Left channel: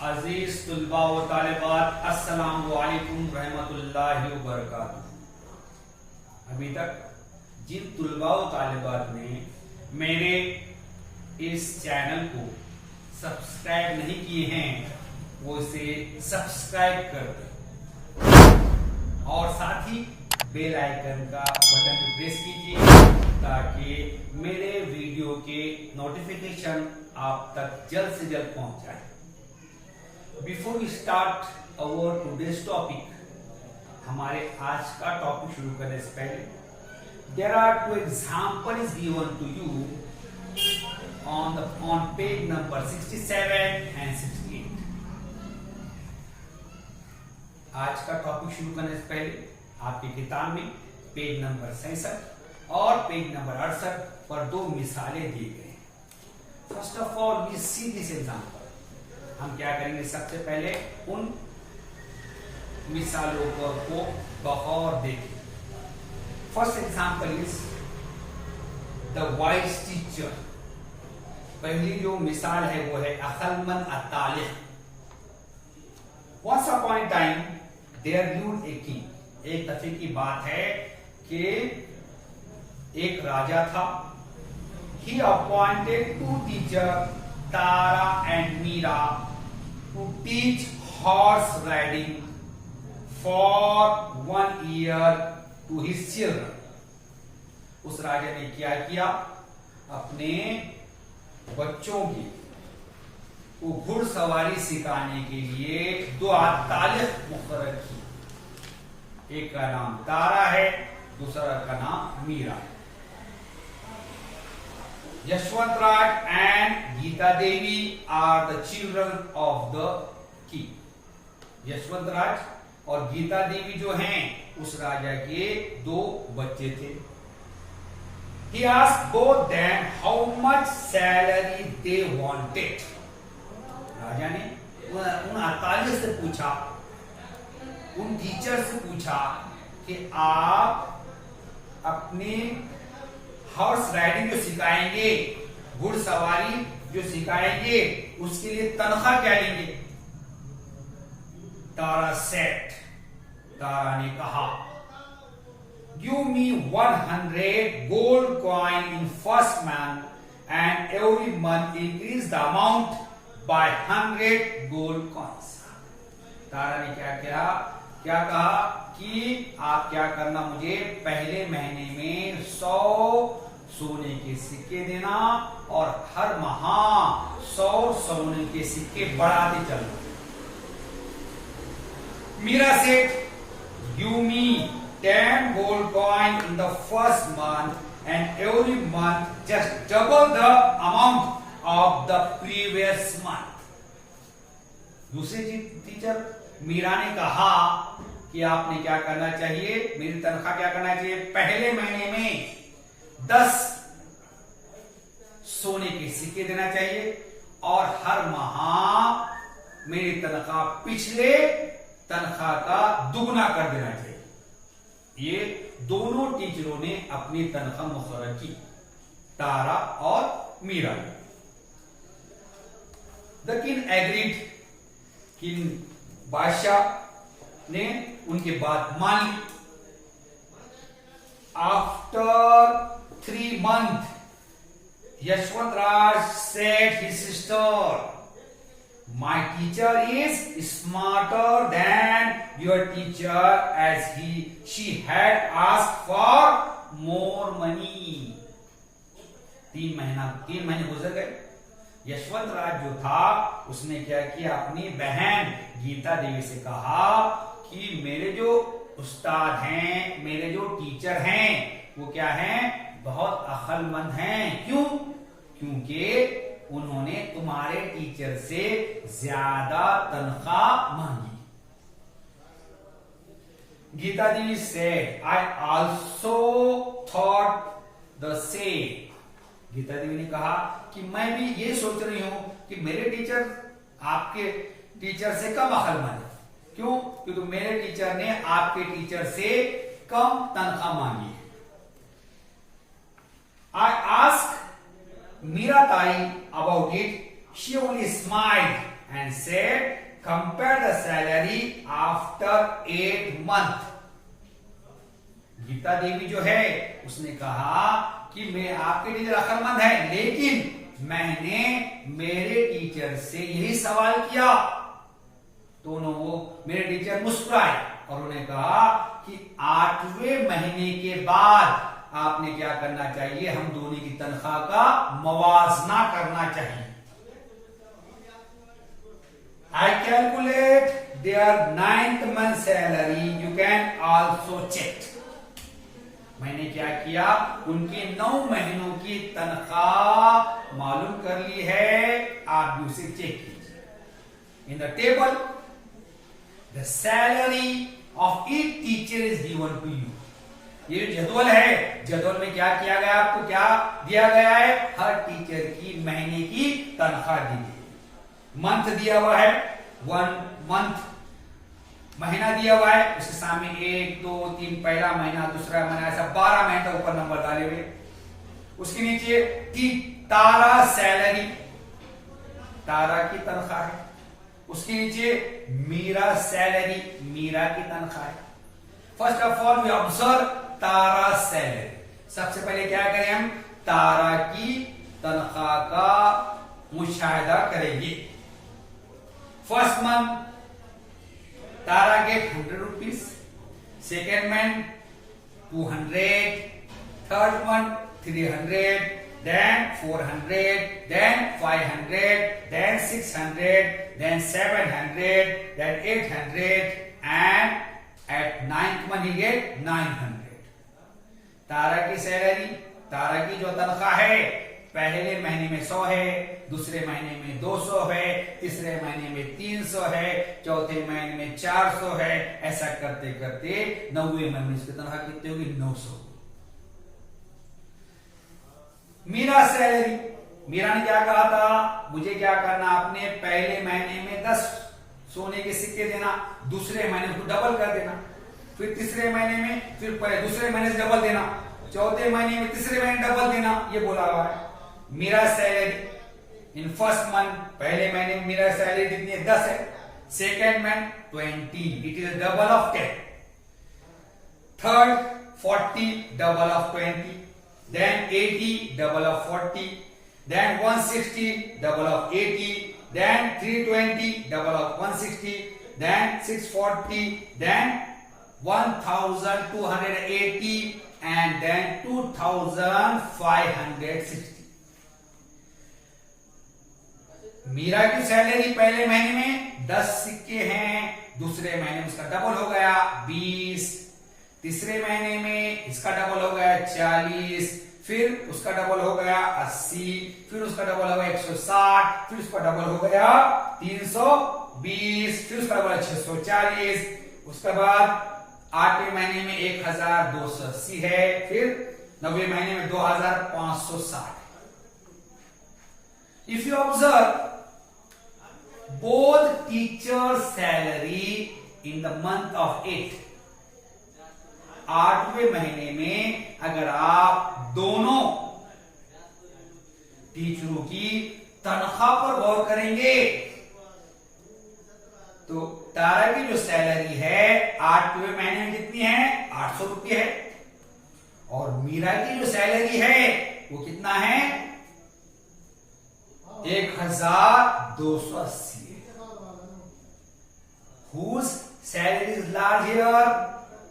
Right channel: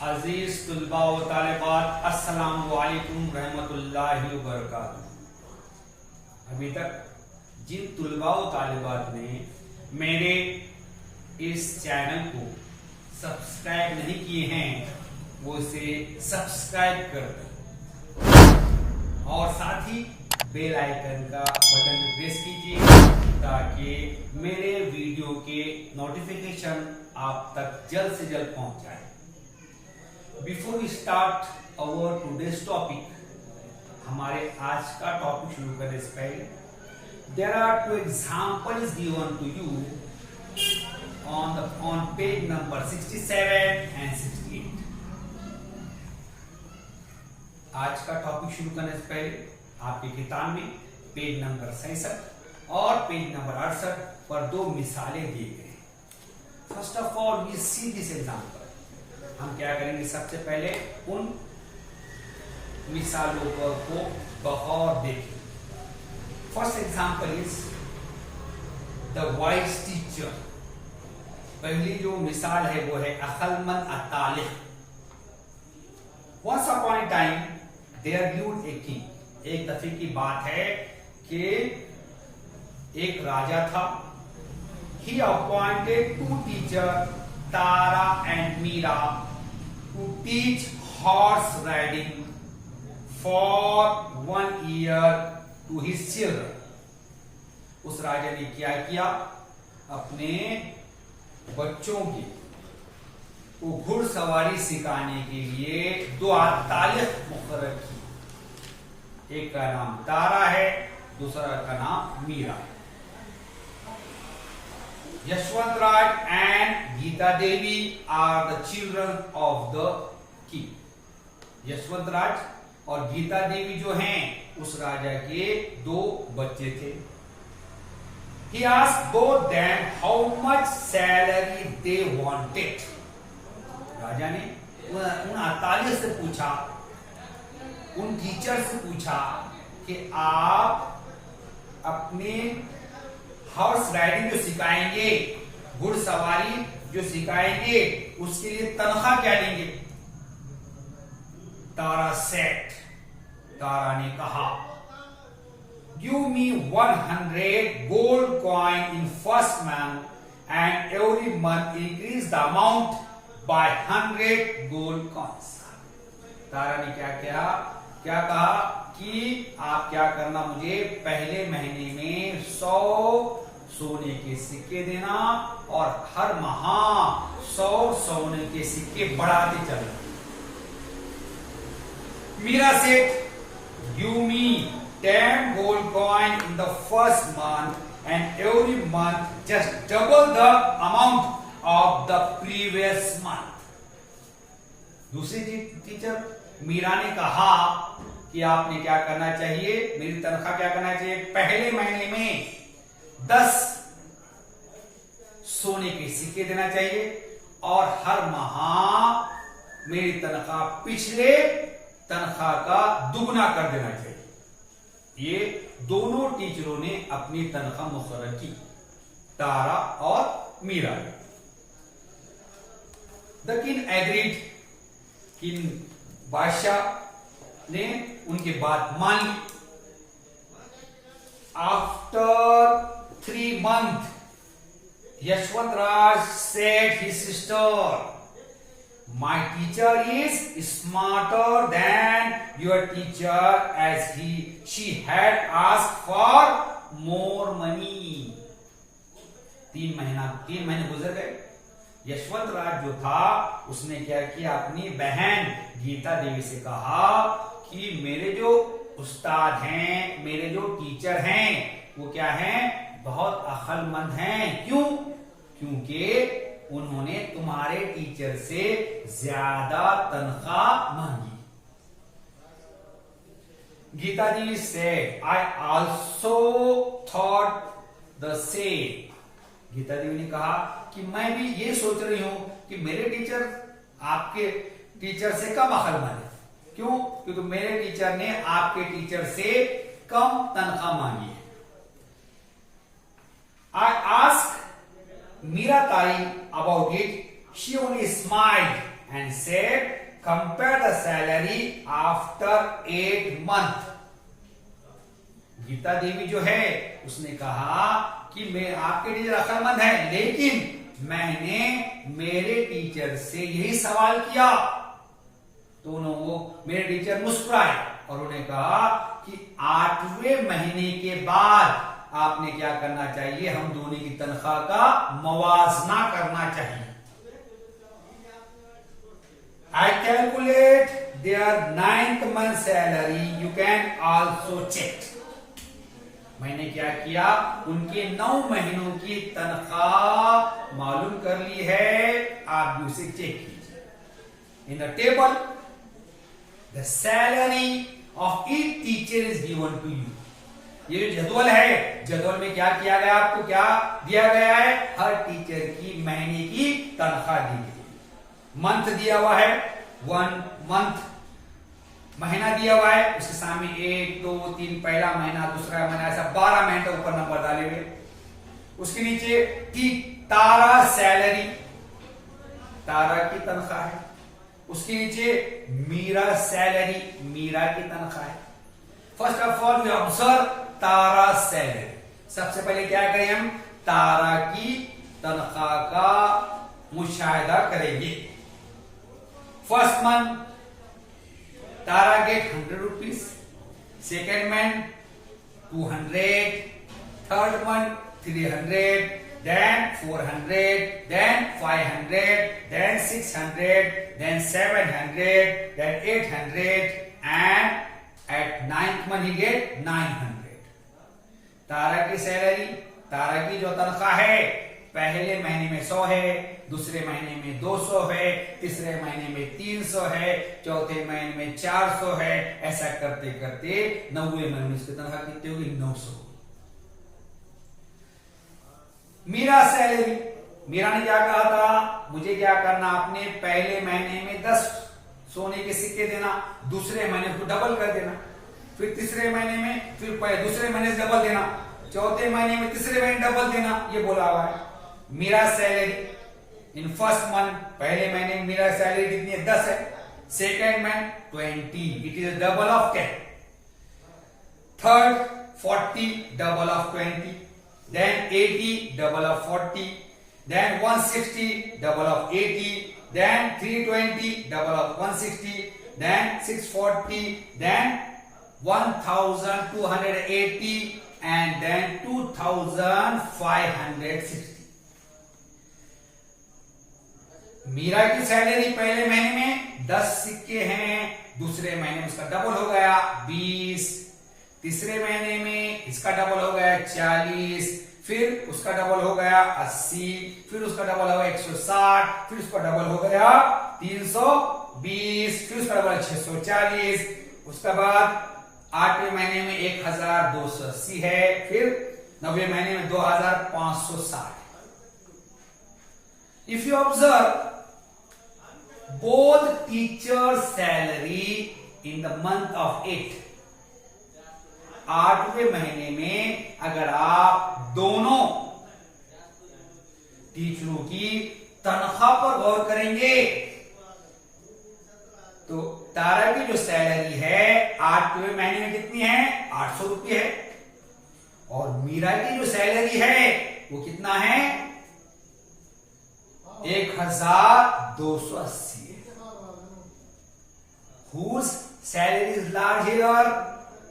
अजीज तुलबा व तालिबात, अस्सलाम वालेकुम रहमतुल्लाहि व बरकातुहू। अभी तक जिन तुलबा व तालिबात ने मेरे इस चैनल को सब्सक्राइब नहीं किए हैं वो इसे सब्सक्राइब कर दें और साथ ही बेल आइकन का बटन प्रेस कीजिए ताकि मेरे वीडियो के नोटिफिकेशन आप तक जल्द से जल्द पहुंच जाए। Before we start our today's topic, हमारे आज का टॉपिक शुरू करने से पहले there are two example is given to you on page number 67 and 68। आज का टॉपिक शुरू करने से पहले आपकी किताब में पेज नंबर 66 और पेज नंबर 68 पर दो मिसालें दी गई हैं। First of all we see this example. हम क्या करेंगे, सबसे पहले उन मिसालों को बगौर देखें। First example is the wise teacher. पहली जो मिसाल है वो है अकलमंद अतालिक। Once upon a time there lived a king. एक दफे की बात है कि एक राजा था। He appointed to teacher Tara and Meera to teach horse riding for 1 year to his children. उस राजा ने क्या किया, अपने बच्चों की को घुड़सवारी सिखाने के लिए 2 तालिक मुकर्रर की। एक का नाम तारा है, दूसरा का नाम मीरा है। Yashwant Raj and Geeta Devi are the children of the king. Yashwant Raj और गीता देवी जो हैं उस राजा के 2 बच्चे थे। He asked both them how much salary they wanted। राजा ने उन अतालिक से पूछा, उन टीचर से पूछा कि आप अपने हॉर्स राइडिंग जो सिखाएंगे, घुड़सवारी जो सिखाएंगे, उसके लिए तनख्वाह क्या लेंगे। तारा सेट, तारा ने कहा, Give me 100 gold coin in first month and every month increase the amount by 100 gold coins। तारा ने क्या कहा कि आप क्या करना, मुझे पहले महीने में 100 सोने के सिक्के देना और हर माह 100 सोने के सिक्के बढ़ाते चलना। मीरा सेठ, Give me 10 gold coin in the first month and every month just double the amount of the previous month। दूसरी टीचर मीरा ने कहा कि आपने क्या करना चाहिए, मेरी तनख्वाह क्या करना चाहिए, पहले महीने में 10 सोने के सिक्के देना चाहिए और हर माह मेरी तनख्वाह पिछले तनख्वाह का दुगना कर देना चाहिए। ये दोनों टीचरों ने अपनी तनख्वाह मुकर्रर की, तारा और Meera. The king agreed. King बादशाह ने उनकी बात मान ली। After 3 months Yashwant Raj said his sister, My teacher is smarter than your teacher as she had asked for more money। 3 महीने गुजर गए। यशवंत राज जो था उसने क्या किया, अपनी बहन गीता देवी से कहा कि मेरे जो उस्ताद हैं, मेरे जो टीचर हैं वो क्या हैं, बहुत अक्लमंद हैं। क्यों? क्योंकि उन्होंने तुम्हारे टीचर से ज्यादा तनख्वाह मांगी। गीता जी से I also thought the same। Gita देवी ने कहा कि मैं भी ये सोच रही हूं कि मेरे टीचर आपके टीचर से कम अक्लमंद है। क्यों? क्योंकि मेरे टीचर ने आपके टीचर से कम तनख्वाह मांगी है। I asked Mira Tai about it, she only smiled and said, compare the salary after 8 months. Gita देवी जो है उसने कहा कि मैं आपके टीचर अक्लमंद है, लेकिन मैंने मेरे टीचर से यही सवाल किया। दोनों मेरे टीचर मुस्कुराए और उन्होंने कहा कि 8वें महीने के बाद आपने क्या करना चाहिए, हम दोनों की तनख्वाह का मवाजना करना चाहिए। I calculate their 9th month salary. You can also check. मैंने क्या किया, उनके 9 महीनों की तनख्वाह मालूम कर ली है, आप भी उसे चेक कीजिए। In the table the salary of each teacher is given to you. ये जो जदवल है, जदवल में क्या किया गया, आपको क्या दिया गया है, हर टीचर की महीने की तनख्वाह दी गई। मंथ दिया हुआ है, 1 मंथ महीना दिया हुआ है, उसके सामने 1 2 3 पहला महीना, दूसरा महीना, ऐसा 12 महीने तक ऊपर नंबर डाले हुए। उसके नीचे तारा सैलरी, तारा की तनख्वाह है। उसके नीचे मीरा सैलरी, मीरा की तनख्वाह है। First of all we observe Tara salary. सबसे पहले क्या करें, हम तारा की तनख्वाह का मुशाहिदा करेंगे। First month Tara get 100 rupees, second month 200, third month 300, then 400, then 500, then 600, then 700, then 800, and at 9th month he get 900. तारा की सैलरी, तारा की जो तनख्वाह है, पहले महीने में 100 है, दूसरे महीने में 200 है, तीसरे महीने में 300 है, चौथे महीने में 400 है। ऐसा करते करते 9वें महीने उसकी तनख्वाह कितनी होगी, 900। मीरा सैलरी, मीरा ने क्या कहा था, मुझे क्या करना, आपने पहले महीने में 10 सोने के सिक्के देना, दूसरे महीने उसको डबल कर देना, फिर तीसरे महीने में, फिर दूसरे महीने से डबल देना, चौथे महीने में तीसरे महीने डबल देना, ये बोला हुआ है। Meera salary in first month, पहले महीने में मीरा सैलरी कितनी है, 10 है। Second month 20, it is double of 10। Third 40, double of 20, then 80, double of 40, then 160, double of 80, then 320, double of 160, then 640, then 1280, and then 2560. Meera की सैलरी पहले महीने में 10 सिक्के हैं, दूसरे महीने में उसका डबल हो गया 20, तीसरे महीने में इसका डबल हो गया 40, फिर उसका डबल हो गया 80, फिर उसका डबल हो गया 160, फिर उसका डबल हो गया 320, फिर उसका डबल 640, उसके बाद 8वें महीने में 1280 है, फिर 9वें महीने में 2560। If you observe both teachers' salary in the month of 8, 8वें महीने में अगर आप दोनों टीचरों की तनख्वाह पर गौर करेंगे तो तारा की जो सैलरी है 8वें महीने में कितनी है, 800 रुपये है, और मीरा की जो सैलरी है वो कितना है, 1280 है। Whose salary is large here?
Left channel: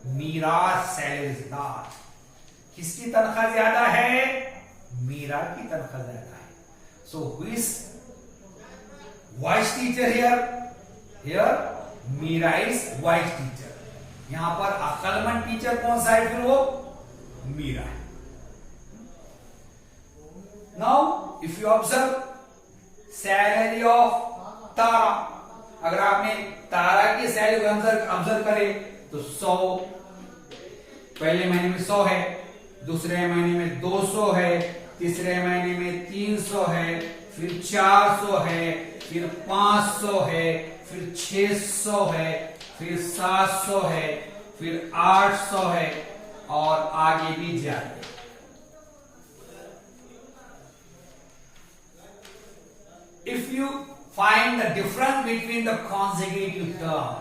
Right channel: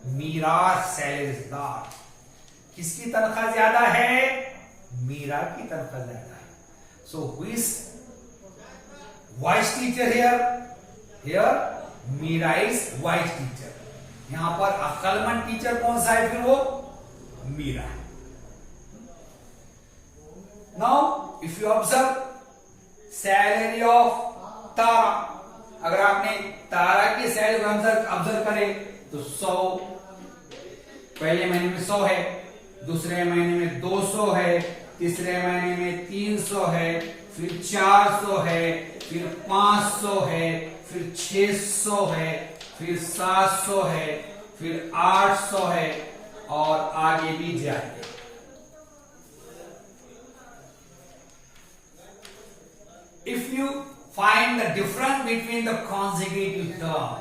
Meera salary is large. किसकी तनख्वाह ज्यादा है, मीरा की तनख्वाह ज्यादा है। So who is wise teacher here, here Meera is wise teacher. यहां पर अक्लमंद टीचर कौन सा है, फिर वो मीरा है। Now if you observe salary of Tara, अगर आपने तारा की सैलरी ऑब्जर्व करें तो 100, पहले महीने में 100 है, दूसरे महीने में 200 है, तीसरे महीने में 300 है, फिर 400 है, फिर 500 है, फिर 600 है, फिर 700 है, फिर 800 है, और आगे भी जाते। If you find the difference between the consecutive term.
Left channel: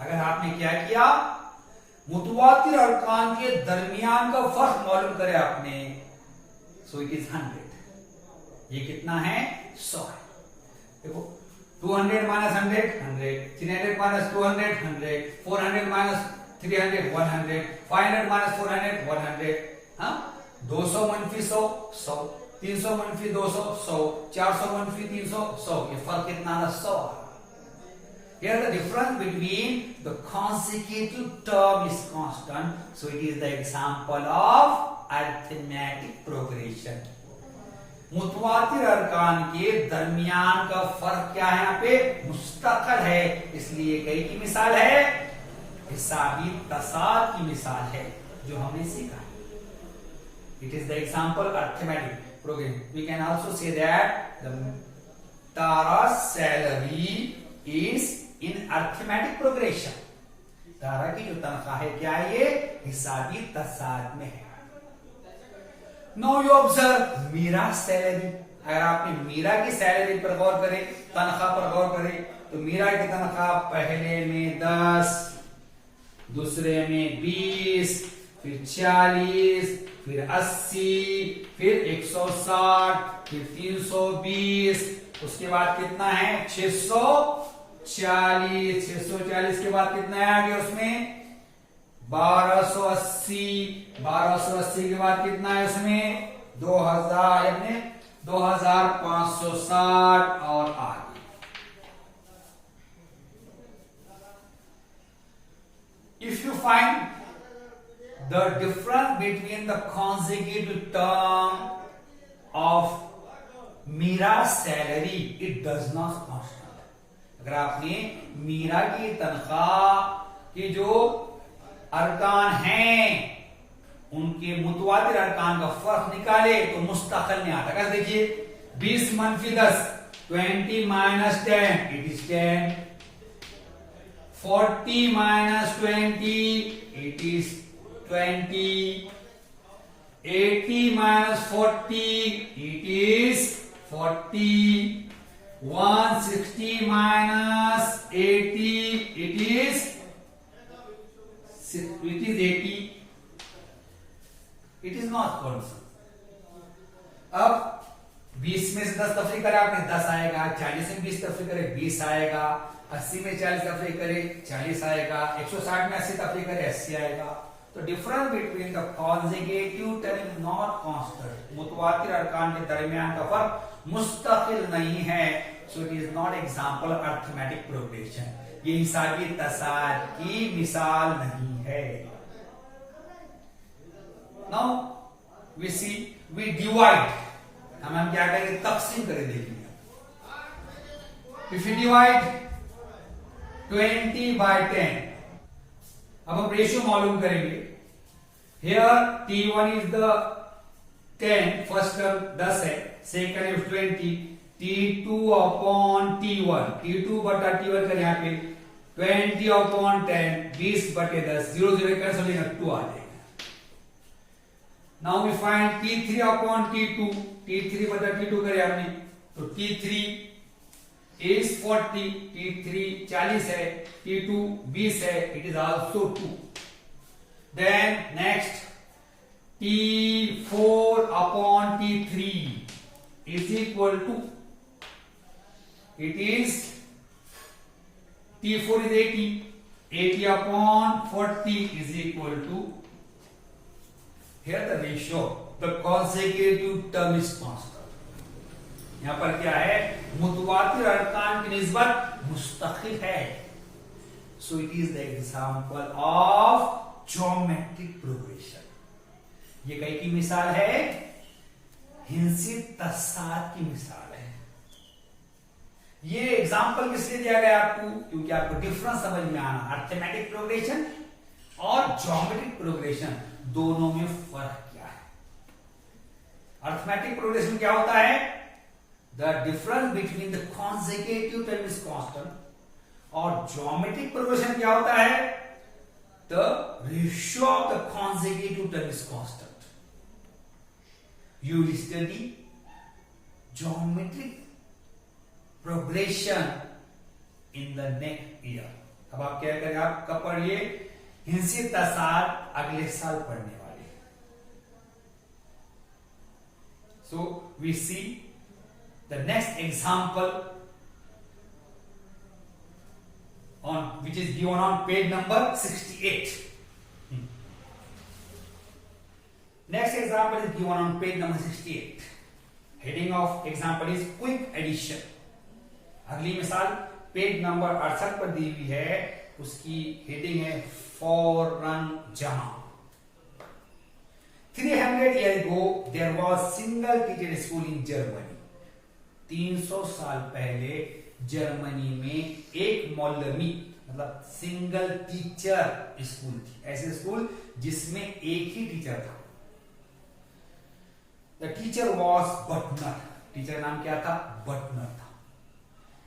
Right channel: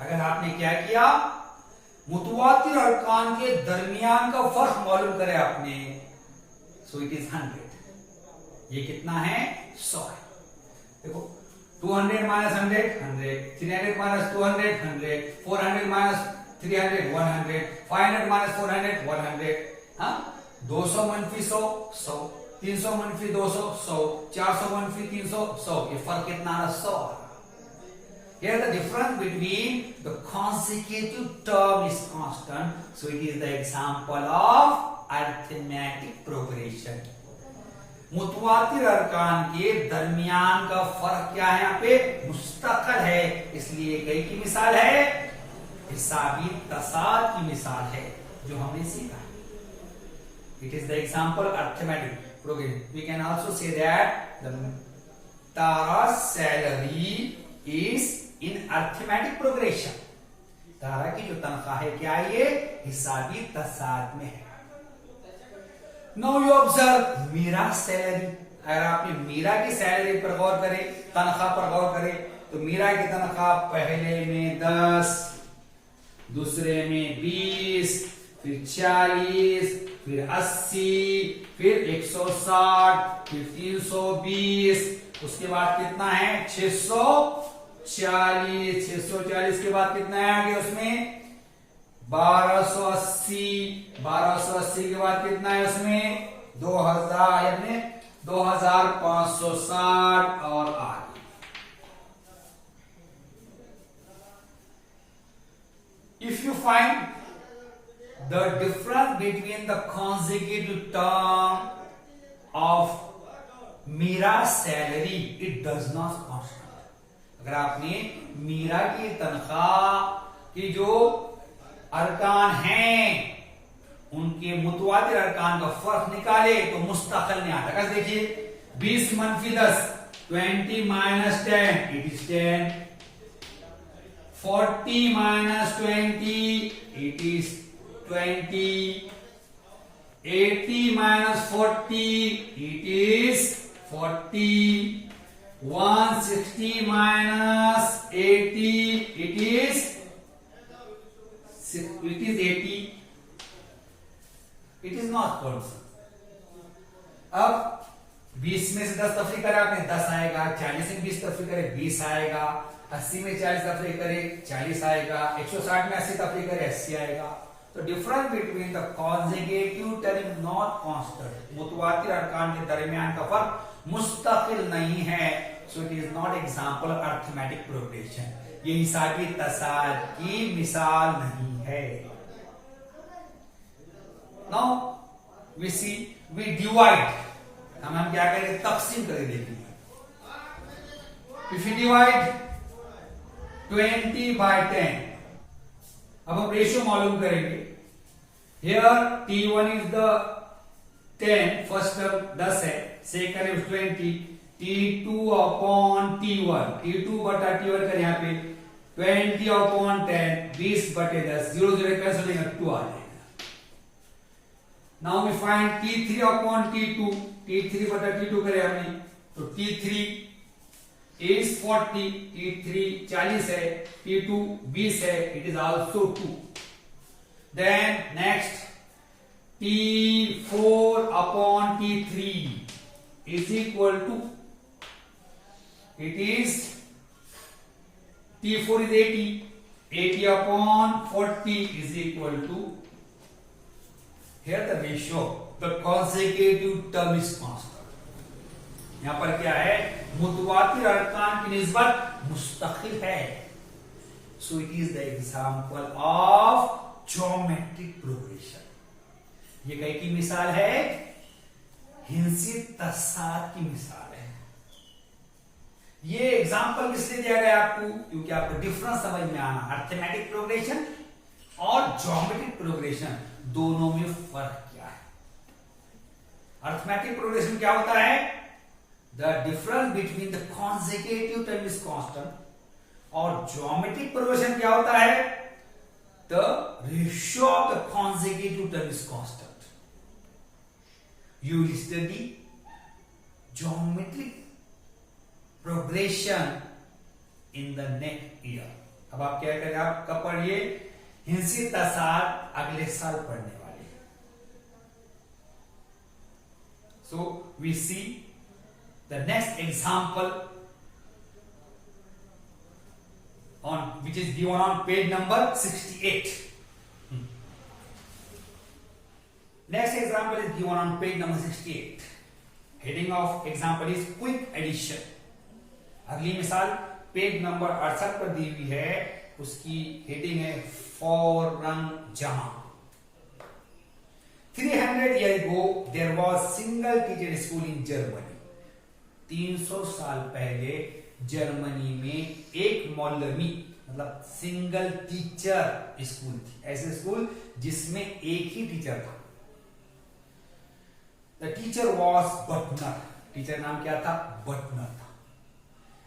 अगर आपने क्या किया, मुतवातिर अरकान के दरमियान का फर्क मालूम करे आपने, सो इट इज 100। ये कितना है? 100 है। देखो 200 माइनस 100 100, 300 माइनस 200 100, 400 माइनस 300 100, 500 माइनस 400 100, हाँ 200 मनफी 100 100, 300 मनफी 200 100, 400 मनफी 300 100। ये फर्क कितना है? 100। Here the difference between the consecutive term is constant, so it is the example of arithmetic progression. मुतवातिर अरकान के दरमियान का फर्क क्या है? यहाँ पे मुस्तकिल है, इसलिए कई की मिसाल है, हिसाबी तसाद की मिसाल है जो हमने सीखा। It is the example arithmetic progression. We can also say that the Tara's salary is in arithmetic progression. तारा की जो तनख्वाह है क्या है? ये हिसाबी तसाद में है। Now you observe Meera salary. अगर आपने मीरा की सैलरी पर गौर करें, तनख्वाह पर गौर करें, तो मीरा की तनख्वाह पहले में 10, दूसरे में 20, फिर 40, फिर 80, फिर 160, फिर 320, उसके बाद कितना है? 640। 640 के बाद कितना है आगे उसमें? 1280। 1280 के बाद कितना है उसमें? 2000, यानी 2560 और आगे। If you find the difference between the consecutive term of Meera salary, it does not constant. अगर आपने मीरा की तनख्वाह की जो अरकान हैं उनके मुतवातिर अरकान का फर्क निकाले तो मुस्तकिल में आता है। देखिए 20 मनफी 10, 20 minus 10 it is 10, 40 minus 20 it is 20, 80 minus 40 it is 40, 160 minus 80 it is 80। it is not constant। अब 20 में से 10 तफरी करे आपने 10 आएगा, 40 में 20 तफरी करे 20 आएगा, 80 में 40 तफरी करे 40 आएगा, 160 में 80 तफरी करे 80 आएगा। तो difference between the consecutive term is not constant. मुतवातिर अरकान के दरमियान का फर्क मुस्तकिल नहीं है, so it is not example arithmetic progression. ये हिसाबी तसाद की मिसाल नहीं है। Now we see we divide. हम क्या करें? तकसीम करें। देखिए इफ यू डिवाइड 20 by 10, अब हम रेशियो मालूम करेंगे। Here T1 is the 10, first term 10 है, second is 20, T2 upon T1, T2 बटा T1 कर यहाँ पे 20 अपॉन 10, 20 बटे 10, 0 0 कैंसिल हो जाएगा, 2 आ जाएगा। Now we find T3 upon T2, T3 बटा T2 करे हमने, तो T3 is 40, T3 40 है, T2 20 है, it is also 2। Then next T4 upon T3 is equal to, it is T4 is 80, 80 upon 40 is equal to, here the ratio, the consecutive term is constant। यहां पर क्या है? मुतवातिर अरकान की निस्बत मुस्तकिल है, so it is the example of geometric progression. ये कई की मिसाल है? हिंसी तसाद की मिसाल है। ये एग्जाम्पल किसलिए दिया गया आपको? क्योंकि आपको डिफरेंस समझ में आना, अर्थमेटिक प्रोग्रेशन और ज्योमेट्रिक प्रोग्रेशन दोनों में फर्क क्या है। अर्थमेटिक प्रोग्रेशन क्या होता है? The difference between the consecutive term is constant, और geometric progression क्या होता है? The ratio of the consecutive term is constant। You will study geometric progression in the next year. अब आप क्या करें, आप कब पढ़िए, हिंसिता साथ अगले साल पढ़ने वाले। So we see the next example on which is given on page number 68. Next example is given on page number 68. Heading of example is quick addition. अगली मिसाल पेज नंबर 68 पर दी हुई है, उसकी हेडिंग है फौरन जमा। 300 years ago there was single teacher school in Germany. 300 साल पहले जर्मनी में एक मौलवी मतलब सिंगल टीचर स्कूल थी, ऐसे स्कूल जिसमें एक ही टीचर था। The teacher was Buttner, teacher नाम क्या था, बटनर था।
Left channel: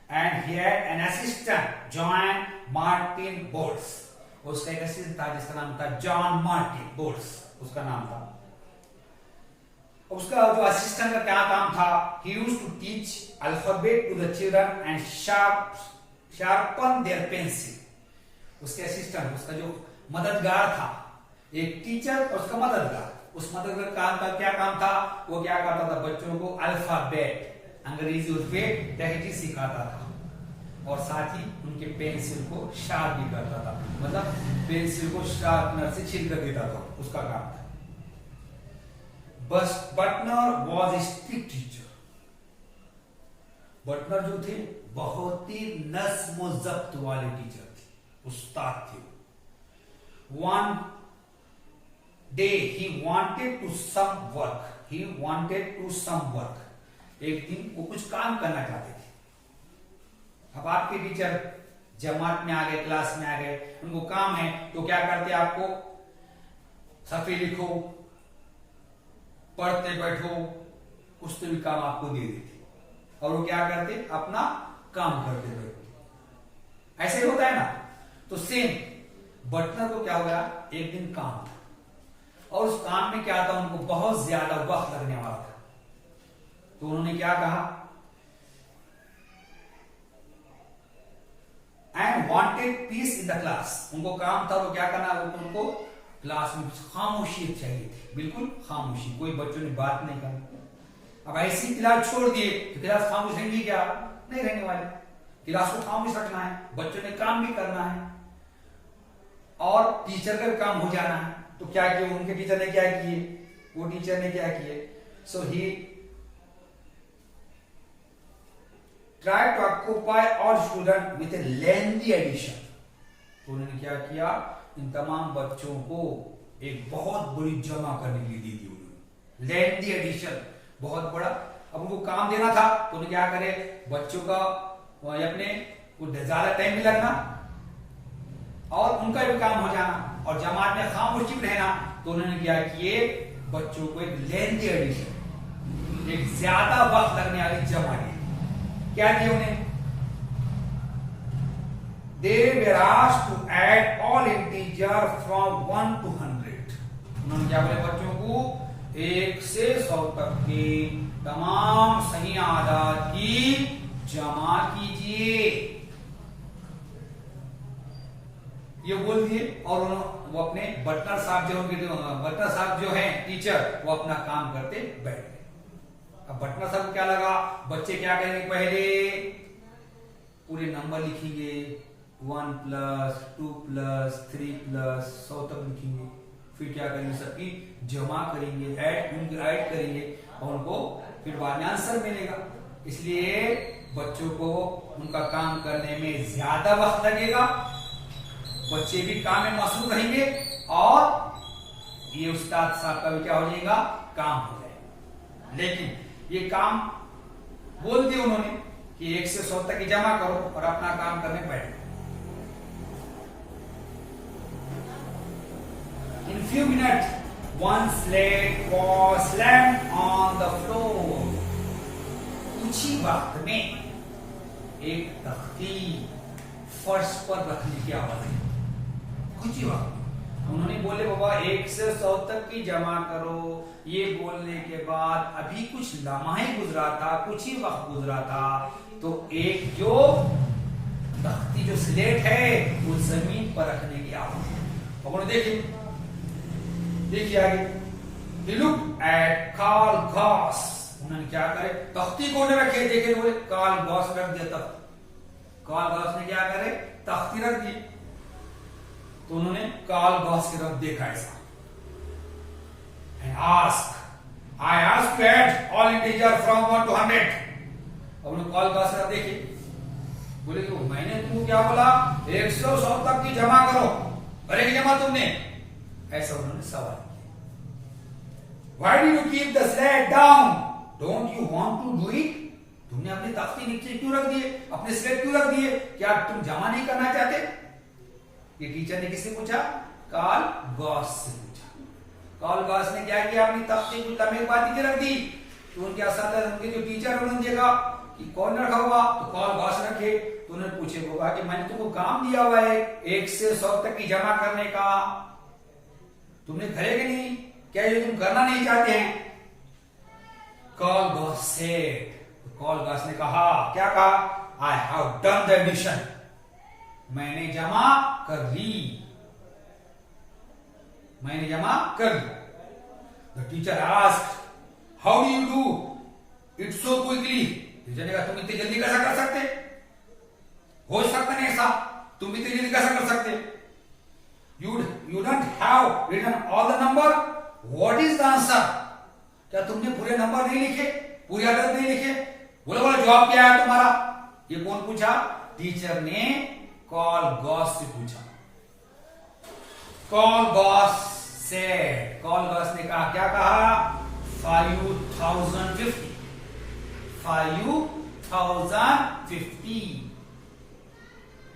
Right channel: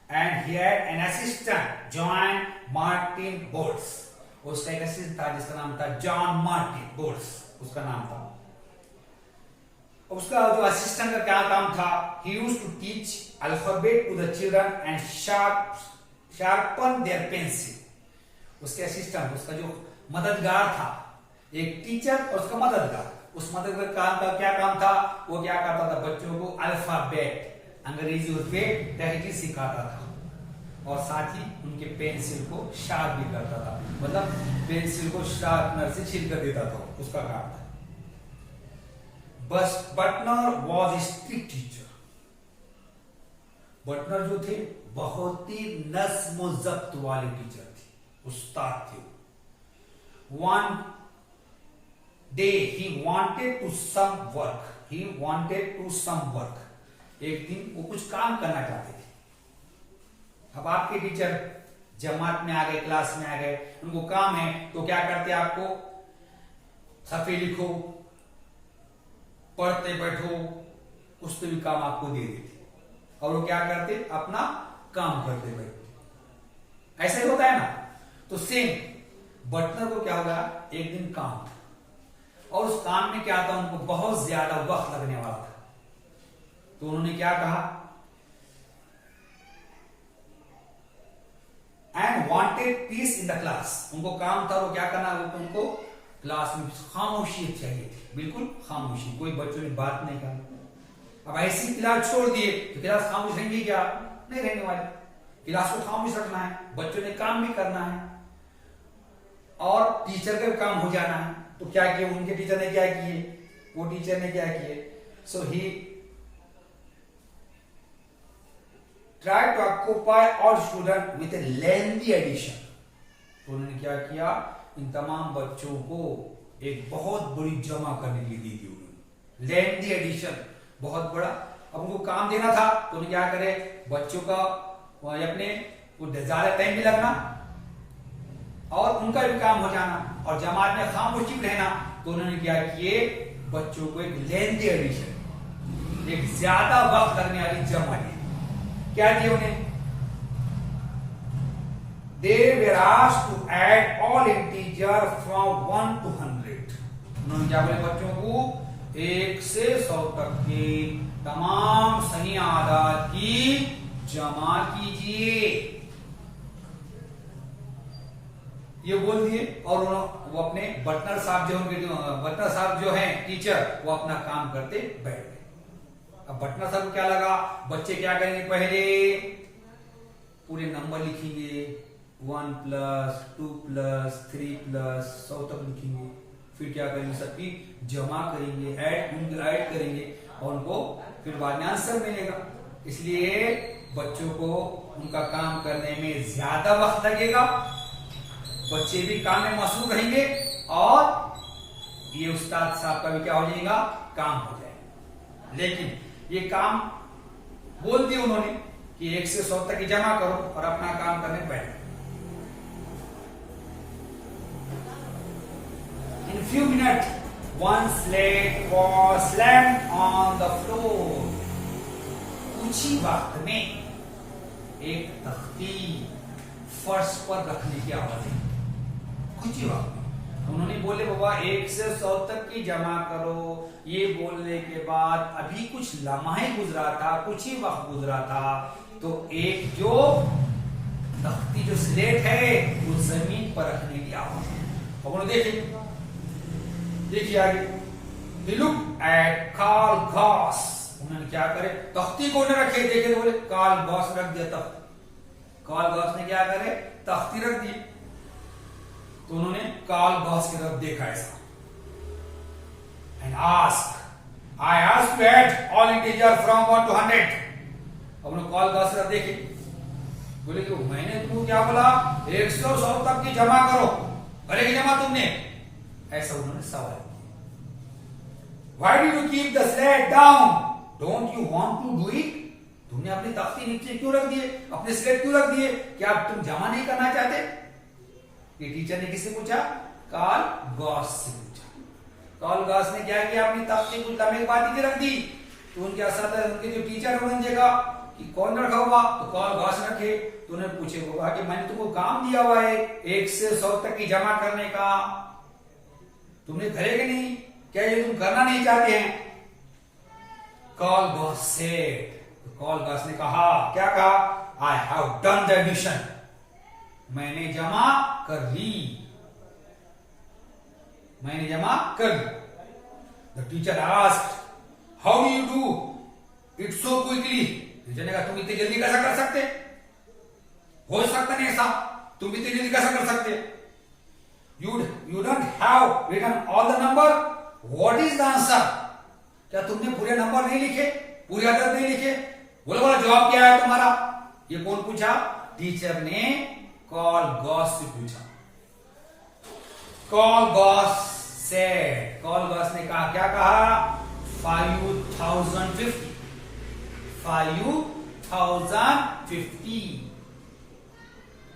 And he had an assistant John Martin Bolts, उसका एक असिस्टेंट था जिसका नाम था जॉन मार्टिन बोल्ट्स, उसका नाम था। उसका जो असिस्टेंट का क्या काम था, he used to teach alphabet to the children and sharpen their pencil. उसके असिस्टेंट, उसका जो मददगार था, एक टीचर और उसका मददगार, उस मददगार काम का क्या काम था, वो क्या करता था, बच्चों को अल्फाबेट अंग्रेजी उसपे तहरीर सिखाता था और साथ ही उनके पेंसिल को शार्प भी करता था, मतलब पेंसिल को शार्पनर से छील कर देता था, उसका काम था। बटनर वॉज ए स्ट्रिक्ट टीचर, बटनर जो थे बहुत ही नज्म जब्त वाले टीचर थे, उस्ताद थे। One day he wanted to some work, एक दिन वो कुछ काम करना चाहते थे। अब आपके टीचर जमात में आ गए, क्लास में आ गए, उनको काम है तो क्या करते, आपको सफे लिखो, पढ़ते बैठो, कुछ तो भी काम आपको दे देते और वो क्या करते, अपना काम करते बैठते। ऐसे होता है ना, तो सेम बटनर को क्या हो गया, एक दिन काम था और उस काम में क्या था, उनको बहुत ज्यादा वक्त लगने वाला था। तो उन्होंने क्या कहा, and wanted peace in the class, उनको काम था वो क्या करना, वो उनको क्लास में खामोशी चाहिए थी, बिल्कुल खामोशी, कोई बच्चों ने बात नहीं करनी। अब ऐसी क्लास छोड़ दिए तो क्लास खामोश रहेंगी क्या, नहीं रहने वाली। क्लास को खामोश रखना है, बच्चों ने काम भी करना है और टीचर का काम हो जाना है। तो क्या किए उनके टीचर ने, क्या किए वो टीचर ने, क्या किए, so he try to occupy all student with a lengthy addition. तो उन्होंने क्या किया, इन तमाम बच्चों को एक बहुत बड़ी जमा करने के लिए दी थी उन्होंने, लेंथी एडिशन, बहुत बड़ा। अब उनको काम देना था तो उन्हें क्या करे, बच्चों का अपने ज्यादा टाइम भी लगना और उनका भी काम हो जाना और जमात में खामोशी भी रहना। तो उन्होंने क्या किए, बच्चों को एक लेंथी एडिशन, एक ज्यादा वक्त लगने वाली जमा दी। क्या किया उन्हें, they were asked to add all integer from 1 to 100. उन्होंने क्या बोले, बच्चों को 1 से 100 तक के तमाम सही आदाद की जमा कीजिए, ये बोल दिए। और वो अपने बटनर साहब जो उनके बटनर साहब जो हैं टीचर, वो अपना काम करते बैठ गए। अब बटनर साहब को क्या लगा, बच्चे क्या करेंगे, पहले पूरे नंबर लिखेंगे, 1 प्लस 2 प्लस 3 प्लस 100 तक लिखेंगे, फिर क्या करेंगे, सबकी जमा करेंगे, ऐड करेंगे और उनको फिर बाद में आंसर मिलेगा। इसलिए बच्चों को उनका काम करने में ज्यादा वक्त लगेगा, बच्चे भी काम में मशगूल रहेंगे और ये उस्ताद साहब का भी क्या हो जाएगा, काम हो जाएगा। लेकिन ये काम बोल दिया उन्होंने कि 1 से 100 तक की जमा करो और अपना काम करने बैठो। In few minutes, one slate was slammed on the floor. कुछ ही वक्त में एक तख्ती फर्श पर रखने की आवाज आई। कुछ ही वक्त में उन्होंने बोले बाबा 1 से 100 तक की जमा करो। ये बोलने के बाद अभी कुछ लम्हा ही गुजरा था, कुछ ही वक्त गुजरा था, तो एक जो तख्ती जो स्लेट है वो जमीन पर रखने की आवाज। अब उन्होंने देखिए आगे, He looked at Carl Goss। उन्होंने क्या करे, तख्ती को न रखे, देखे तो बोले कार्ल गॉस रख दिया तख्ती। कार्ल गॉस ने क्या करे, तख्ती रख दी। तो उन्होंने कार्ल गॉस की तरफ देखा ऐसा and ask, I asked to add all integer from 1 to 100। अब उन्होंने कार्ल गॉस की तरफ देखे, बोले कि मैंने तुमको क्या बोला, 1 से 100 तक की जमा करो, करेगी जमा तुमने, ऐसा उन्होंने सवाल किया। Why do you keep the slate down? Don't you want to do it? तुमने अपनी तख्ती नीचे क्यों रख दिए, अपने स्लेट क्यों रख दिए, क्या तुम जमा नहीं करना चाहते? ये टीचर ने किससे पूछा, कार्ल गॉस से पूछा। कार्ल गॉस ने क्या किया, अपनी तख्ती कुछ लम्हे के बाद नीचे रख दी। तो उनके असातिज़ा, उनके जो टीचर, उन्होंने देखा कि कौन रखा होगा, तो कार्ल गॉस रखे। तो उन्हें पूछे होगा कि मैंने तुमको काम दिया हुआ है 1 से 100 तक की जमा करने का, तुमने करेंगे नहीं क्या, ये तुम करना नहीं चाहते हैं? Carl Gauss said, Carl Gauss ने कहा, क्या कहा, I have done the addition, मैंने जमा कर ली, मैंने जमा कर ली। The teacher asked, how do you do it so quickly? Teacher ने कहा, तुम इतनी जल्दी कैसा कर सकते, हो सकता नहीं ऐसा, तुम इतनी जल्दी कैसा कर सकते? You don't have written all the number. What is the answer? क्या तुमने पूरे नंबर नहीं लिखे, पूरी आदत नहीं लिखे? बोलो बोलो जवाब क्या है तुम्हारा? ये कौन पूछा? टीचर ने कार्ल गॉस से पूछा। Carl Gauss said, Carl Gauss ने कहा, क्या कहा, 5050, 5050।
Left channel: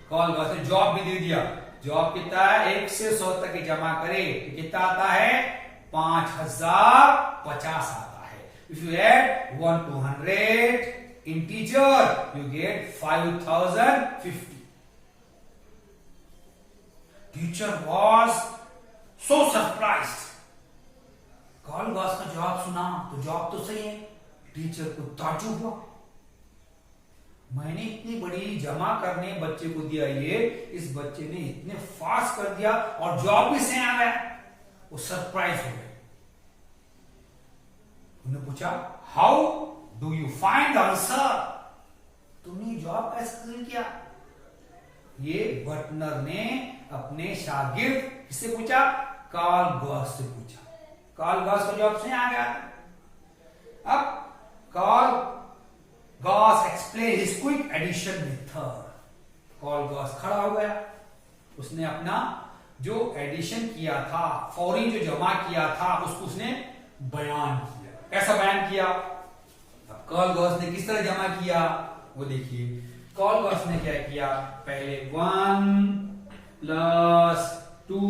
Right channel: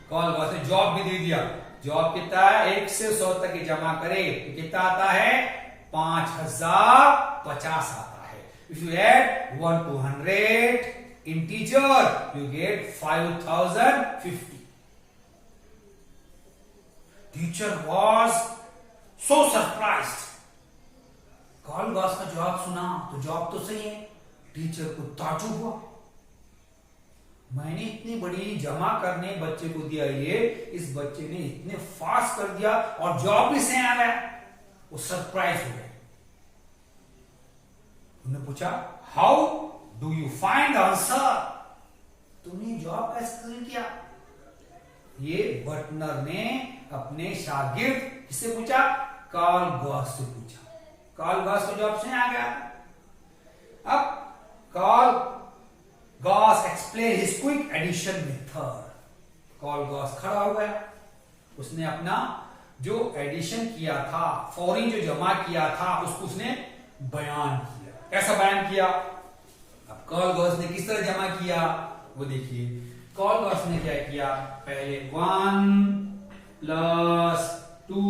कार्ल गॉस ने जवाब भी दे दिया। जवाब कितना है, 1 से 100 तक की जमा करे तो कितना आता है, 5050 आता है। If you add 1 to 100 integer, you get 5050। Teacher was so surprised। Carl Gauss का जवाब सुना तो जवाब तो सही है, टीचर को ताज्जुब हुआ, मैंने इतनी बड़ी जमा करने बच्चे को दिया, ये इस बच्चे ने इतने फास्ट कर दिया और जवाब भी सही आ गया। वो सरप्राइज हो गए। उन्होंने पूछा, how do you find answer? तुमने जवाब कैसे किया? ये बटनर ने अपने शागिर्द किससे पूछा, कार्ल गॉस से पूछा। कार्ल गॉस का जवाब सही आ गया। अब Carl Gauss explain his quick addition method. Carl Gauss खड़ा हो गया, उसने अपना जो एडिशन किया था, फौरी जो जमा किया था, उसको उसने बयान किया। कैसा बयान किया? अब कार्ल गॉस ने किस तरह जमा किया वो देखिए। कार्ल गॉस ने क्या किया, पहले 1 + 2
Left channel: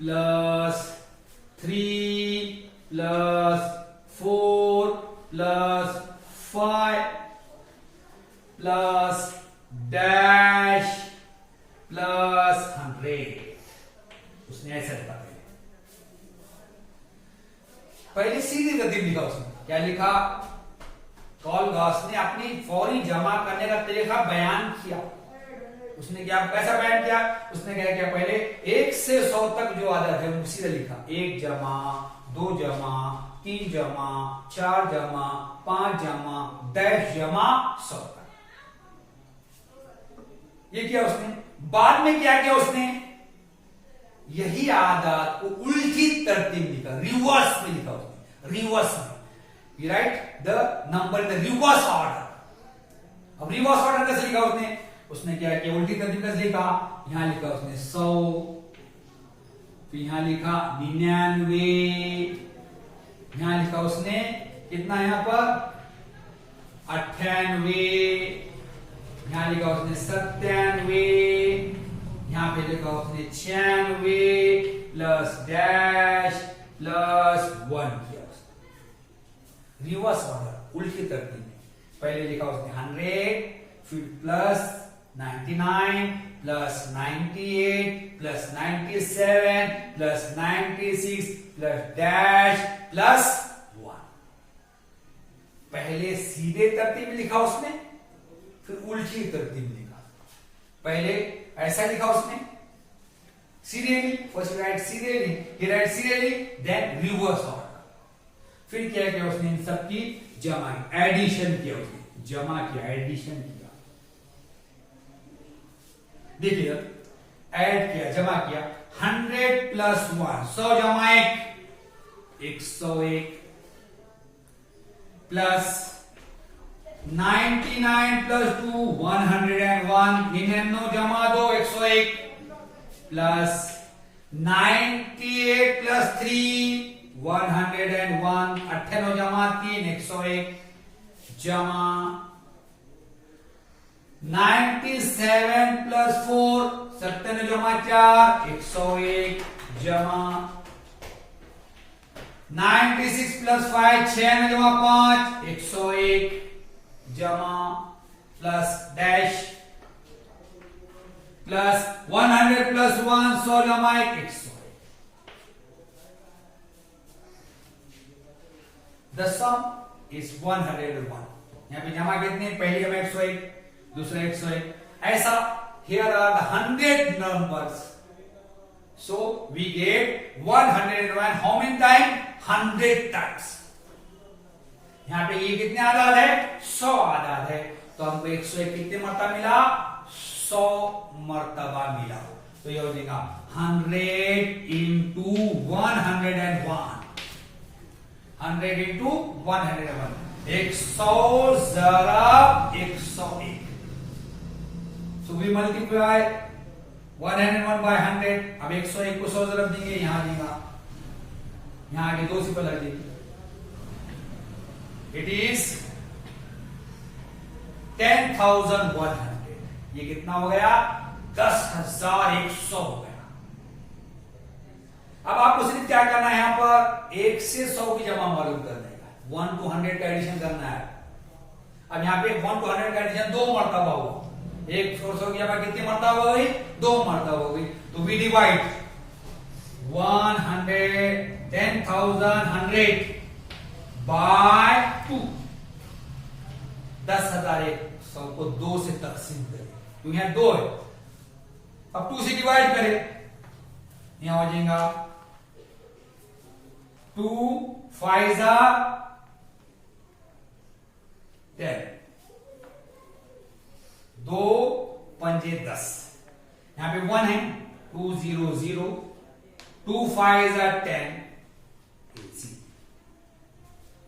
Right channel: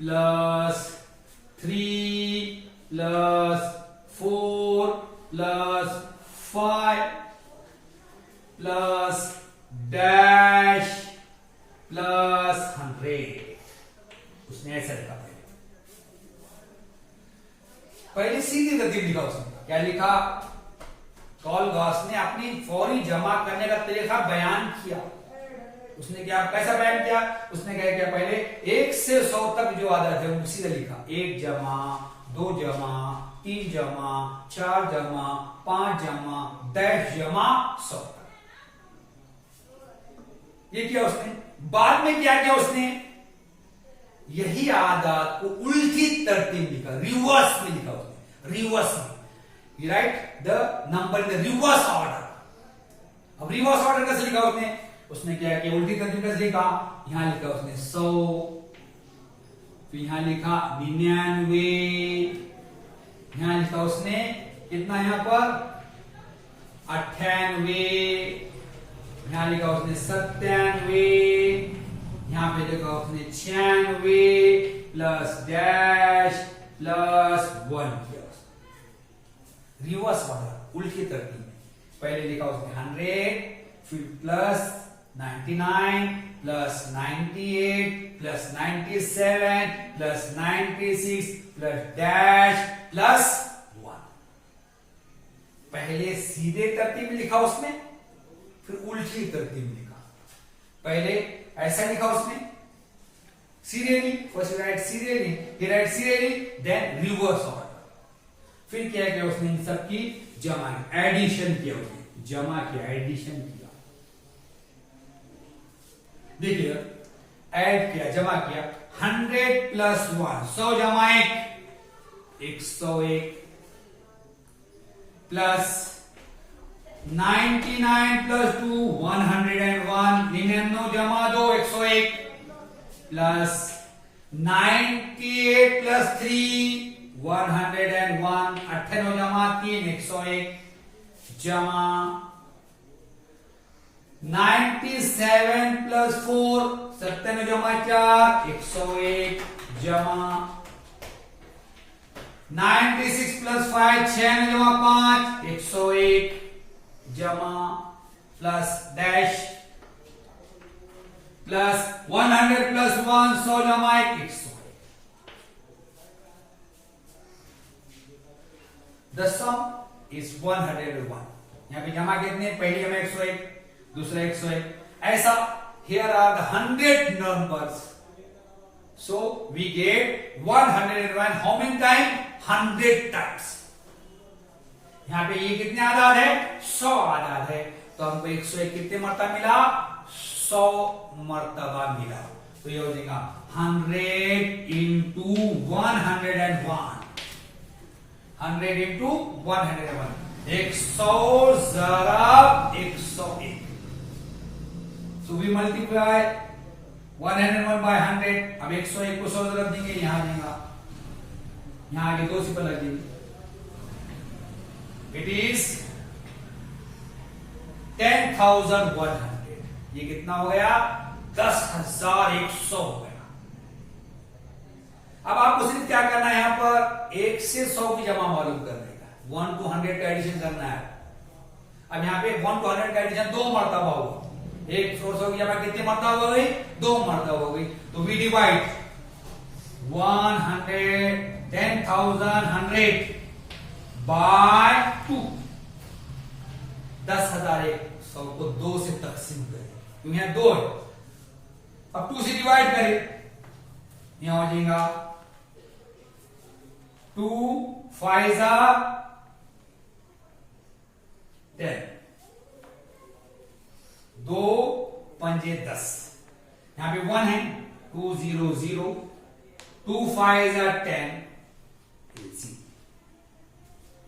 + 3 + 4 + 5 plus dash plus 100। उसने ऐसा लिखा, पहले सीधी तरतीब लिखा उसने। क्या लिखा? कार्ल गॉस ने अपनी फौरी जमा करने का तरीका बयान किया। उसने क्या, कैसा बयान किया? उसने क्या किया, पहले 1 से 100 तक जो आदत है वो सीधा लिखा, 1 जमा, 2 जमा, 3 जमा, 4 जमा, 5 जमा, डैश जमा 100 तक। ये किया उसने। बाद में क्या किया उसने, यही आदत को उल्टी तरतीब लिखा, रिवर्स में लिखा उसने, रिवर्स में। You write the number in the reverse order। अब रिवर्स ऑर्डर कैसे लिखा उसने? उसने क्या किया, उल्टी तरतीब कैसे लिखा? यहां लिखा उसने 100, फिर यहां लिखा 99, यहां लिखा उसने कितना, यहां पर 98, यहां लिखा उसने 97, यहां पे लिखा उसने 96 प्लस डैश प्लस 1 किया उसने। रिवर्स ऑर्डर, उल्टी तरतीब में। पहले लिखा उसने 100, फिर plus 99 plus 98 plus 97 plus 96 plus dash plus 1। पहले सीधे तरतीब लिखा उसमें, फिर उल्टी तरतीब लिखा। पहले ऐसा लिखा उसमें serially, first write serially, he write serially, then reverse order. फिर क्या किया उसने, इन सब की जमा, एडिशन किया उसने, जमा किया, एडिशन किया। देखिए ऐड किया, जमा किया, 100 प्लस 1 100 जमा 1 101 प्लस 99 प्लस 2 101 99 जमा 2 101 प्लस 98 प्लस 3 101 98 जमा 3 101 जमा 97 प्लस 4 97 जमा 4 101 जमा 96 प्लस 5 6 जमा 5 101 जमा प्लस डैश प्लस 100 प्लस 1 100 जमा 1 100। The sum is 101। यहां पे जमा कितने, पहली जमा 101, दूसरा 101, ऐसा। Here are the 100 numbers, so we get 101 how many times, 100 times। यहां पे ये कितने आदाद है, 100 आदाद है, तो हमको 101 कितने मरतबा मिला, 100 मरतबा मिला। तो ये हो जाएगा 100 into 101, 100 into 101, 100 ज़रब 101। So we multiply 101 by 100। अब 101 को 100 ज़रब देंगे, यहां देगा, यहां आगे 2 सिंपल लग देंगे। It is 10,100। ये कितना हो गया, 10,100 हो गया। अब आपको सिर्फ क्या करना है, यहां पर 1 से 100 की जमा मालूम करने का, 1 to 100 का एडिशन करना है। अब यहां पे 1 to 100 का एडिशन 2 मरतबा हुआ, 1 से 100 की जमा कितनी मरतबा हो गई, 2 मरतबा हो गई। तो वी डिवाइड 10,100 बाय 2, 10,100 को 2 से तकसीम करें, क्योंकि यहां 2 है। अब 2 से डिवाइड करें, यहां हो जाएगा 2 5 10, 2 पंजे 10, यहां पे 1 है, 2 0 0, 2 5 10,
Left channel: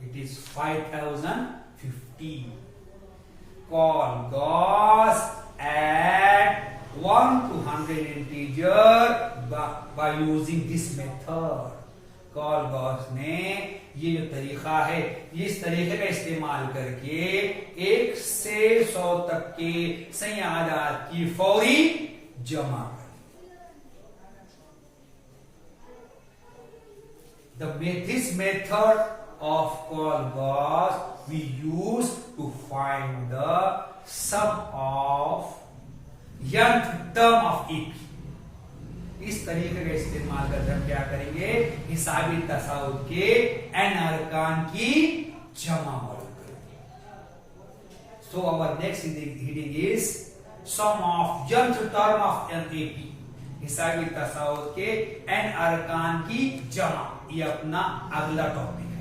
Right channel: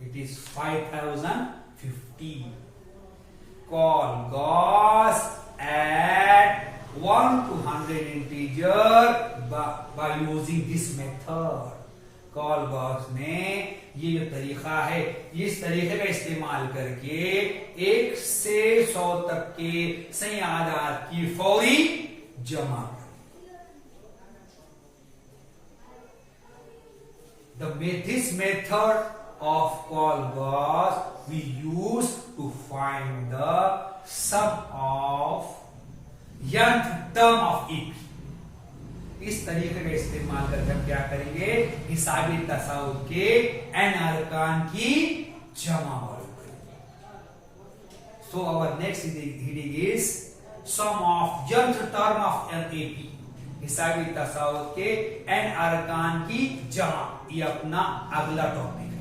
it is 5,050। Call Gauss at 1 to 100 integer by using this method। Call Gauss ने ये जो तरीका है, इस तरीके का इस्तेमाल करके 1 से 100 तक के सही आदाद की फौरी जमा करें। This method of Call-Gauss we use to find the sum of nth term of AP। इस तरीके का इस्तेमाल करके हम क्या करेंगे, हिसाबी तसाउद के n अरकान की जमा मालूम करेंगे। So our next heading is sum of nth term of an AP। हिसाबी तसाउद के n अरकान की जमा, ये अपना अगला टॉपिक है।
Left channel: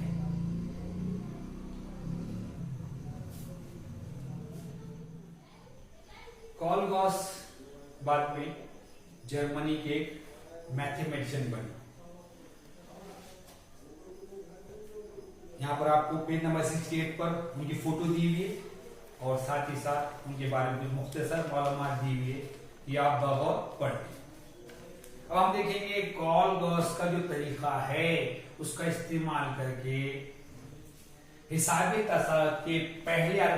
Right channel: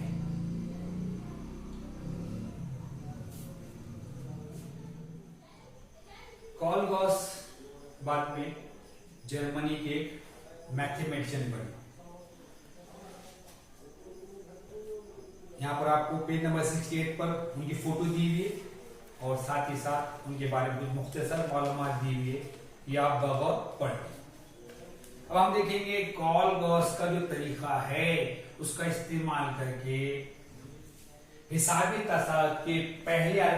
कॉल-गॉस बाद में जर्मनी के मैथमेटिशियन बने। यहां पर आपको पेज नंबर 68 पर उनकी फोटो दी हुई है और साथ ही साथ उनके बारे में कुछ मुख्तसर मालूमात दी हुई है, ये आप बगौर पढ़ें। अब हम देखेंगे कॉल-गॉस का जो तरीका है उसका इस्तेमाल करके हिसाबी तसाउद के पहले या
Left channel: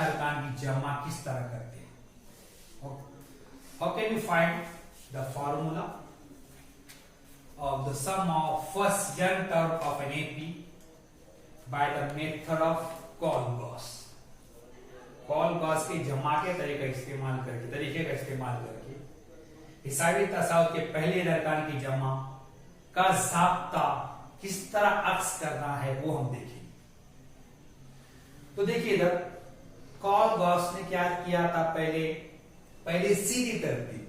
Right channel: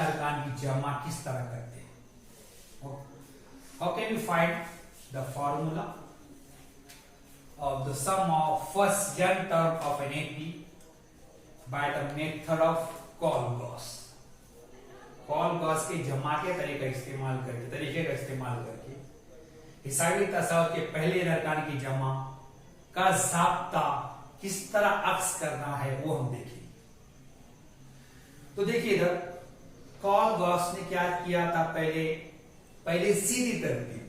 अरकान की जमा किस तरह करते हैं। How can you find the formula of the sum of first n term of an AP by the method of Call-Gauss? Call Gauss के जमा के तरीके का इस्तेमाल करके हिसाबी तसाउत के पहले अरकान की जमा का ज़ाब्ता किस तरह अक्स करना है वो हम देखेंगे। तो देखिए इधर कॉल गॉस ने क्या किया था, पहले सीधी तरतीब,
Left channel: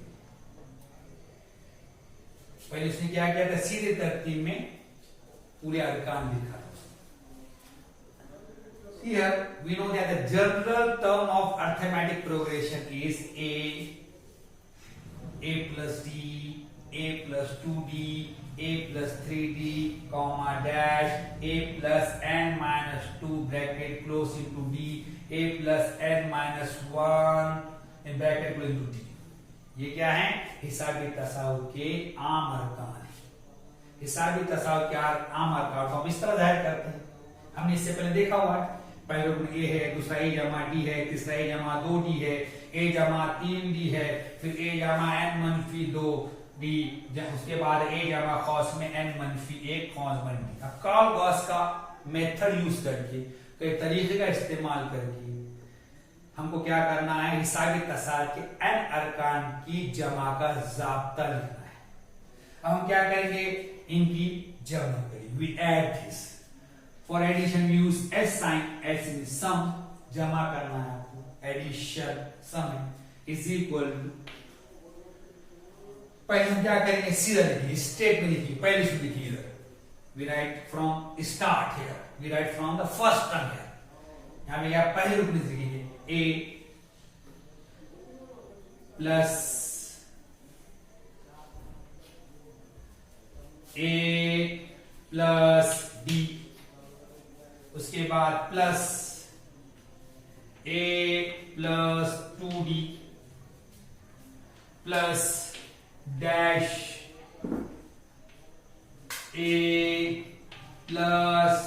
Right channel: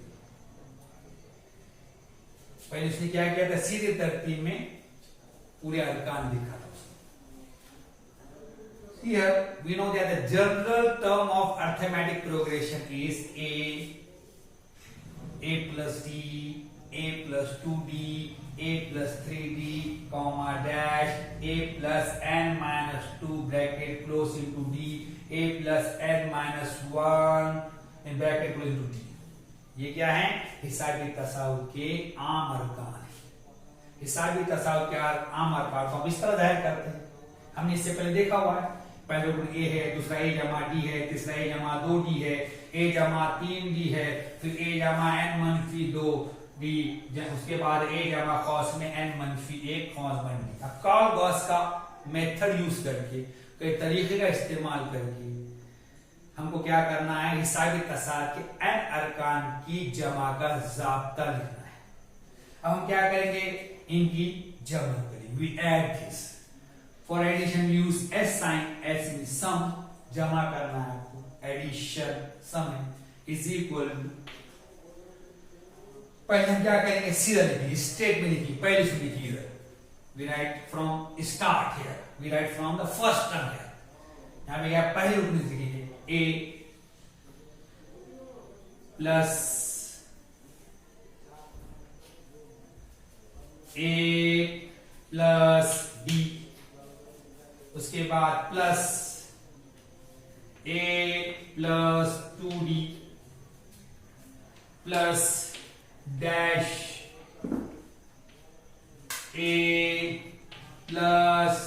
पहले उसने क्या किया था, सीधी तरतीब में पूरे अरकान लिखा था। Here we know that the general term of arithmetic progression is a plus d, a plus 2d, a plus 3d, comma dash, a plus n minus 2 bracket close into d, a plus n minus 1 in bracket close into d। ये क्या है, हिसाबी तसाउत के आम अरकान। हिसाबी तसाउत के आम अरकान को हम इस तरह जाहिर करते हैं, हमने इससे पहले देखा हुआ है। पहले रुकन ए है, दूसरा ए जमा डी है, तीसरा ए जमा 2d है, ए जमा 3d है, फिर ए जमा n मनफी 2d, उसके बाद ए जमा खौस में n मनफी 1 खौस बन डी। अब कॉल गॉस का मेथड यूज करके, कई तरीके का इस्तेमाल करके हमको क्या करना है, हिसाबी तसाउत के n अरकान की जमा का ज़ाब्ता लिखना है। अब हम क्या करेंगे, इनकी जमा करेंगे, we add this. For addition use S sign, S in sum, जमा करना है आपको, addition sum is equal to, पहले हम क्या करेंगे, सीधा लिखिए, स्टेप में लिखिए, पहले से लिखिए इधर, we write from start here, we write from the first term here. यहां पे क्या पहले रुकने से लिखिए, ए प्लस डी, उसके बाद plus a plus 2d plus dash a plus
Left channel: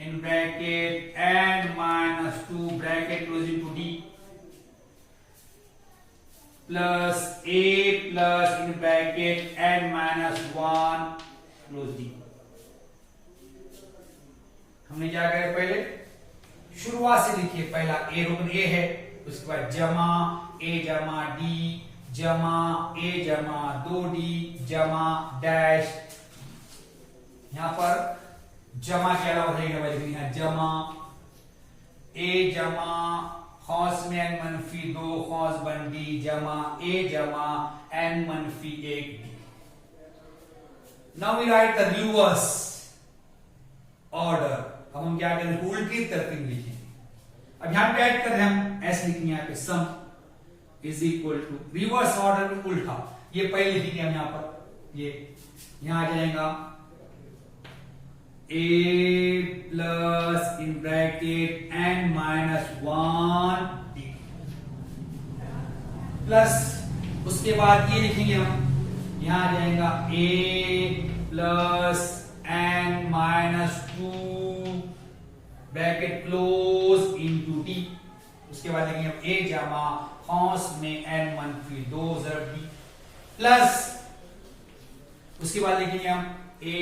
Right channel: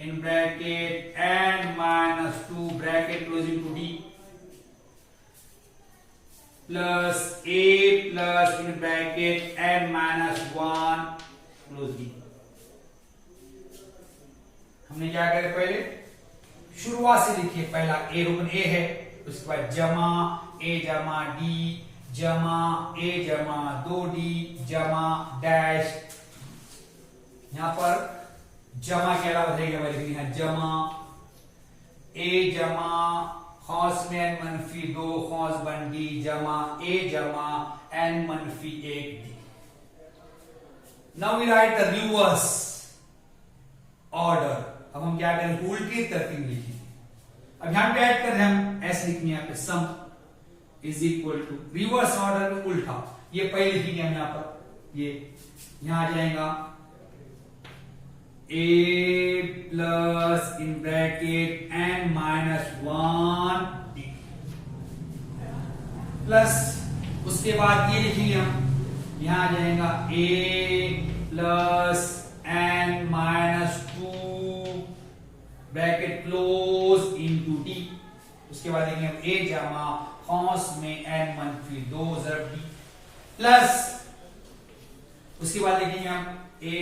in bracket n minus 2 bracket closing to d plus a plus in bracket n minus 1 close d। हमने क्या करे, पहले शुरुआत से लिखिए, पहला ए रुकन ए है, उसके बाद जमा ए जमा डी जमा ए जमा 2d जमा डैश, यहां पर जमा के अलावा लिखना जमा ए जमा खौस में n मनफी 2 खौस बन डी जमा ए जमा n मनफी 1 d. Now we write the reverse order. अब हम क्या करें, उल्टी तरतीब लिखेंगे। अब यहां पे ऐड कर रहे हम ऐसे लिखेंगे, यहाँ पे sum is equal to, reverse order में उल्टा, ये पहले लिखेंगे हम यहां पर, ये यहां आ जाएगा a plus in bracket n minus 1 d plus, उसके बाद ये लिखेंगे हम, यहां आ जाएगा a plus n minus 2 bracket close into D, उसके बाद लिखेंगे हम a जमा खौस में n मनफी 2 ज़रब d प्लस, उसके बाद लिखेंगे हम a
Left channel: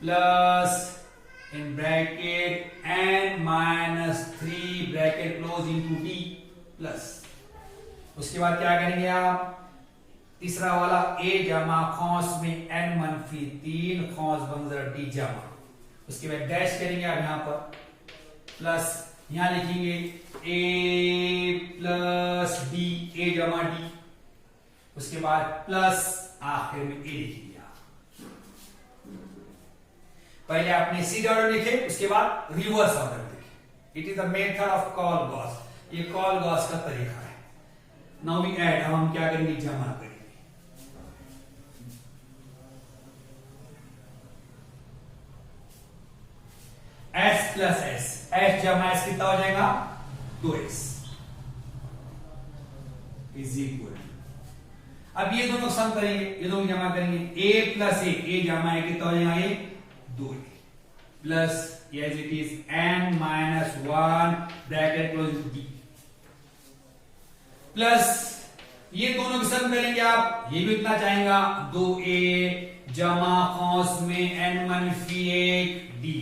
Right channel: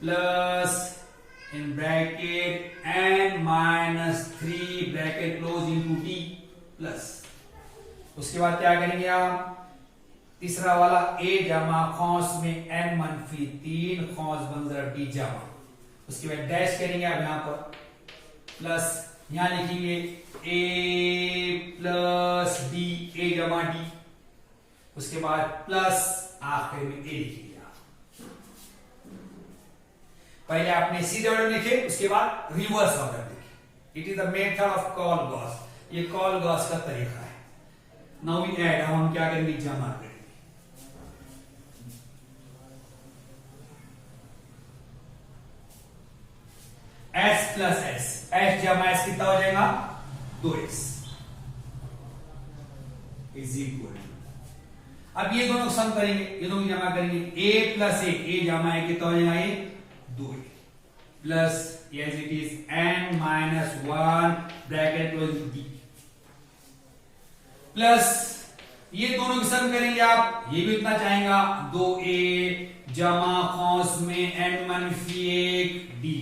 plus in bracket n minus 3 bracket close into d plus, उसके बाद क्या करेंगे आप, तीसरा वाला a जमा खौस में n मनफी 3 खौस बन ज़रब d जमा, उसके बाद डैश करेंगे आप यहां पर, प्लस यहां लिखेंगे a प्लस d, a जमा d, उसके बाद प्लस आखिर में a लिखिए। पहले आपने सीधा ऑर्डर लिखे, उसके बाद रिवर्स ऑर्डर लिखे। It is the method of call Gauss, ये कॉल गॉस का तरीका है। नाउ वी ऐड, हम क्या करेंगे, जमा करेंगे। s प्लस एस, एस जमा एस कितना हो जाएगा, 2s इज इक्वल। अब ये दोनों सम करेंगे, ये दोनों जमा करेंगे, a प्लस ए जमा ए कितना हो जाएगा, ये 2a plus as it is n minus 1 bracket close d plus, ये दोनों की सम करेंगे आप, ये भी इतना चाहेगा, 2a जमा खौस में n मनफी 1 d,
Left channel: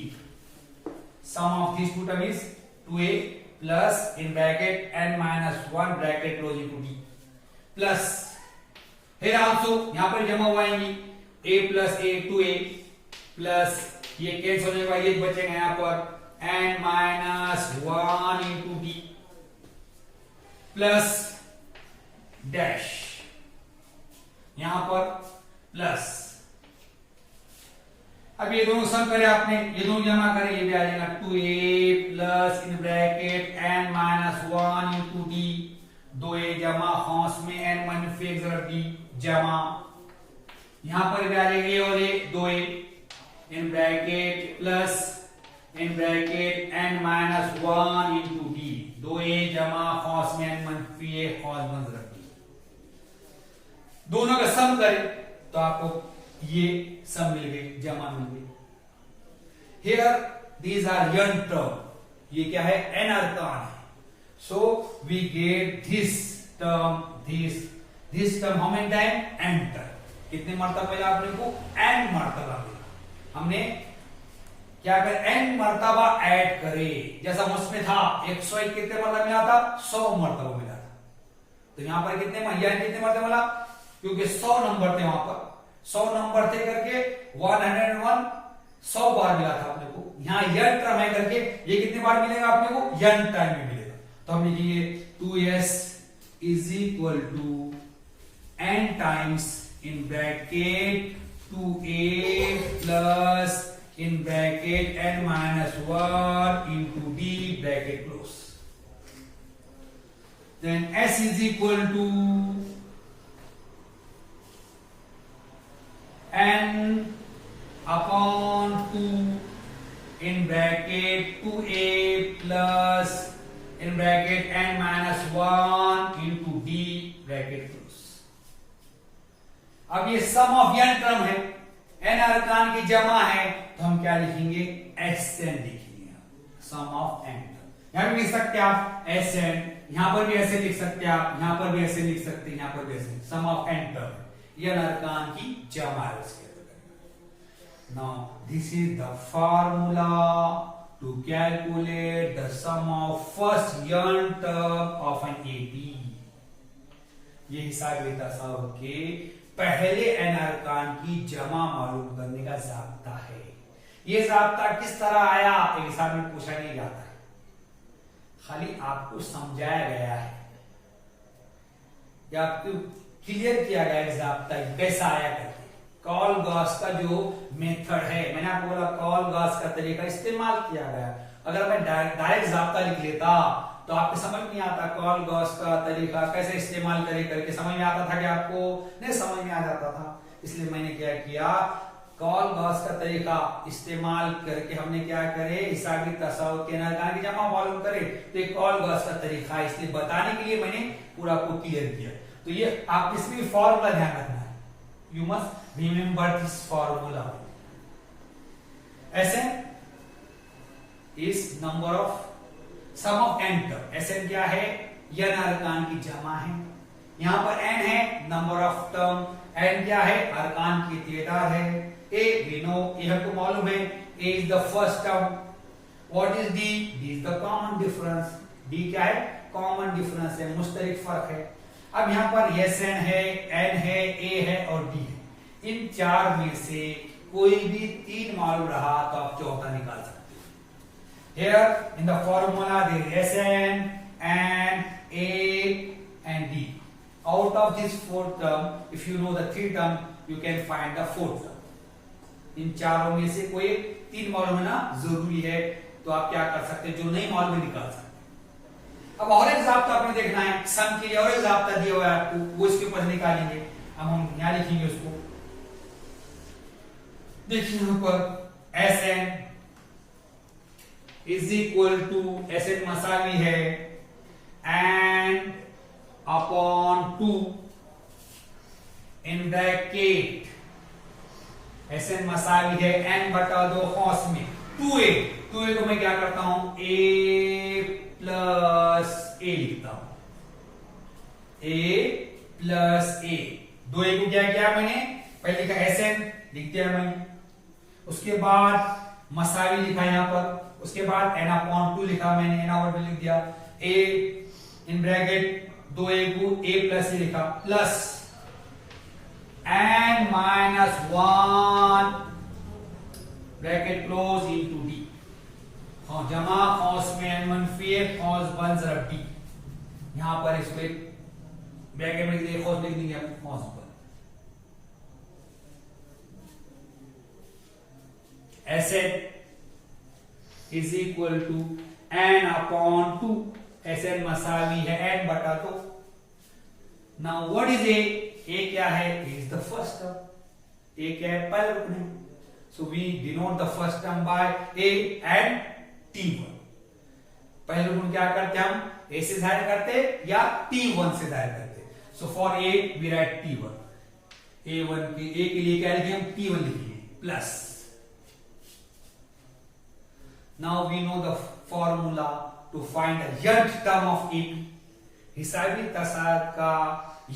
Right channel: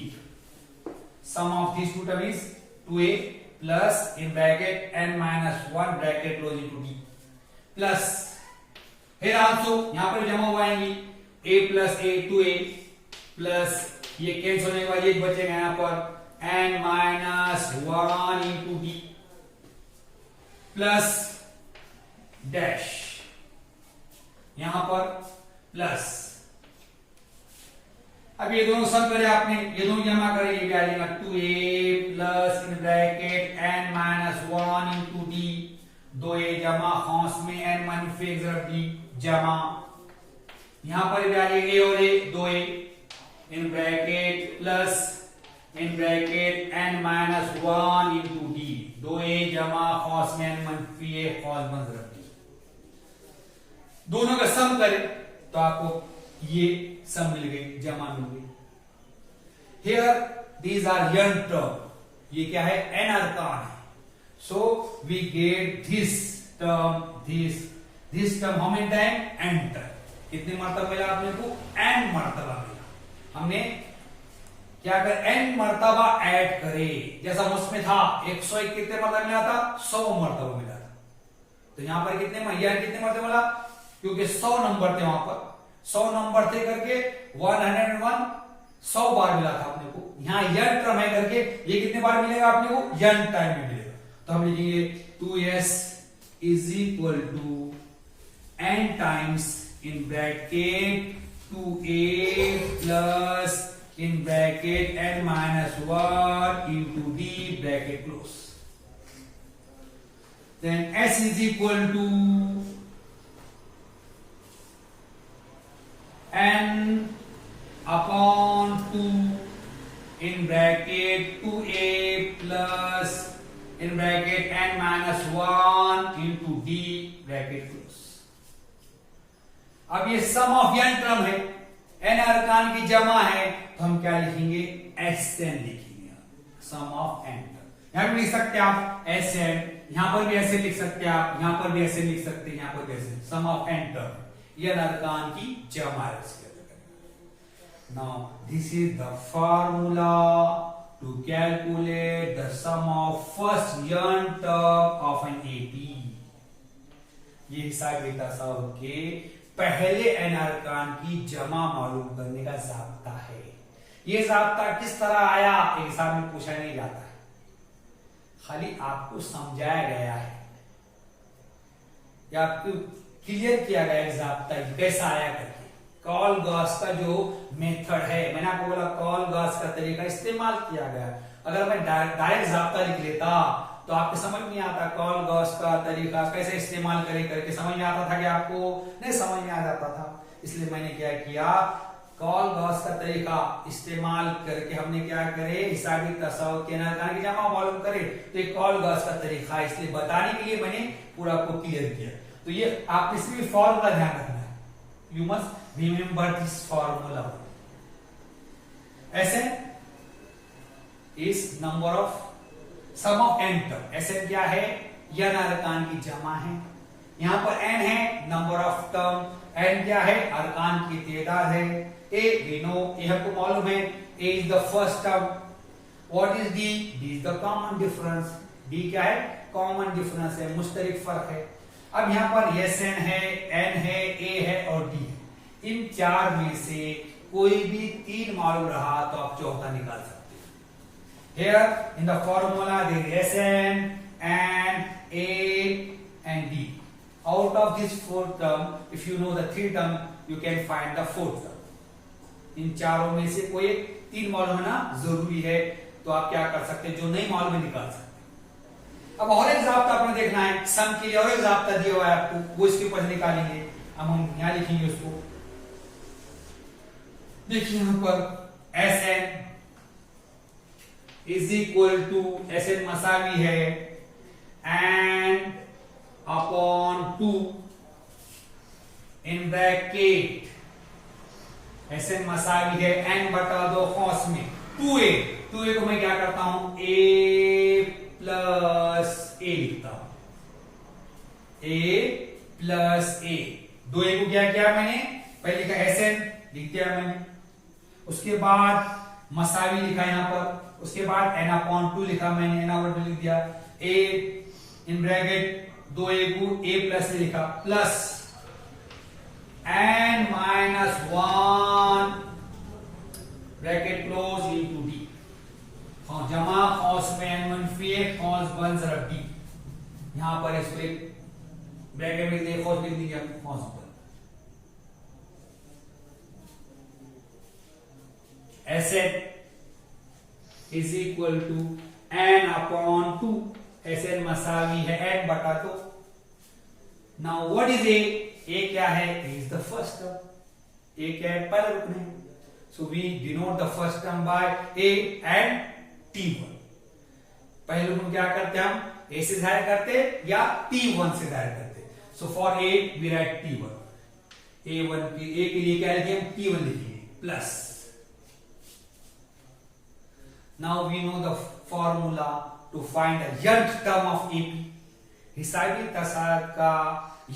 sum of this two term is 2a plus in bracket n minus 1 bracket close into d plus फिर आल्सो यहां पर जमा हो आएंगी a plus a 2a plus ये कैंसिल होने के बाद ये बचेगा यहां पर n minus 1 into d plus dash यहां पर प्लस। अब ये दोनों सम करे आपने, ये दोनों जमा करें, ये भी आ जाएगा 2a plus in bracket n minus 1 into d 2a जमा कौंस में n माइनस d जमा यहां पर भी आ जाएगा a और a 2a in bracket plus in bracket n minus 1 into d 2a जमा कौंस में n माइनस a कौस बन d दोनों का सम करें तो आपको ये सम मिल गई, जमा मिल गई। Here these are n term, ये क्या है n अरकान है। So we get this term this term how many time n term, कितनी मर्तबा मिला आपने को n मर्तबा मिला। हमने क्या कर n मर्तबा ऐड करे, जैसा उसमें था 101 कितने मर्तबा मिला था 100 मर्तबा मिला था, तो यहां पर कितने मर्तबा मिला, क्योंकि 100 नंबर थे वहां पर 100 नंबर थे करके 101 100 बार मिला था अपने को। यहां n टर्म है करके ये कितने बार मिलेगा अपने को n टाइम में मिलेगा। तो हम लिखेंगे 2s is equal to n times in bracket 2a plus in bracket n minus 1 into d bracket close. Then s is equal to n upon 2 in bracket 2a plus in bracket n minus 1 into d bracket close। अब ये सम of n term है, n अरकान की जमा है, तो हम क्या लिखेंगे Sn लिखेंगे, सम ऑफ n टर्म। यहां भी लिख सकते हैं आप Sn, यहां पर भी ऐसे लिख सकते हैं आप, यहां पर भी ऐसे लिख सकते हैं, यहां पर भी ऐसे, सम ऑफ n टर्म ये अरकान की जमा है इसके अंदर। Now this is the formula to calculate the sum of first n term of an AP. ये हिसाब साहब के पहले n अरकान की जमा मालूम करने का ज़ाब्ता है। ये ज़ाब्ता किस तरह आया हिसाब में पूछा नहीं जाता है, खाली आपको समझाया गया है या आपको क्लियर किया गया है ज़ाब्ता कैसा आया करके। कॉल गॉस का जो मेथड है, मैंने आपको बोला कॉल गॉस का तरीका इस्तेमाल किया गया। अगर मैं डायरेक्ट ज़ाब्ता लिख लेता तो आपको समझ नहीं आता कॉल गॉस का तरीका कैसे इस्तेमाल करे करके, समझ में आता था कि आपको नहीं समझ में आ जाता था। इसलिए मैंने क्या किया, कॉल गॉस का तरीका इस्तेमाल करके हमने क्या करे, हिसाबी तसव्वुर के अरकान की जमा मालूम करे, तो एक कॉल गॉस का तरीका है, इसलिए बताने के लिए मैंने पूरा आपको क्लियर किया। तो ये आप इसमें फॉर्मूला ध्यान रखना है, you must remember this formula. Sn is number of sum of n term. Sn क्या है, n अरकान की जमा है, यहां पर n है नंबर ऑफ टर्म, n क्या है अरकान की तादाद है। a we know, ये हमको मालूम है, a is the first term, what is d, d is the common difference, d क्या है कॉमन डिफरेंस है, मुश्तरिक फर्क है। अब यहां पर Sn है, n है, a है और d है, इन चार में से कोई भी तीन मालूम रहा तो आप चौथा निकाल सकते हैं। Here in the formula there is Sn, n, a and d. Out of this fourth term, if you know the three term, you can find the fourth term. इन चारों में से कोई तीन मालूम होना जरूरी है, तो आप क्या कर सकते हैं, जो नहीं मालूम है निकाल सकते हैं। अब और एक ज़ाब्ता आपने देखना है, सम के लिए और एक ज़ाब्ता दिया हुआ है आपको, वो इसके ऊपर निकालेंगे। अब हम यहां लिखेंगे उसको, देखिए यहां पर Sn is equal to, Sn मसावी है n upon 2 in bracket, Sn मसावी है n बटा 2 कौंस में 2a को मैं क्या करता हूं a प्लस a लिखता हूं, a प्लस a। 2a को क्या किया मैंने, पहले लिखा Sn लिख दिया मैंने, उसके बाद मसावी लिखा यहां पर, उसके बाद n अपॉन 2 लिखा मैंने, n अपॉन 2 लिख दिया, a इन ब्रैकेट 2a को a प्लस ए लिखा, plus n minus 1 bracket close into d, जमा कॉस में n मनफी ए कॉस 1 जरा d, यहां पर इसको एक ब्रैकेट में लिख कॉस लिख दिया, कॉस 1 S N is equal to n upon 2, S N मसावी है n बटा 2। नाउ व्हाट इज ए क्या है, a is the first term, a क्या है, पहला रुकन है, so we denote the first term by a and t1। पहले रुकन क्या करते हम, ए से जाहिर करते या t1 से जाहिर करते, so for a we write t1, a1 की ए के लिए क्या लिखेंगे हम, t1 लिखेंगे, plus now we know the formula to find the nth term of AP। हिसाबी तसाद का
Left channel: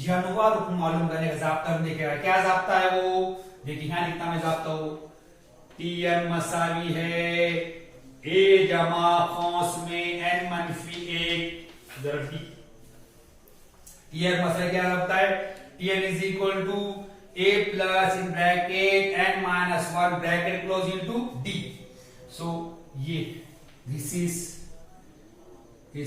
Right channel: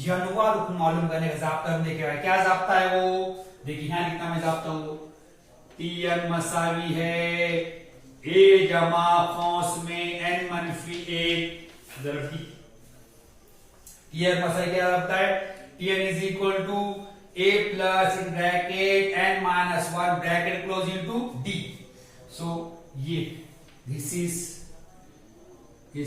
यनवा रुकन मालूम करने का जाब्ता हम देखेगा, क्या जाब्ता है वो, देखिए यहां लिखना मैं जाब्ता हूं, Tn मसावी है a जमा कौंस में n मनफी 1 दरअसल Tn मसावी क्या जाब्ता है, Tn is equal to a plus in bracket n minus 1 bracket close into d। So ये this is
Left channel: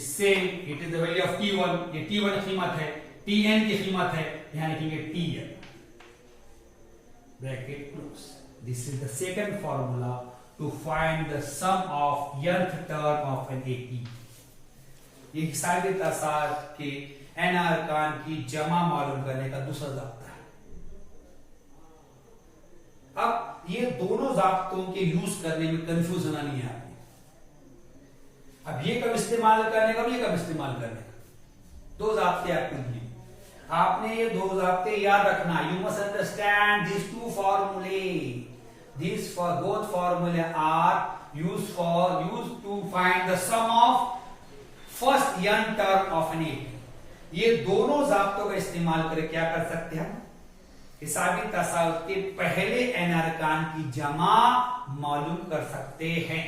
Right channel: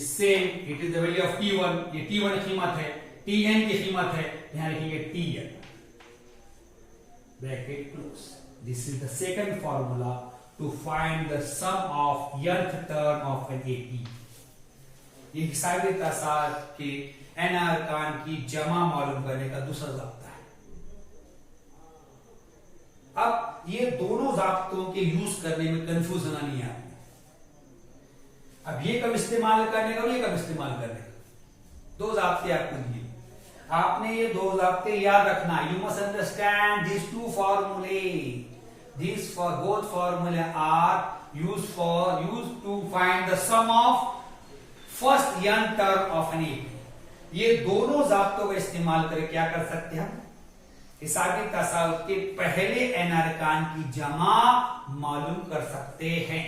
same, it is the value of t1, ये t1 की कीमत है, tn की कीमत है, यहां लिखेंगे tn bracket close. This is the second formula to find the sum of nth term of an AP। ये हिसाबी तसाद के n अरकान की जमा मालूम करने का दूसरा जाब्ता है। अब ये दोनों जाब्तों के यूज करने में कंफ्यूजन नहीं आती, अब ये कब इस्तेमाल करने का और ये कब इस्तेमाल करने का, दो जाब्ते आपको दिए, आपने ये दो जाब्ते याद रखना। You must understand this two फॉर्मूले, दिस फॉर बोथ फॉर्मूले are use to find the sum of first n term of an AP। ये दोनों जाब्तों का इस्तेमाल करके क्या कर सकते हैं हम, हिसाबी तसाउद के पहले n अरकान की जमा मालूम कर सकते हैं।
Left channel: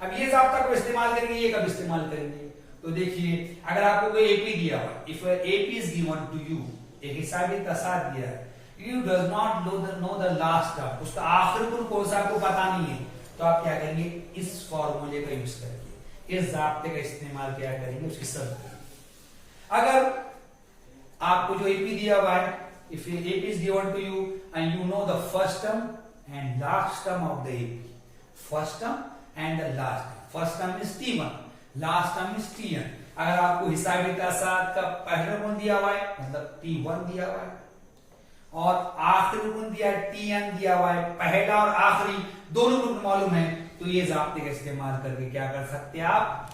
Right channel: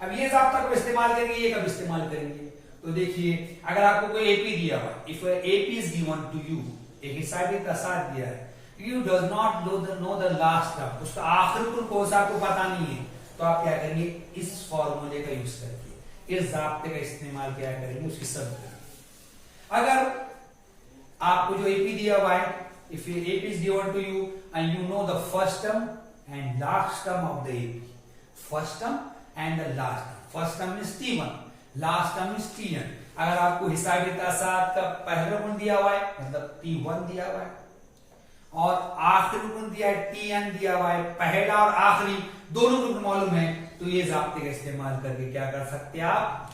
अब ये जाब्ता को इस्तेमाल करेंगे, ये कब इस्तेमाल करेंगे, तो देखिए अगर आपको कोई AP दिया हुआ, if AP is given to you, एक हिसाबी तसाद दिया है, you does not know the last term, उसका आखिरी गुण कौन सा आपको पता नहीं है, तो आप क्या करेंगे, इस फॉर्मूले का यूज करेंगे, इस जाब्ते का इस्तेमाल क्या करेंगे, उसकी सब करेंगे। अगर आपको जो AP दिया हुआ है, if AP is given to you and you know the first term and last term of the AP, first term and the last term, first term is t1, last term is tn। अगर आपको हिसाबी तसाद का पहला गुण दिया हुआ है मतलब t1 दिया हुआ है, और आखिरी गुण दिया है tn दिया हुआ है, पहला और आखिरी दोनों गुण मालूम है, तो ये जाब्ते का इस्तेमाल करके क्या कर सकते हैं आप,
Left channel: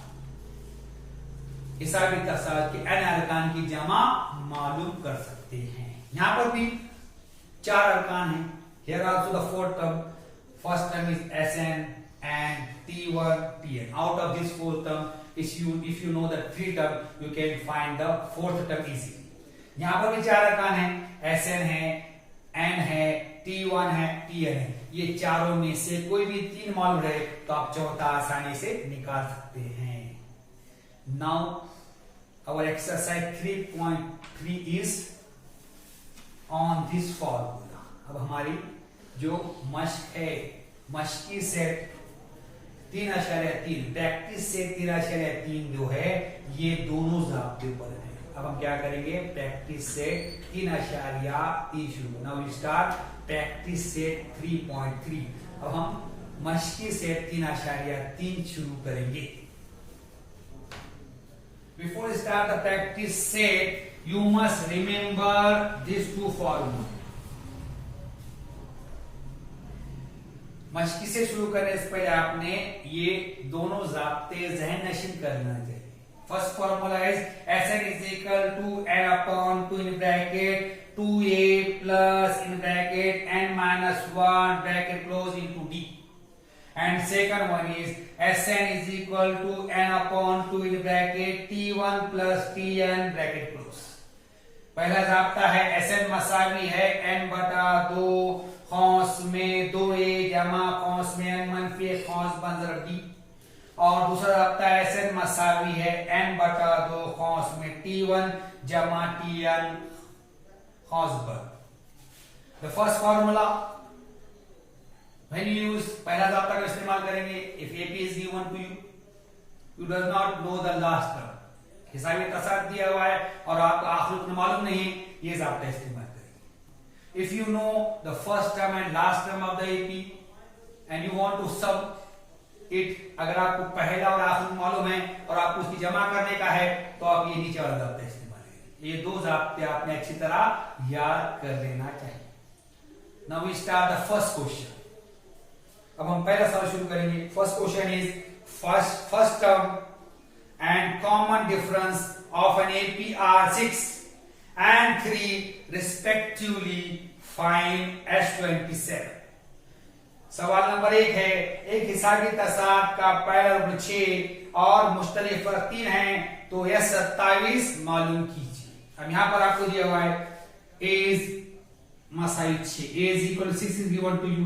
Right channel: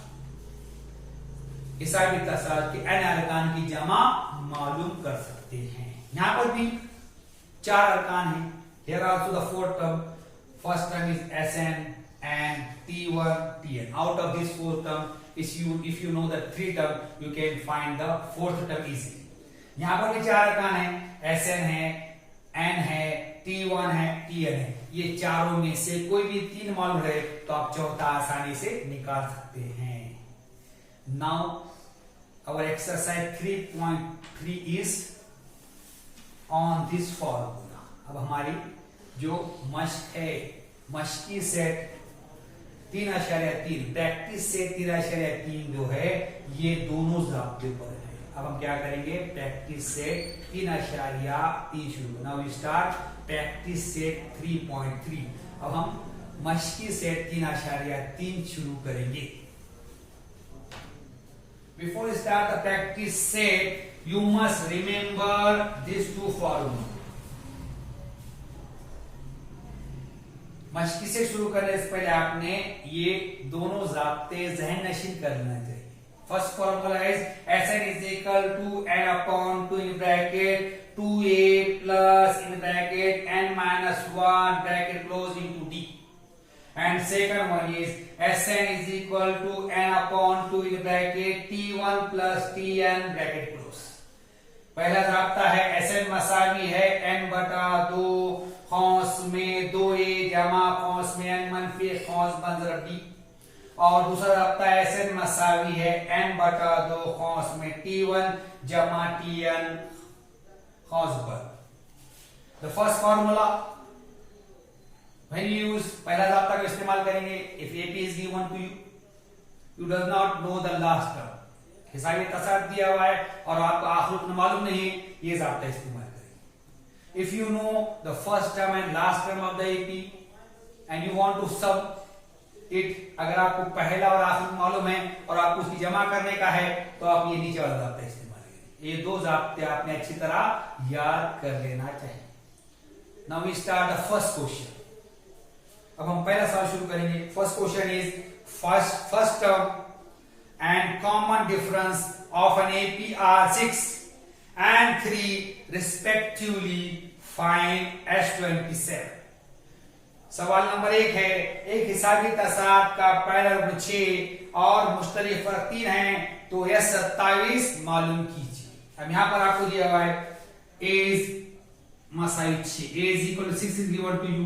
हिसाबी तसाद के n अरकान की जमा मालूम कर सकते हैं। यहां पर भी 4 अरकान है, here also the fourth term, first term is Sn and T1 Tn, out of this fourth term if you know the 3 term you can find the fourth term easily। यहां पर भी 4 अरकान है, Sn है, n है, T1 है, Tn है, ये चारों में से कोई भी 3 मालूम रहे तो आप चौथा आसानी से निकाल सकते हैं। Now our exercise 3.3 is on this formula। अब हमारी जो मश्क है, मश्की सेट 3.3, प्रैक्टिस सेट 3.3 जो है, ये दोनों जाब्ते पर है। अब हम क्या करेंगे, प्रैक्टिस सेट 3.3 शुरू। Now we start practice set 3.3। अब हम मश्की सेट 3.3 शुरू करेंगे। Before you start the practice set, you must remember these two formulas। मश्की से शुरू करने से पहले आपने ये दोनों जाब्ते जहन नशीन करना चाहिए। First formula is Sn is equal to n upon 2 in bracket 2a plus in bracket n minus 1 bracket close into d। And second one is Sn is equal to n upon 2 in bracket T1 plus Tn bracket close। पहला जाब्ता है Sn मसावी है n बटा 2 कौंस में 2a जमा कौंस में n मनफी एक कौंस बन ज़रब d, और दूसरा रब्ता Sn मसावी है n बटा 2 कौंस में t1 जमा tn कौंस बन। The first formula when you use पहला रब्ता का इस्तेमाल करेंगे if AP is given to you, you does not know the last term, हिसाबी तसाद दिया हुआ है और आपको आखिर रुकन मालूम नहीं है, ये रब्ता इस्तेमाल करेंगे। If you know the first term and last term of the AP and you want to sum it, अगर आपको पहला और आखिर मालूम है और आपको उसकी जमा करने का है तो आप ये नीचे वाला रब्ता इस्तेमाल करेंगे। ये दो रब्ते आपने अच्छी तरह याद कर लेना चाहिए। Now we start the first question. अब हम पहला सवाल शुरू करेंगे। First question is first term and common difference of an AP are 6 and 3 respectively, find S27। सवाल नंबर 1 है, एक हिसाबी तसाद का पहला रुकन 6 और मुश्तरिक फर्क 3 है, तो S27 मालूम कीजिए। अब यहां पर आपको दिया हुआ है a is मसाई 6, a is equal to 6 is given to you,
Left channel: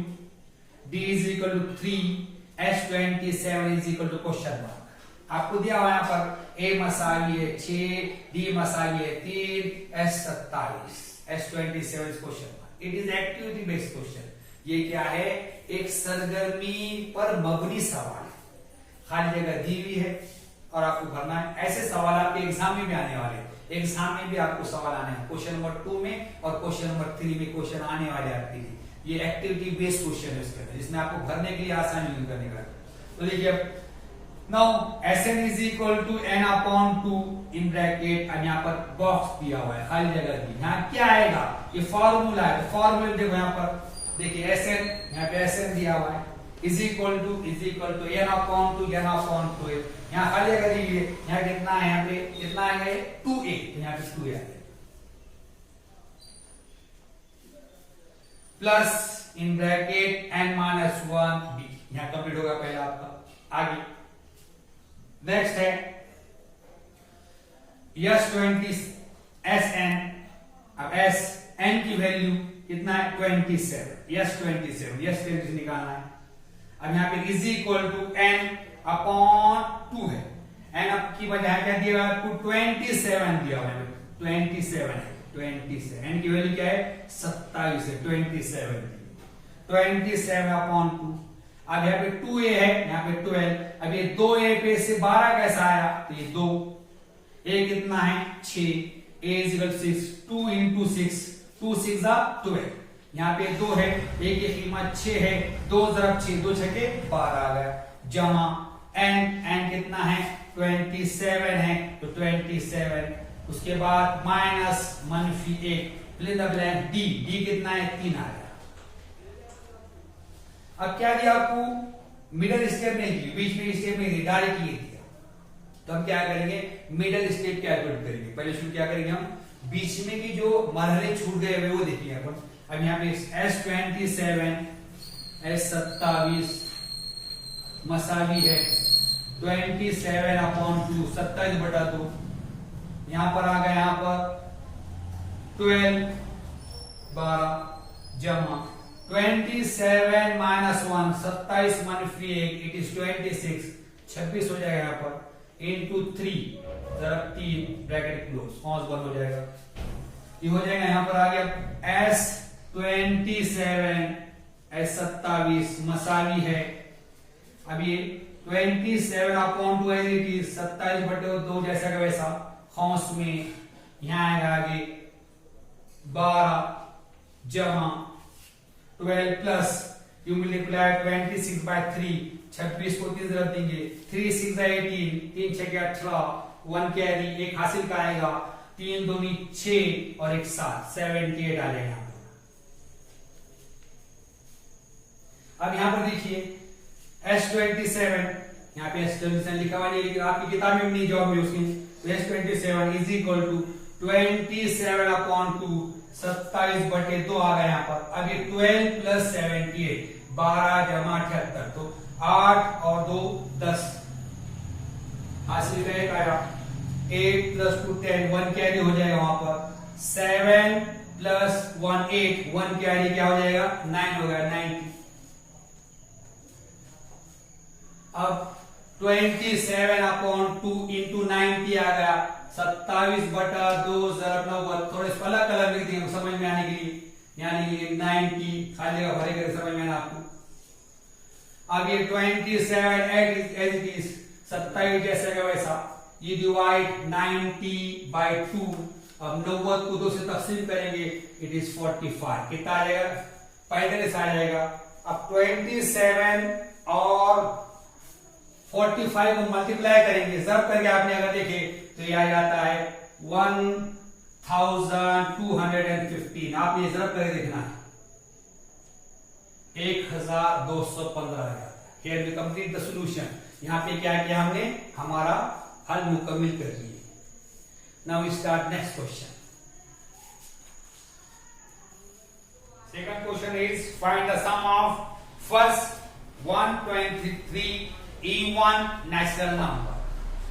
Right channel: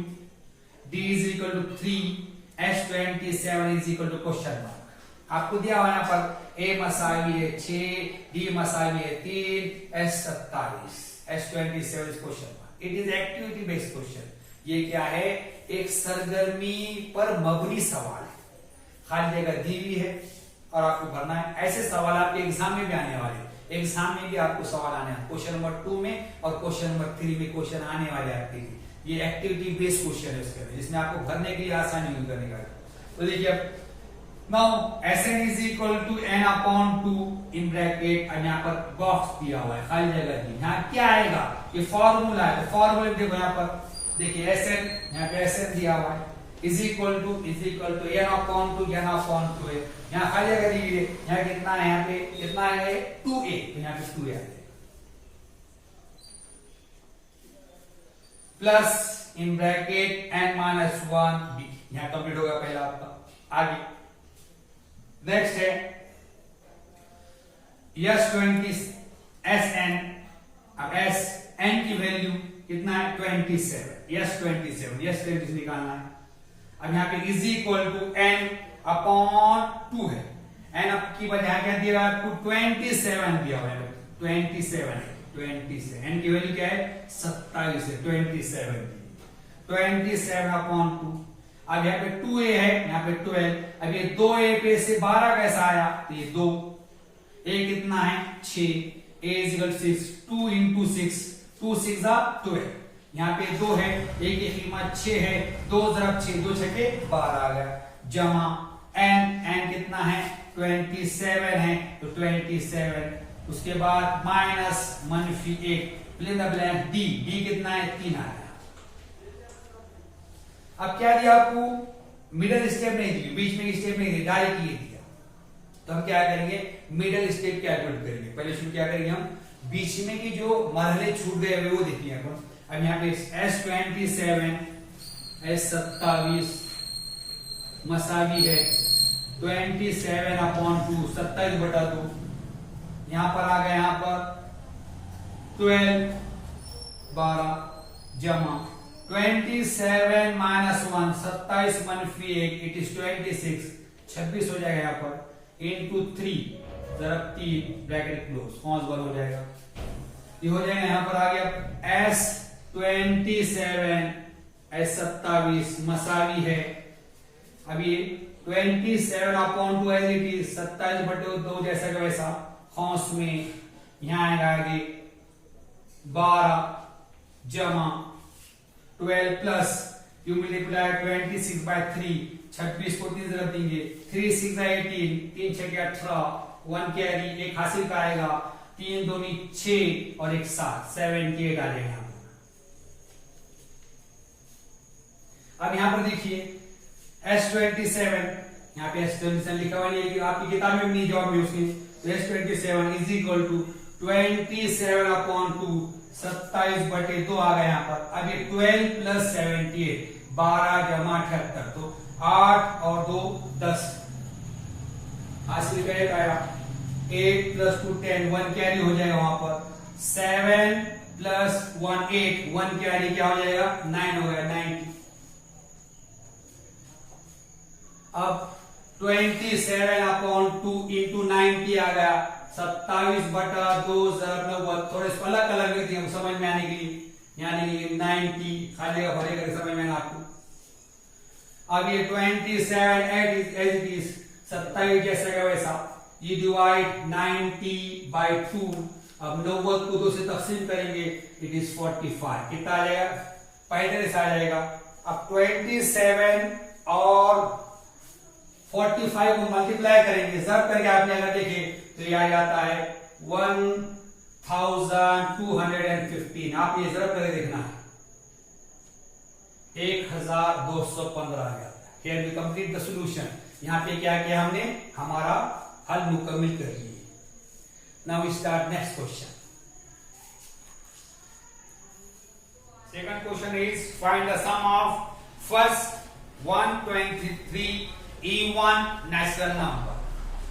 d is equal to 3, S27 is equal to question mark. आपको दिया हुआ यहाँ पर a मसावी है 6, d मसावी है 3, S27, S27 question mark. It is activity based question. ये क्या है? एक सरगर्मी पर मबनी सवाल है, खाली जगह दी हुई है और आपको भरना है। ऐसे सवाल आपके एग्जाम में भी आने वाले हैं, एग्जाम में भी आपको सवाल आने हैं, क्वेश्चन नंबर 2 में और क्वेश्चन नंबर 3 में क्वेश्चन आने वाले आते हैं। ये एक्टिविटी बेस्ड क्वेश्चन है इसके, जिसमें आपको भरने के लिए आसानी यूज करने का। तो देखिए अब now Sn is equal to n upon 2 in bracket, और यहाँ पर बॉक्स दिया हुआ है, खाली जगह दी। यहाँ क्या आएगा? ये फॉर्मूला है, फॉर्मूला देखो यहाँ पर, देखिए Sn, यहाँ पे Sn दिया हुआ है is equal to n upon 2 n upon 2 है। यहाँ खाली जगह दी है, यहाँ कितना है? यहाँ पे कितना है? 2a, यहाँ पे 2a आ जाएगा plus in bracket n minus 1 b। यहां कंप्लीट होगा पहला आपका। आगे नेक्स्ट है S20 Sn। अब Sn की वैल्यू कितना है? 27, S27 निकालना है। अब यहाँ पे is equal to n upon 2 है, n की वजह क्या दिया है आपको? 27 दिया हुआ है, 27 n की वैल्यू क्या है? 27 है, 27 अपॉन 2। अब यहाँ पे 2a है, यहाँ पे 12। अब ये 2a पे से 12 कैसा आया? तो ये 2, a कितना है? 6, a is equal to 6, 2 into 6, 2 6 12। यहाँ पे 2 है, a की कीमत 6 है, 2 ज़रब 6, 2 छठे 12 आ गया, जमा n कितना है? 27 है, तो 27। उसके बाद माइनस मनफी 1, fill in the blank d कितना है? 3 आ गया। अब क्या दिया आपको? मिडिल स्टेप नहीं दी, बीच में स्टेप नहीं दी, डायरेक्ट ये दिया। तो हम क्या करेंगे? मिडिल स्टेप कैलकुलेट करेंगे। पहले शुरू क्या करेंगे हम? बीच में की जो मरहले छूट गए हुए वो देखिए अपन। अब यहाँ पे S27 S27 मसावी है 27 अपॉन 2, 27 बटा 2। यहां पर आ गया, यहां पर 12 12 जमा 27 माइनस 1, 27 मनफी 1, इट इज 26, 26 हो जाएगा यहाँ पर, इंटू 3 ज़रब 3 ब्रैकेट क्लोज, कौंस बंद हो जाएगा। ये हो जाएगा, यहाँ पर आ गया S27 S27 मसावी है। अब ये 27 अपॉन 2 एज इट इज, 27 बटे 2 जैसा का वैसा, कौंस में यहां आएगा आगे 12 जमा 12 प्लस यू मल्टीप्लाई 26 बाय 3, 26 को 3 ज़रब देंगे, 3 6 18, 3 6 18, 1 कैरी, एक हासिल का आएगा, 3 दूनी 6 और 1 7, 78 आ जाएगा यहाँ पर। अब यहां पर देखिए S27, यहाँ पे S27 लिखा हुआ नहीं है, लेकिन आपकी किताब में नहीं, जॉब में उसकी S27 is equal to 27 upon 2, 27 बटे 2 आ गया यहाँ पर। अब ये 12 प्लस 78, 12 जमा 78, तो 8 और 2 10, हासिल का एक आया, 8 प्लस 2 10, 1 कैरी हो जाएगा वहां पर, 7 प्लस 1 8, 1 के आगे क्या हो जाएगा 9 हो गया 90। अब 27 अपॉन 2 इंटू 90 आ गया 27 बटा 2090। थोड़े अलग अलग लिख दिए समझ में आने के लिए, यानी 90 खाली जगह भरे कर समझ में आना आपको। अब ये 27 एज इट इज 27 जैसे का वैसा, ये डिवाइड 90 बाई 2। अब 90 को 2 से तकसीम करेंगे, इट इज 45। कितना आ जाएगा 35 आ जाएगा। अब 27 और 45 को मल्टीप्लाई करेंगे, सब करके आपने अगर देखे तो ये आ जाता है 1215। आप ये जरूर करके देखना है 1215 आ जाता है। Here we complete the solution. यहाँ पे क्या किया हमने, हमारा हल मुकम्मल कर लिए। Now we start next question. Second question is find the sum of first 123 even natural number.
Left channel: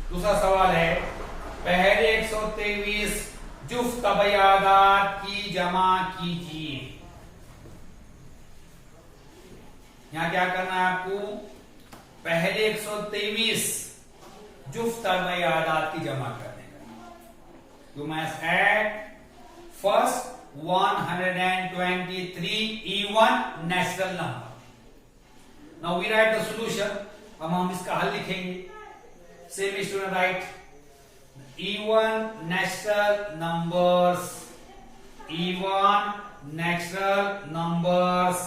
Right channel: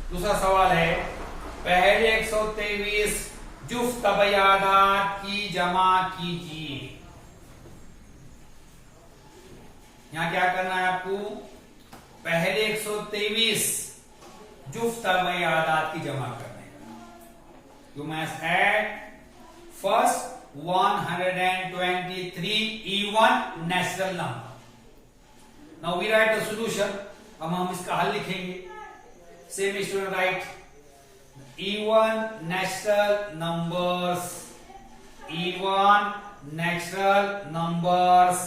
दूसरा सवाल है पहले 123 जुफ्त तबयादात की जमा कीजिए। यहां क्या करना है आपको, पहले 123 जुफ्त तबयादात की जमा करने का। You must add first 123 even natural number. Now we write the solution. अब हम इसका हल लिखेंगे। Same student write even natural numbers, even natural numbers,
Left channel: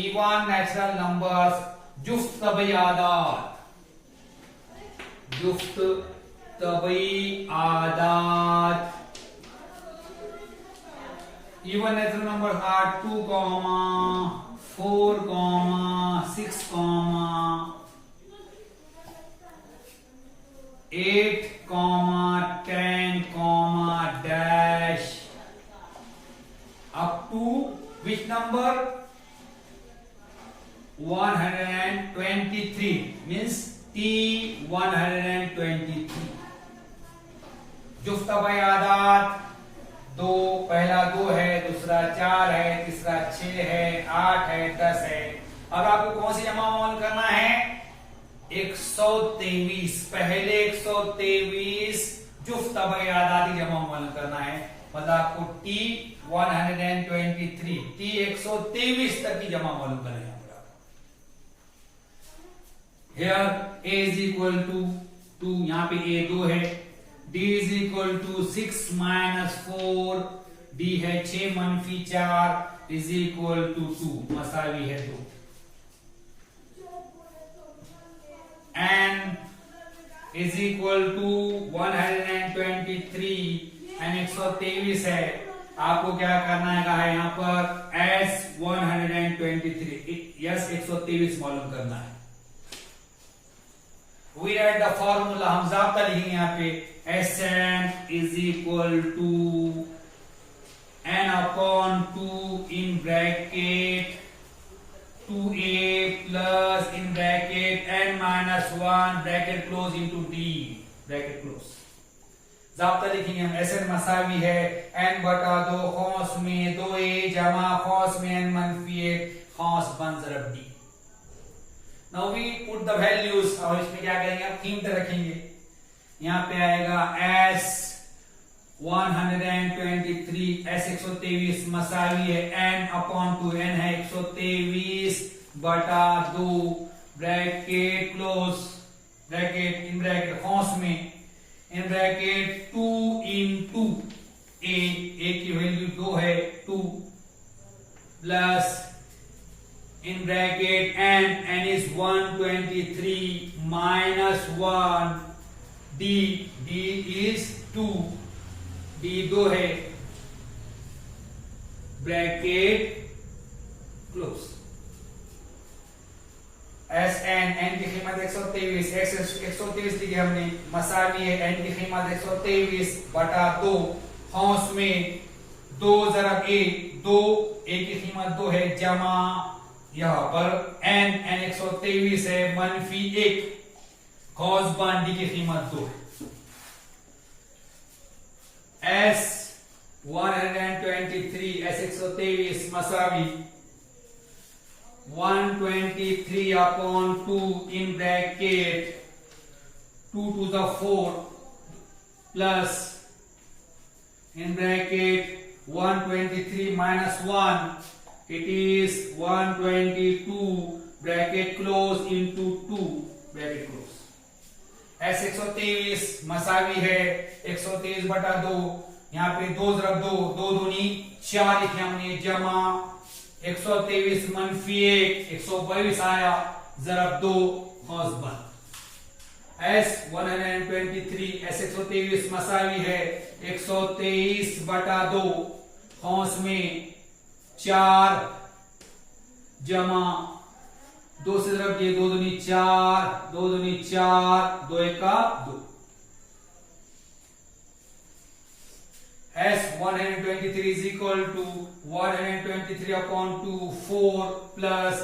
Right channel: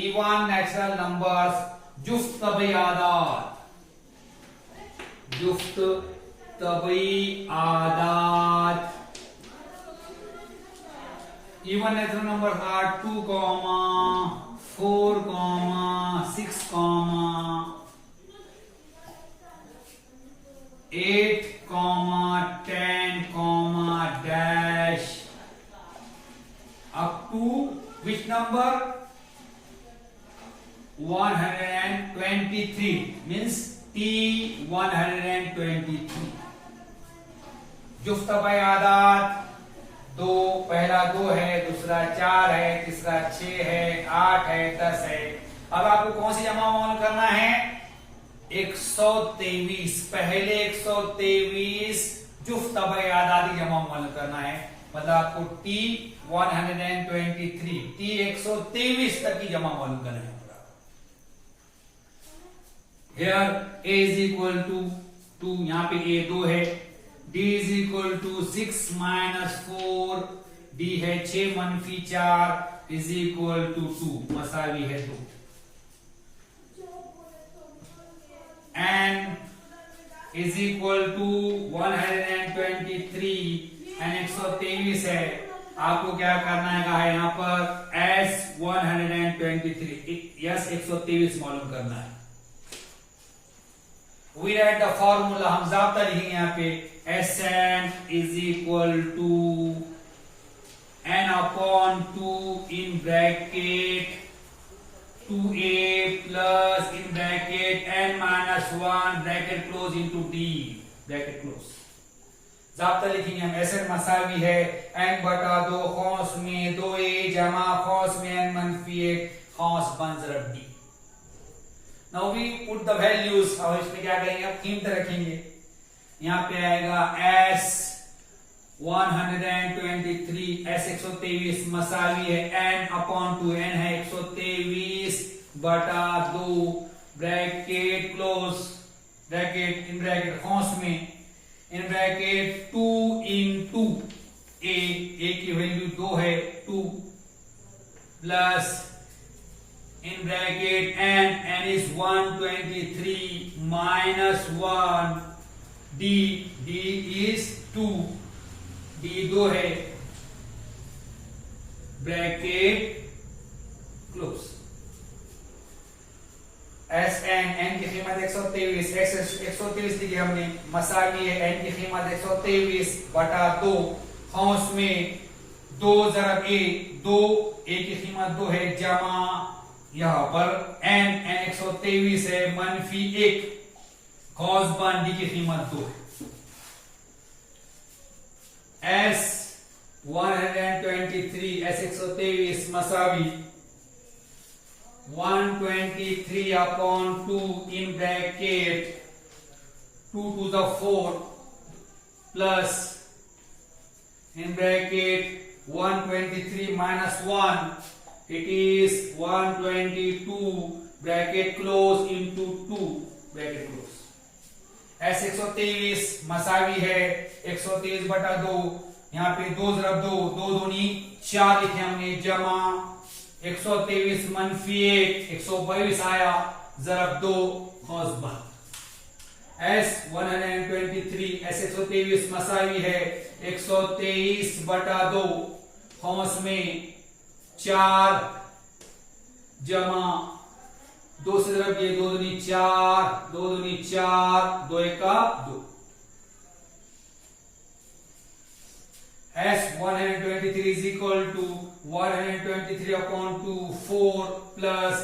even natural numbers जुफ्त तबयादात, जुफ्त तबयादात। even natural numbers are 2, 4, 6, 8, 10, dash up to which number 123 means T123। जुफ्त तबयादात दो, पहला 2 है, दूसरा 4 है, तीसरा 6 है, 8 है, 10 है। अब आपको कौन सी जमा अमल करना है 123। पहले 123 जुफ्त तबयादात की जमा अमल करना है, मतलब आपको T123 T123 तक की जमा मालूम करना है। Here A is equal to 2, यहाँ पे A 2 है, D is equal to 6 minus 4, D है 6 मनफी 4 is equal to 2, मसावी है 2। N is equal to 123 and 123 है, आपको क्या करना है कहा यहाँ पर S 123 यस 123 मालूम करना है। We write the formula, हम ज़ाब्ता लिखेंगे यहाँ पे Sn is equal to n upon 2 in bracket 2a plus in bracket n minus 1 bracket close into d bracket close। ज़ाब्ता लिखेंगे हम Sn मसावी है n बटा 2 खौस में 2a जमा खौस में n मनफी 1 खौस बन ज़रब d। Now we put the values। और इसमें क्या करेंगे आप कीमत रखेंगे, यहाँ पे आएगा S 123 S 123 मसावी है n अपॉन 2 n है 123 बटा 2 bracket close bracket in bracket खौस में इन ब्रैकेट 2 into a की वैल्यू 2 है 2 plus in bracket n is 123 minus 1 d is 2 d 2 है ब्रैकेट क्लोज Sn n की कीमत 123 123 लिखी हमने मसावी है n की कीमत 123 बटा 2 खौस में 2 ज़रब a 2 a की कीमत 2 है जमा यहां पर n 123 है मनफी 1 कॉस बन डी की कीमत 2 S 123 ऐसे 123 मसावी 123 upon 2 in bracket 2 to the 4 plus in bracket 123 minus 1 it is 122 bracket close into 2 bracket close। ऐसे 123 मसावी है 123 बटा 2, यहाँ पे 2 ज़रब 2 2 दूनी 4 लिखे हमने जमा 123 मनफी 1 122 आया ज़रब 2 कौंस बंद। S 123 ऐसे 123 मसावी है 123 बटा 2 कौंस में 4 जमा 2 से ज़रब ये 2 दूनी 4 2 दूनी 4 2 एका 2। S 123 is equal to 123 upon 2 4 plus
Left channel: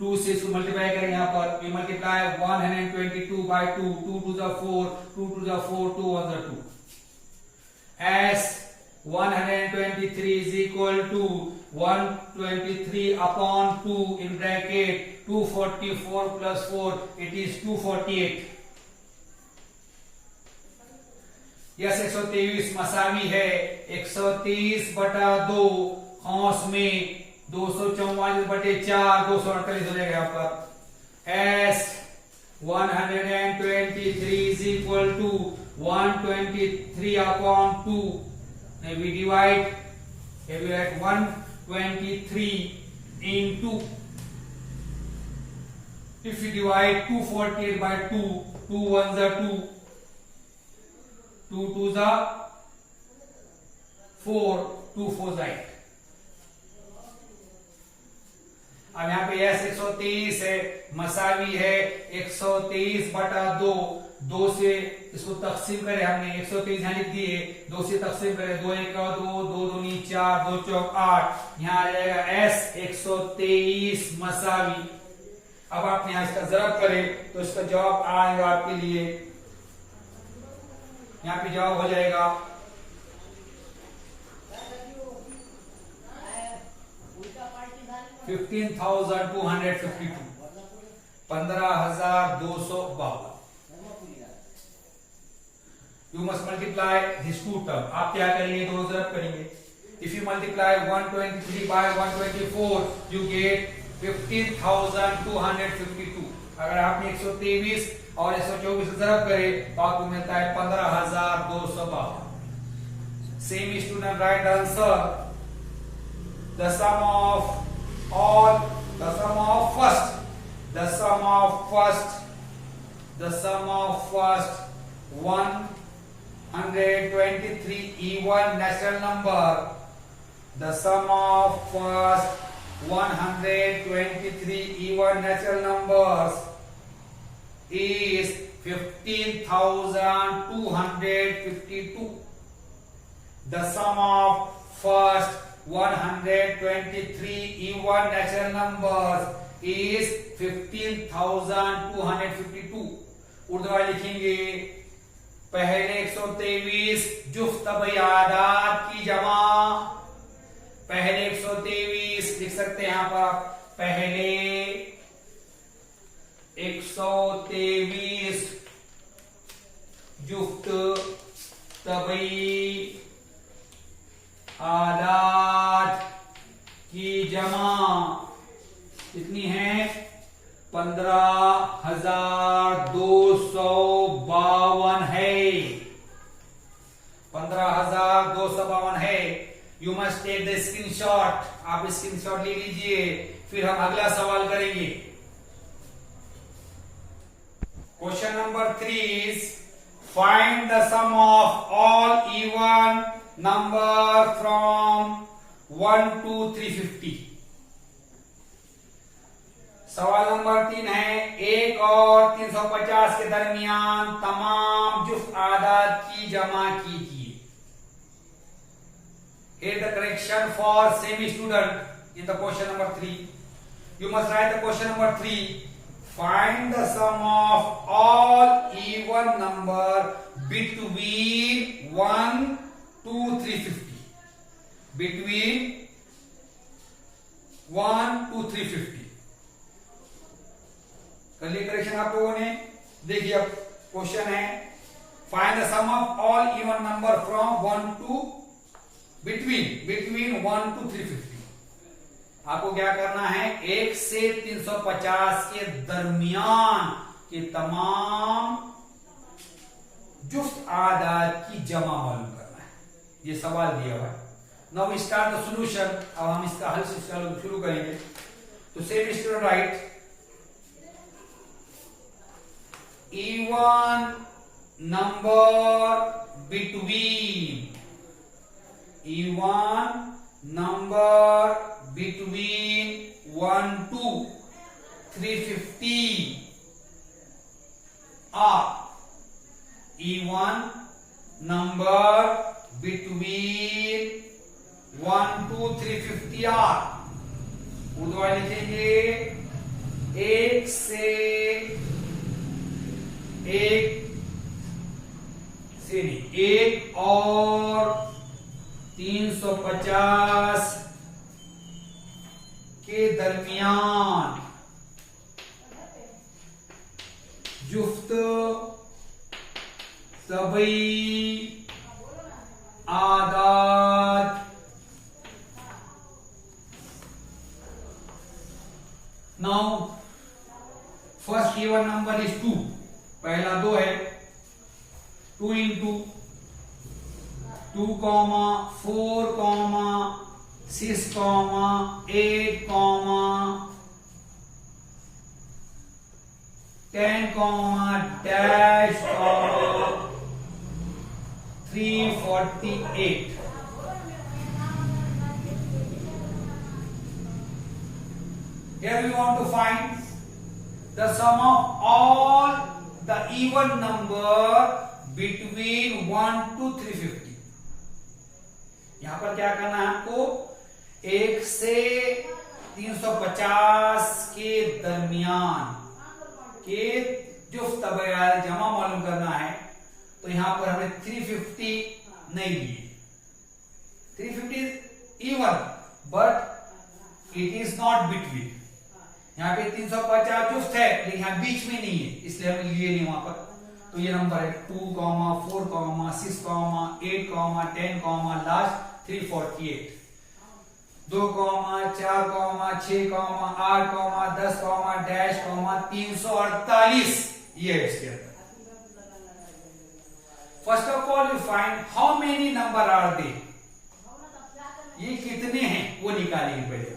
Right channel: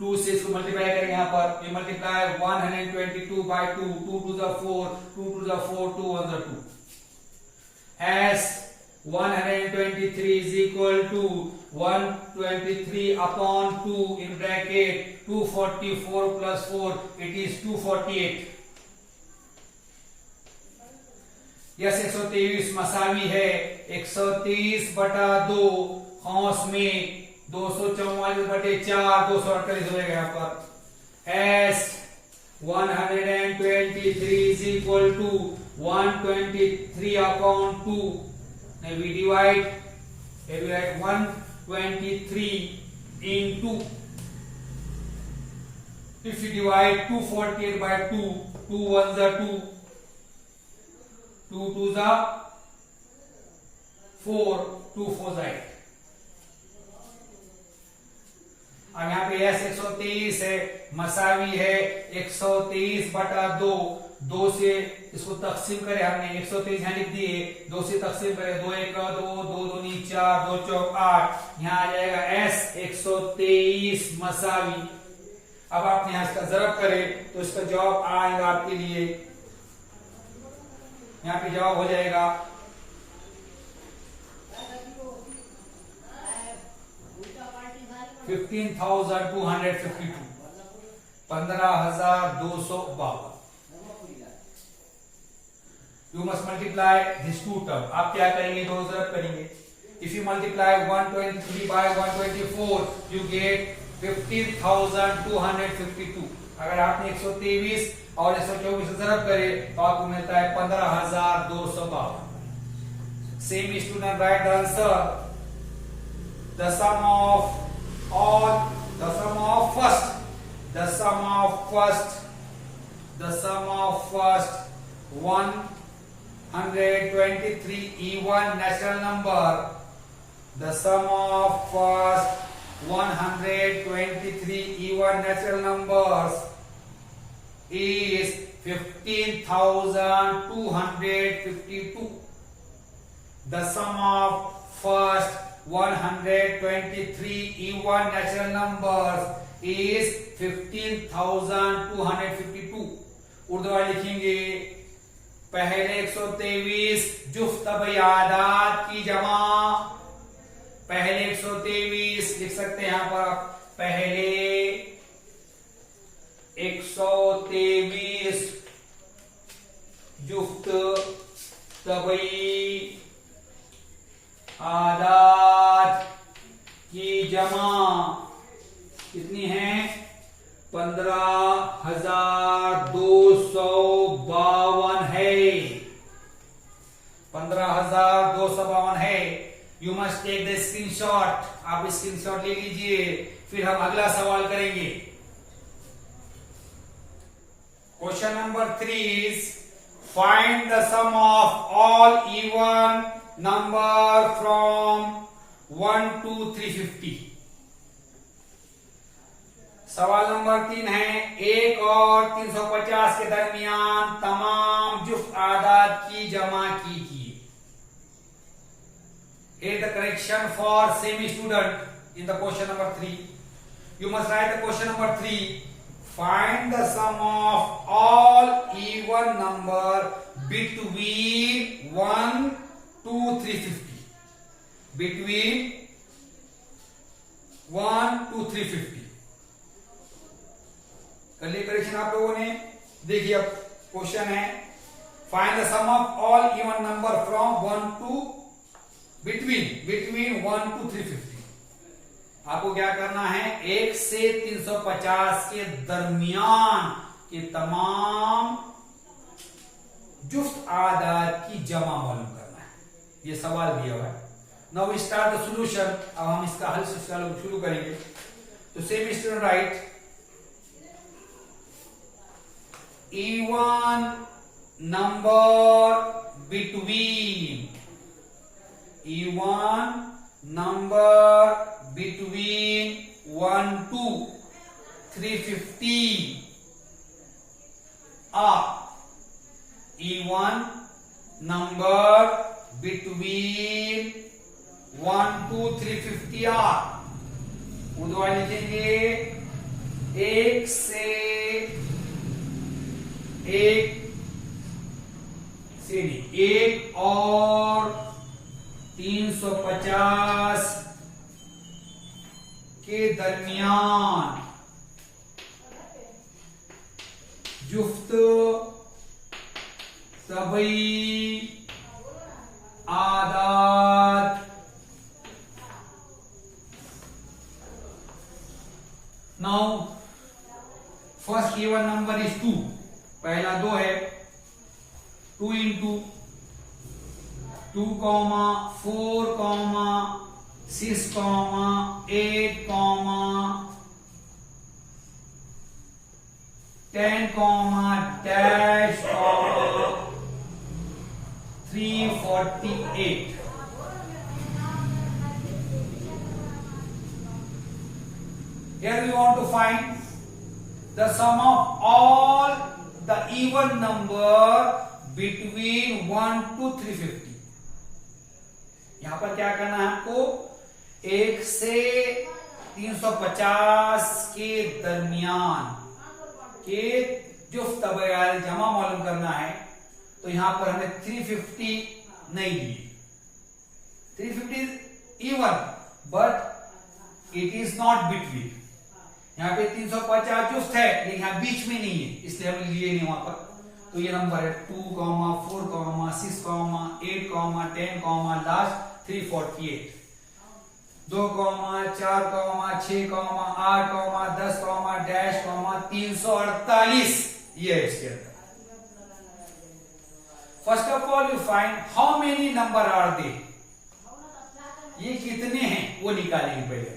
2 से इसको मल्टीप्लाई करेंगे यहाँ पर ये multiply 122 by 2 2 to the 4 2 to the 4 2 on the 2 as 123 is equal to 123 upon 2 in bracket 244 plus 4 it is 248। Yes 123 मसावी है 123 बटा 2 कौंस में 244 बटे 4 248 हो जाएगा यहाँ पर। S 123 is equal to 123 upon 2 we divide 123 into if you divide 248 by 2 2 1 the 2 2 2 the 4 2 4 the 8। अब यहाँ पे S 123 है मसावी है 123 बटा 2 2 से इसको तकसीम करें हमने 123 यहाँ लिख दिए 2 से तकसीम करें 2 1 2 2 दूनी 4 2 चौक 8 यहाँ आ जाएगा S 123 मसावी। अब आप यहाँ इसका ज़रब करें तो इसका जवाब आएगा आपके लिए यहाँ पे जवाब हो जाएगा 15,252 15,252। You must multiply these two terms। आप क्या करेंगे दोनों तरफ करेंगे। If you multiply 123 by 124 you get 15,252। अगर आपने 123 और 124 से ज़रब करे तो आपको मिलता है 15,252। Same student write the answer। The sum of first 123 even natural number, the sum of first 123 even natural numbers is 15,252. The sum of first 123 even natural numbers is 15,252। Urdu वाले लिखेंगे पहले 123 जुफ्त बयादात की जमा। पहले 123 लिख सकते हैं यहां पर पहले 123 जुफ्त तबई आदात की जमा कितनी है 15,252 है 15,252 है। You must take the screenshot. आप स्क्रीनशॉट ले लीजिए फिर हम अगला सवाल करेंगे। Question number 3 is find the sum of all even number from 1 to 350। सवाल नंबर 3 है 1 और 350 के दरमियान तमाम जुफ्त आदाद की जमा कीजिए। Here the correction for semi student in the question number 3. You must write the question number 3. Find the sum of all even number between 1 to 350. between 1 to 350। कर लिए करेक्शन आप लोगों ने। देखिए अब क्वेश्चन है, find the sum of all even number from 1 to between 1 to 350। आपको क्या करना है, 1 से 350 के दरमियान के तमाम जुफ्त आदाद की जमा मालूम करना है। ये सवाल दिया हुआ है। Now we start the solution. अब हम इसका हल शुरू करेंगे। तो same student write, even number between 1 to 350 are even number between 1 to 350 are, Urdu लिखेंगे 1 से 1 और 350 के दरमियान जुफ्त सभी आदाद now first even number is 2। पहला 2 है, 2 into 2, 4, 6, 8, 10, dash 348। Here we want to find the sum of all the even number between 1 to 350। यहां पर क्या करना है आपको, 1 से 350 के दरमियान के जुफ्त जमा मालूम करना है। तो यहां पर हमें 350 नहीं लिए, 350 even but it is not between. यहाँ पे 350 जुफ्त है लेकिन यहाँ बीच में नहीं है, इसलिए हमने लिए नहीं वहां पर। तो ये नंबर है 2, 4, 6, 8, 10, लास्ट 348। 2, 4, 6, 8, 10, डैश 348। ये है इसके अंदर। First of all you find how many number are they, ये कितने हैं वो निकालेंगे पहले।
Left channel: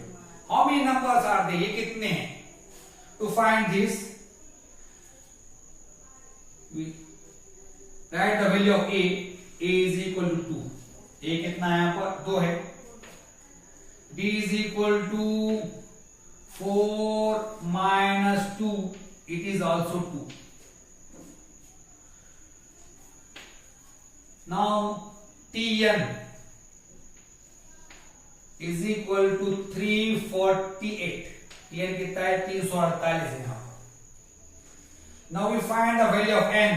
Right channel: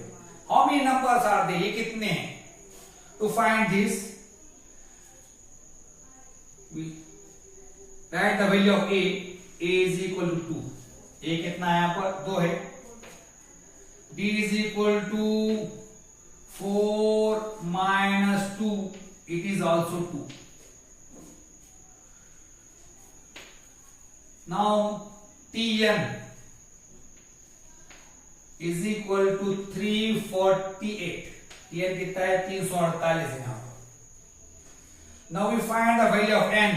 How many numbers are they, ये कितने हैं। To find this write the value of a is equal to 2। A कितना है, यहां पर 2 है। b is equal to 4 minus 2, it is also 2। Now tn is equal to 348। tn कितना है, 348 है यहां पर। Now we find the value of n,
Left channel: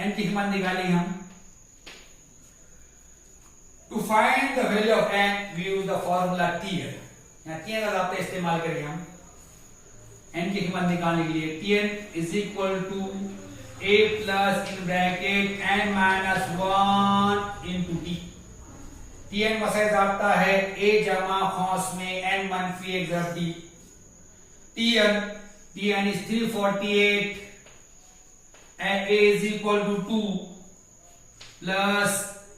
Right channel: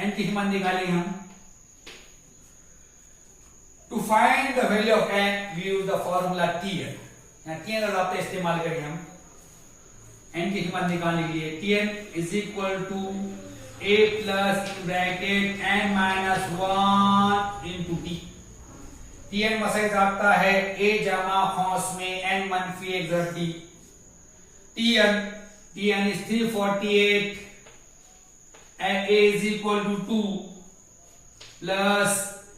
n की कीमत निकालेंगे हम। To find the value of n we use the formula tn। यहां tn का इस्तेमाल करेंगे हम n की कीमत निकालने के लिए। tn is equal to a plus in bracket n minus 1 into t. tn मसैज आता है a जमा खौस में n मनफी 1 + t। tn is 348 and a is equal to 2 plus,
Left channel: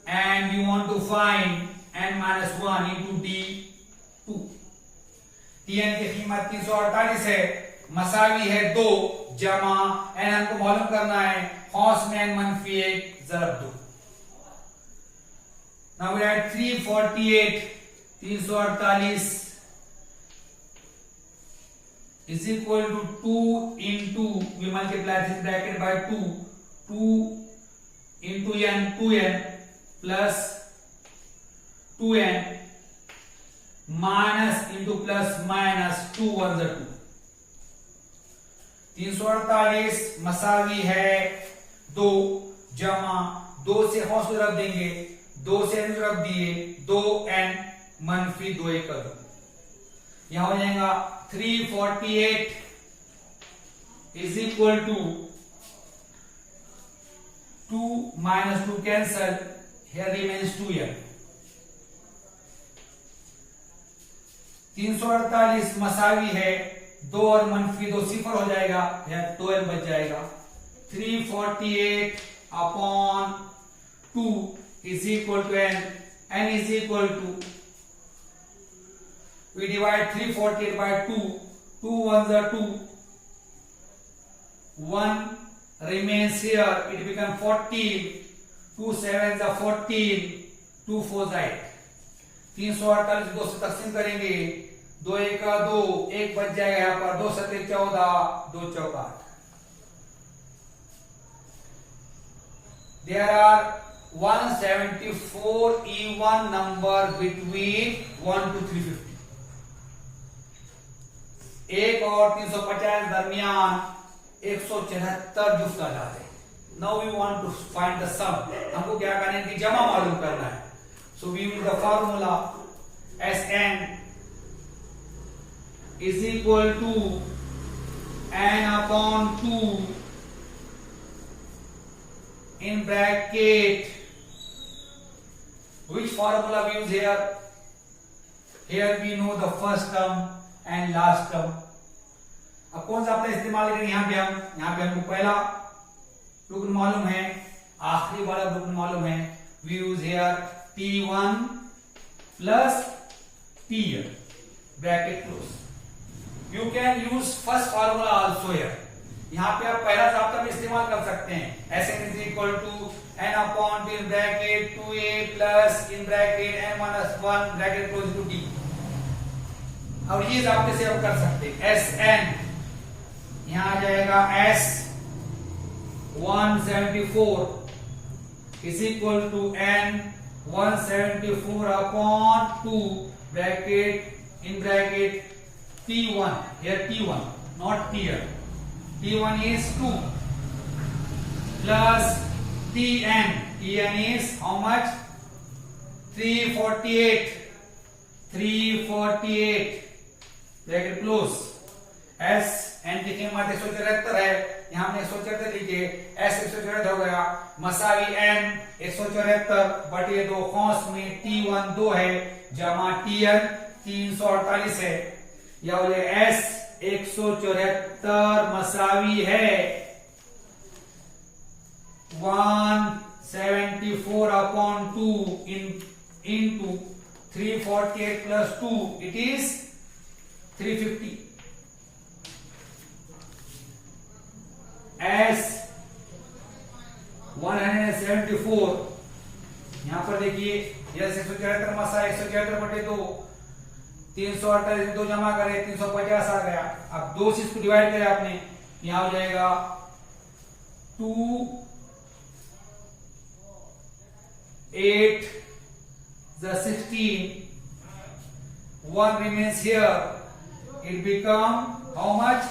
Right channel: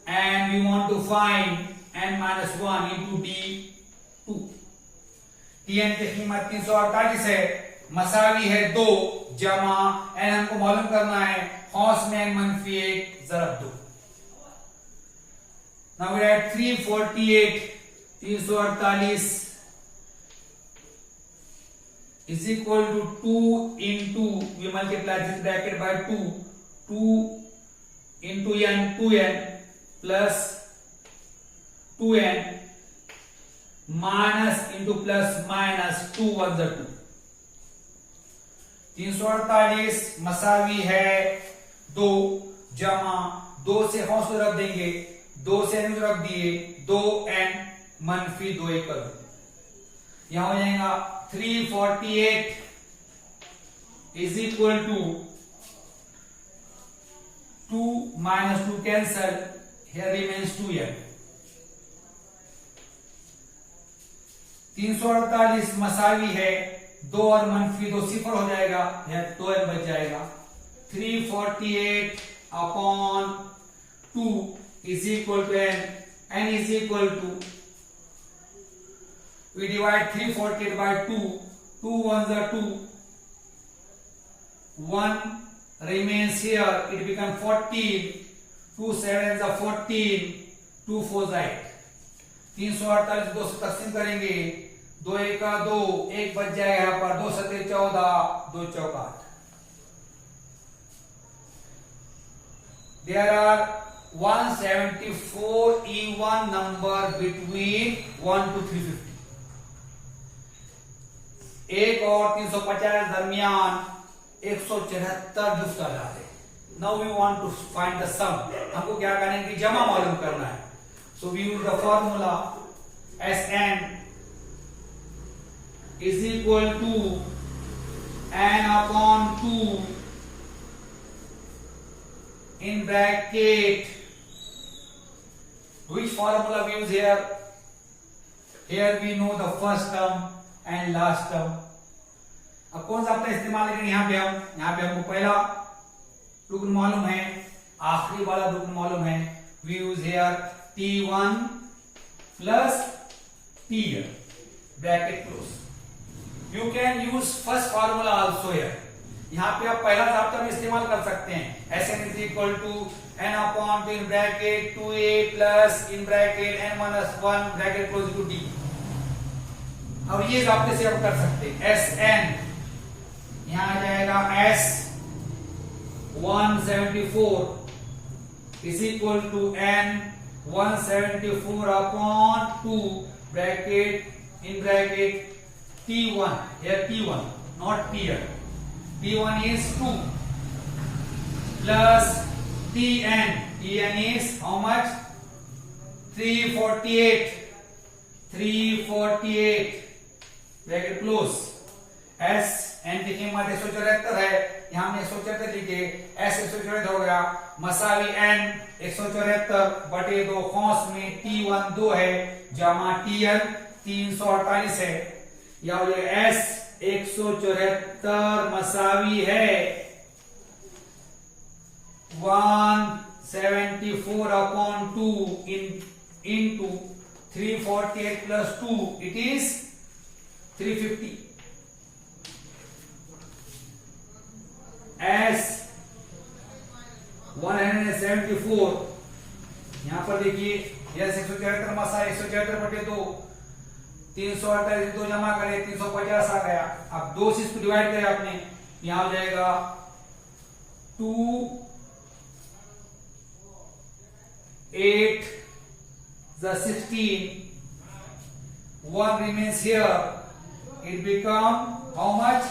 and we want to find n minus 1 into d 2। tn की कीमत 348 है, मसावी है 2 जमा n हमको मालूम करना है खौस में n मनफी 1 ज़रब 2। Now we write 348 348 is equal to 2 into, we multiply this bracket by 2 into n 2n plus 2n minus into plus minus 2 1 2। 348 मसावी है 2 जमा 2 से हौस रख देंगे, 2 से n रख दिए 2n -2 1 कर दो, यहां हो जाएगा 348 is equal to 2 - 2 cancel, here remains 2n। 348 मसावी है, 2 और -2 0 हो जाएगा, यह 2n बच जाएगा। 348 upon 2 is equal to n, n is equal to, we divide 348 by 2, 2 1s are 2, 1 remains here, it becomes 14, 2 7s are 14, 2 4s 8। 348 2 से तकसीम करेंगे, 2 1 2, 1 बच जाएगा यहाँ पर, 2 7 14, 2 4 8। There are 174 even number between 1 to 350। 1 और 350 दरमियान 174 जुफ्त आजाद है। Now we want to find the sum। हमको क्या करना है कि जमा मालूम करना है। So we use the formula Sn is equal to n upon 2 in bracket, which formula we use here? Here we know the first term and last term। अब कौन सा अपने इस्तेमाल करेंगे? यहाँ पे हमको पहला रुकन मालूम है, आखिरी वाला रुकन मालूम है। We use here T1 plus Tn bracket close। You can use first formula also here। यहाँ पे आप पहला चाप्टर में इस्तेमाल कर सकते हैं। Sn is equal to n upon 2 in bracket 2a plus in bracket n minus 1 bracket close to t। और ये आपके से हम कर सकते हैं। Sn यहाँ आ जाएगा S 174 is equal to n 174 upon 2 bracket in bracket T1, here T1 not Tn, T1 is 2 plus Tn is how much? 348 bracket close। S n लिखे मत 174 है, यहां हमने 174 लिखे, S 174 हो गया, मसावी n 174 बटे 2 कौंस में T1 2 है जमा Tn 348 है, या बोले S 174 मसावी है 174 upon 2 into 348 plus 2, it is 350। S 174 यहां पर देखिए, यह 174 मसा 174 बटे 2, 348 2 जमा करें 350 आ गया। अब 2 से इसको डिवाइड करें आपने, यहां हो जाएगा 2 8 the 16, 1 remains here, it become how much?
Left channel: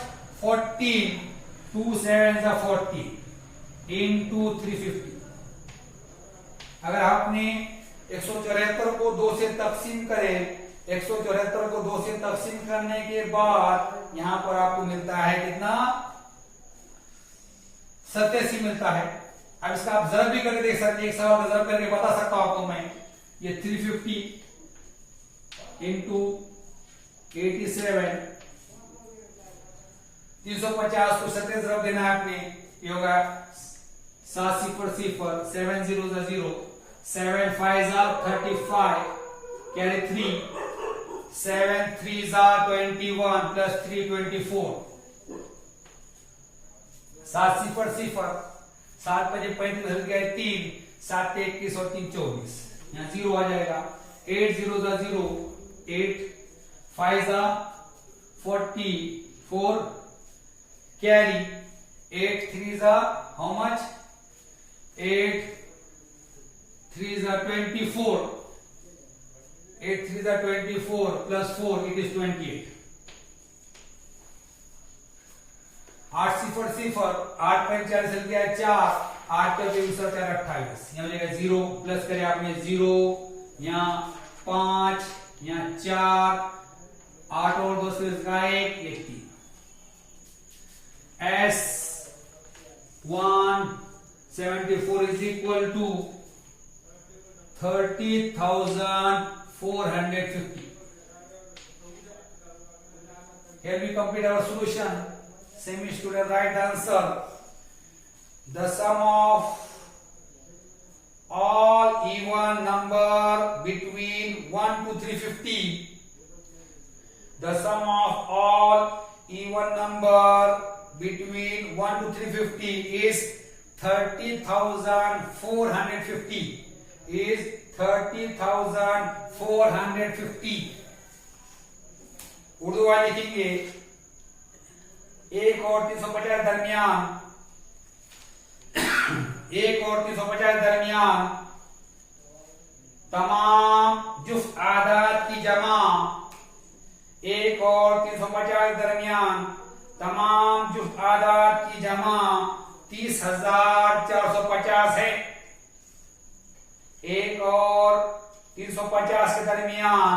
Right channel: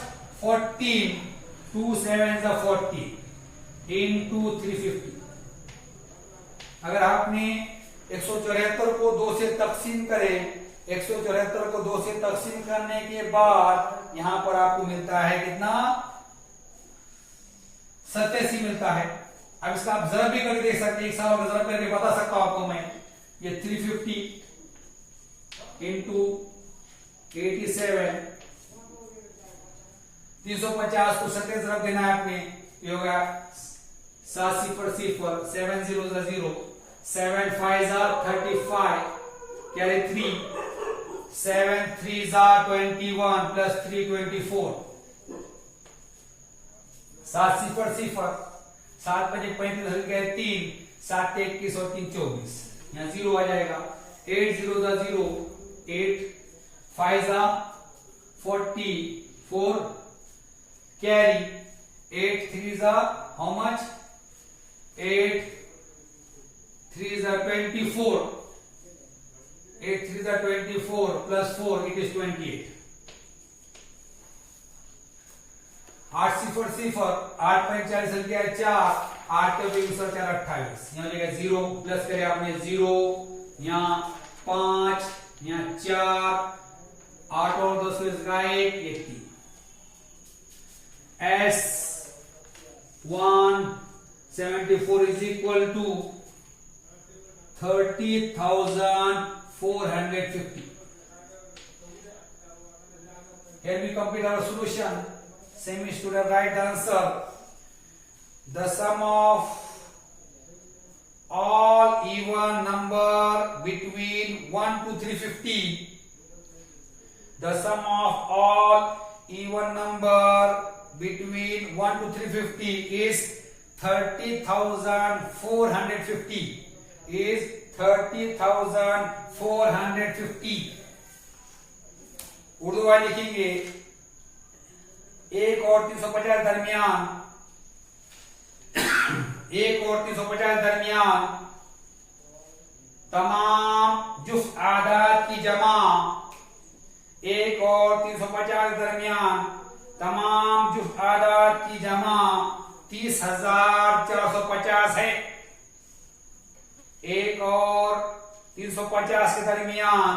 14, 2 7s are 40 into 350। अगर आपने 174 को 2 से तकसीम करें, 174 को 2 से तकसीम करने के बाद यहां पर आपको मिलता है कितना? 87 मिलता है। अब इसका आप जरब भी करके देख सकते हैं, एक सवाल का जरब करके बता सकता हूं आपको मैं। ये 350 इंटू 87, 350 को 70 तरफ देना है आपने, ये होगा 7 0 0, 7 0 0, 7 5 35, कैरी 3, 7 3 21 प्लस 3 24, 7 0 0, 7 5 35 गए 3, 7 21 और 3 24, यहाँ 0 आ जाएगा। 8 0 0, 8 5 44, carry 8 3 how much? 8 3 24, 8 3 24 plus 4, it is 28। 8 0 0, 8 5 40 गया 4, 8 के 20 और 4 28, यहाँ हो जाएगा 0 प्लस करें आपने 0, यहाँ 5 यहाँ 4, 8 और 2 से इसका 1, ये 3। S174 is equal to 30,450. Here we complete our solution. Same student write the answer. The sum of all even number between 1 to 350. The sum of all even number between 1 to 350 is 30,450. Is 30,450. Urdu वाले लिखेंगे 1 और 350 दरमियान 1 और 350 दरमियान तमाम जुफ्त आदाद की जमा 1 और 350 दरमियान तमाम जुफ्त आदाद की जमा 30,450 है। 1 और 350 के दरमियान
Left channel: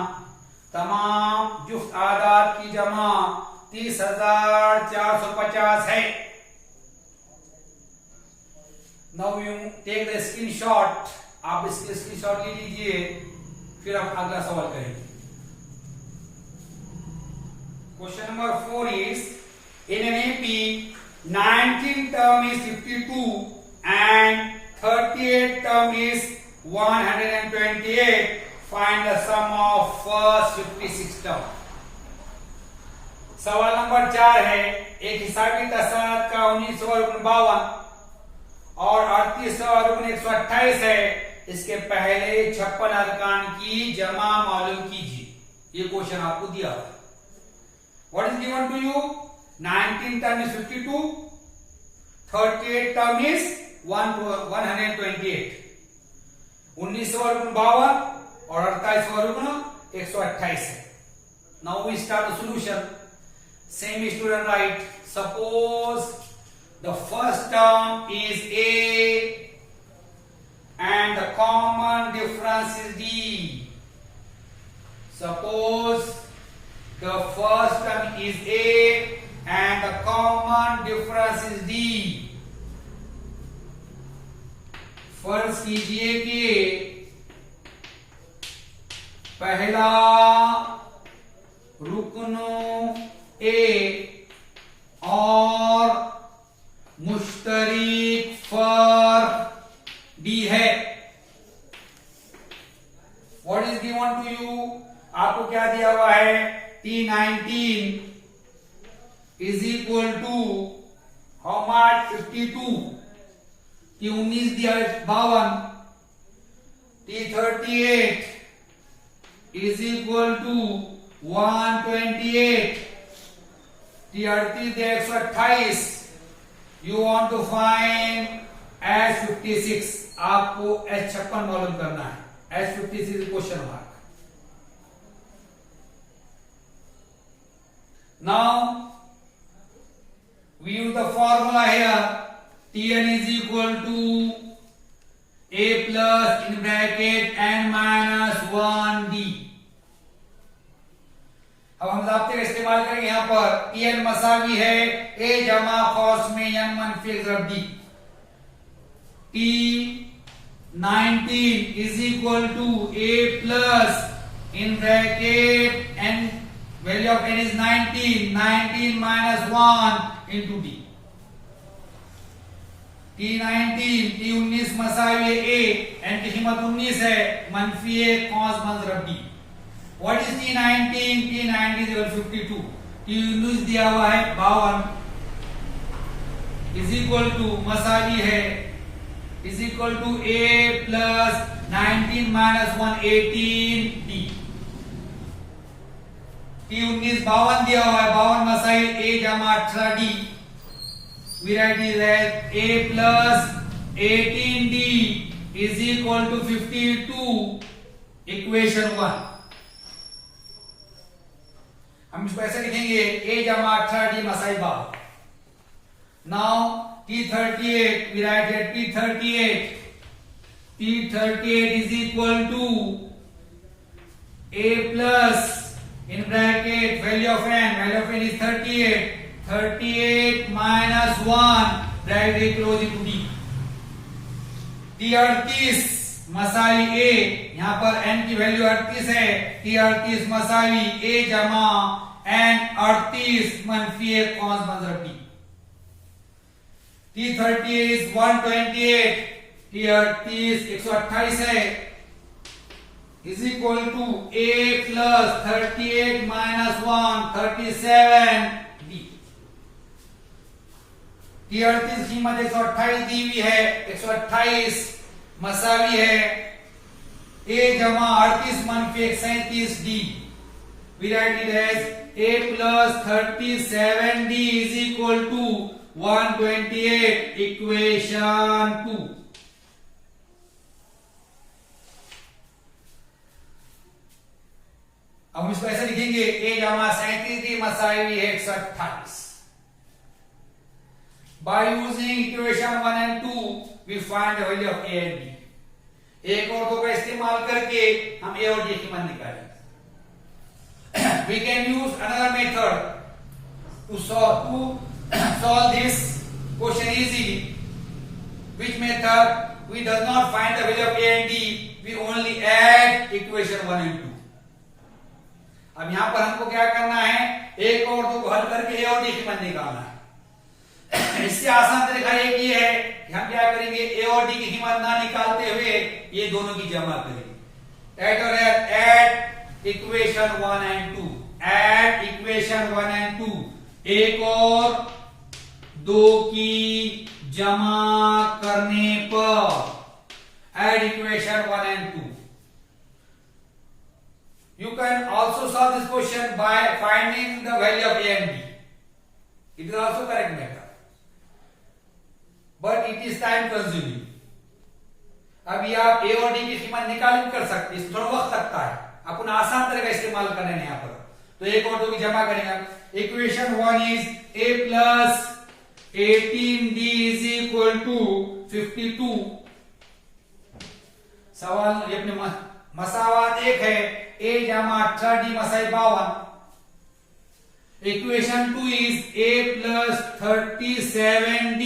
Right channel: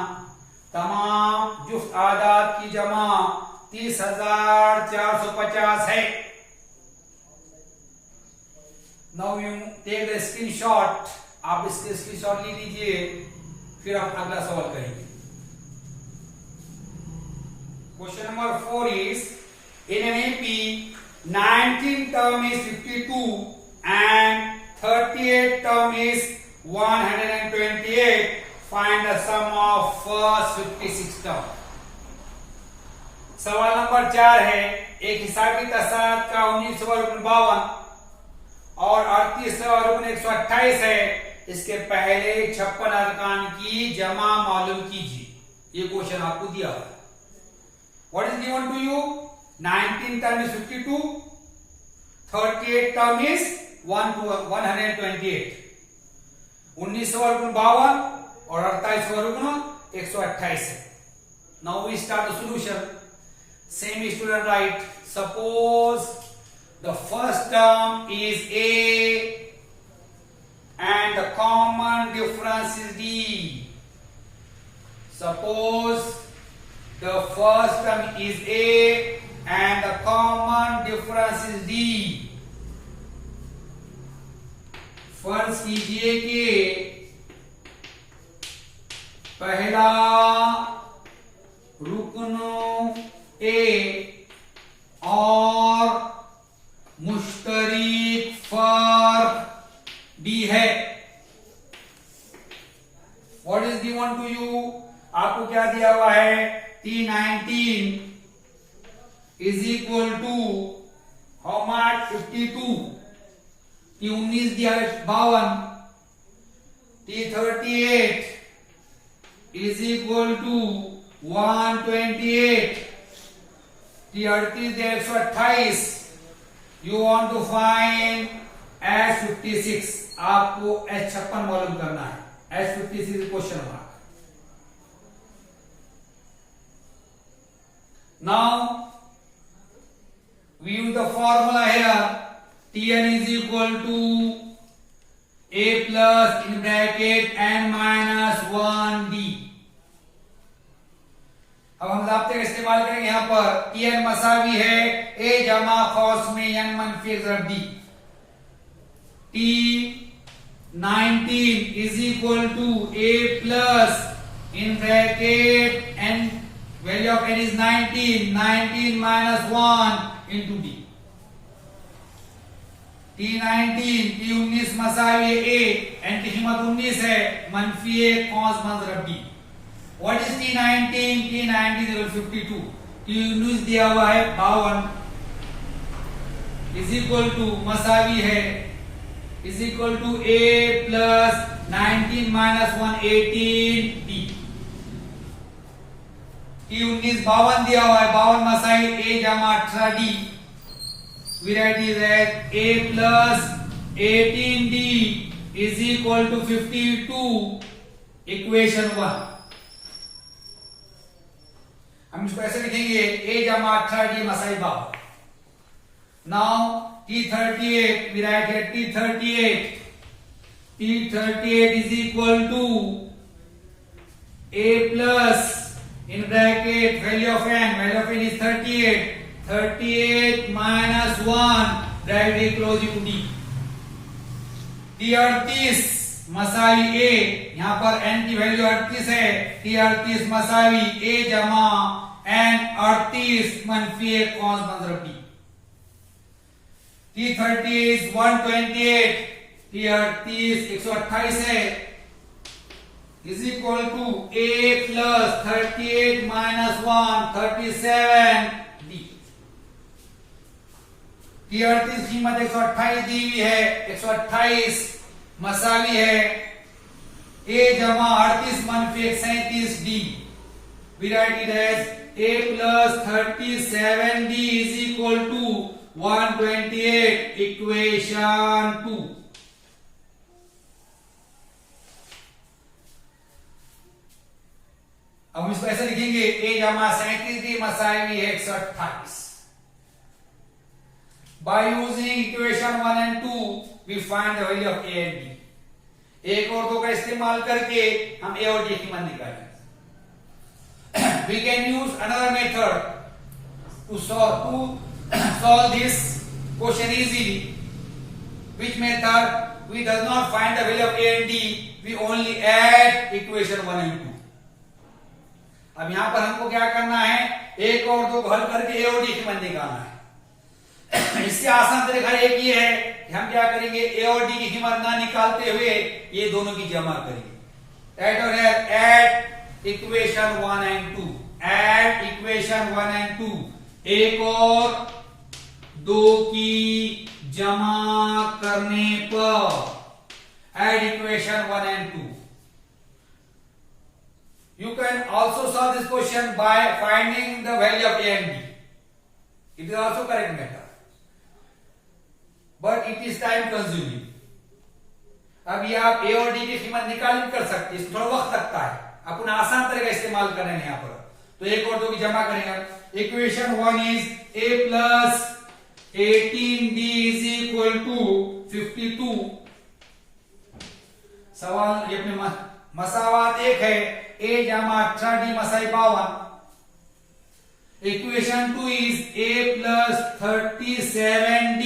तमाम जुफ्त आदाद की जमा 30,450 है। Now you take the screenshot. आप इसके स्क्रीनशॉट ले लीजिए, फिर आप अगला सवाल करेंगे। Question number 4 is in an AP 19 term is 52 and 38 term is 128. Find the sum of first 56 term. सवाल नंबर 4 है एक हिसाबी तसाद का 1952 और 38,128 है। इसके पहले 56 अरकान की जमा मालूम कीजिए। ये क्वेश्चन आपको दिया है। What is given to you? 19 term is 52, 38 term is 128, 1952 और 38,128 है। Now we start the solution. Same student write. Suppose the first term is A and the common difference is D. Suppose the first term is A and the common difference is D. फर्ज कीजिए कि पहला रुकन A और मुश्तरिक फर्क D है। What is given to you? आपको क्या दिया हुआ है? T19 is equal to how much? 52. T19 दिया 52. T38 is equal to 128. T38 दिया 128. You want to find S56. आपको S56 मालूम करना है। S56 question mark. Now we use the formula here. Tn is equal to A plus in bracket n minus 1D. अब हम ज़ाब्ते का इस्तेमाल करेंगे यहां पर। Tn मसावी है A जमा कॉस में n मनफी ज़रब D। T19 is equal to A plus in bracket n, value of n is 19, 19 minus 1 into D. T19 मसावी A n की कीमत 19 है, मनफी 1 cos ज़रब D। What is T19? T19 is equal to 52. T19 दिया हुआ है 52 is equal to मसावी है is equal to A plus 19 minus 1 18 D. T19 52 दिया हुआ है, 52 मसावी A जमा 18 D. We write it as A plus 18D is equal to 52. Equation 1. हम इसको ऐसे लिखेंगे A जमा 18D मसाई 52. Now T38, we write here T38 is equal to a plus in bracket value of n is 38 minus 1 bracket closing d 38 मसावी a, यहां पर n की value 38 है, 38 मसावी a जमा n 38 मनफी 1 कॉस बंजर b T30 is 128, T30 128 है, is equal to a plus 38 minus 1 37 d T38 कीमत 128 दी हुई है, 128 मसावी है a जमा 38 मनफी 37 d we write it as a plus 37d is equal to 128 equation 2। अब इसको ऐसे लिखेंगे a जमा 37 मसावी है 128। By using equation 1 and 2 we find the value of a and b। एक और दो का इस्तेमाल करके हम a और d की कीमत निकालेंगे। We can use another method to solve this question easily. Which method? We does not find the value of a and d, we only add equation 1 and 2। अब यहां पर हमको क्या करना है, एक और दो हल करके a और d की कीमत निकालना है। इससे आसान तरीका एक ही है कि हम क्या करेंगे, a और d की कीमत ना निकालते हुए ये दोनों की जमा करेंगे। Add equation 1 and 2, add equation 1 and 2, एक और दो की जमा करने पर add equation 1 and 2। You can also solve this question by finding the value of a and b। It is also correct method, but it is time consuming। अभी आप a और d की कीमत निकाल नहीं कर सकते, इस थोड़ा वक्त लगता है, अपन आसान तरीका इस्तेमाल कर रहे हैं यहाँ पर। तो एक और दो की जमा करेंगे। Equation 1 is a plus 18d is equal to 52। सवाल ये अपने मसावात एक है, a जमा 18d मसाई 52। Equation 2 is a plus 37d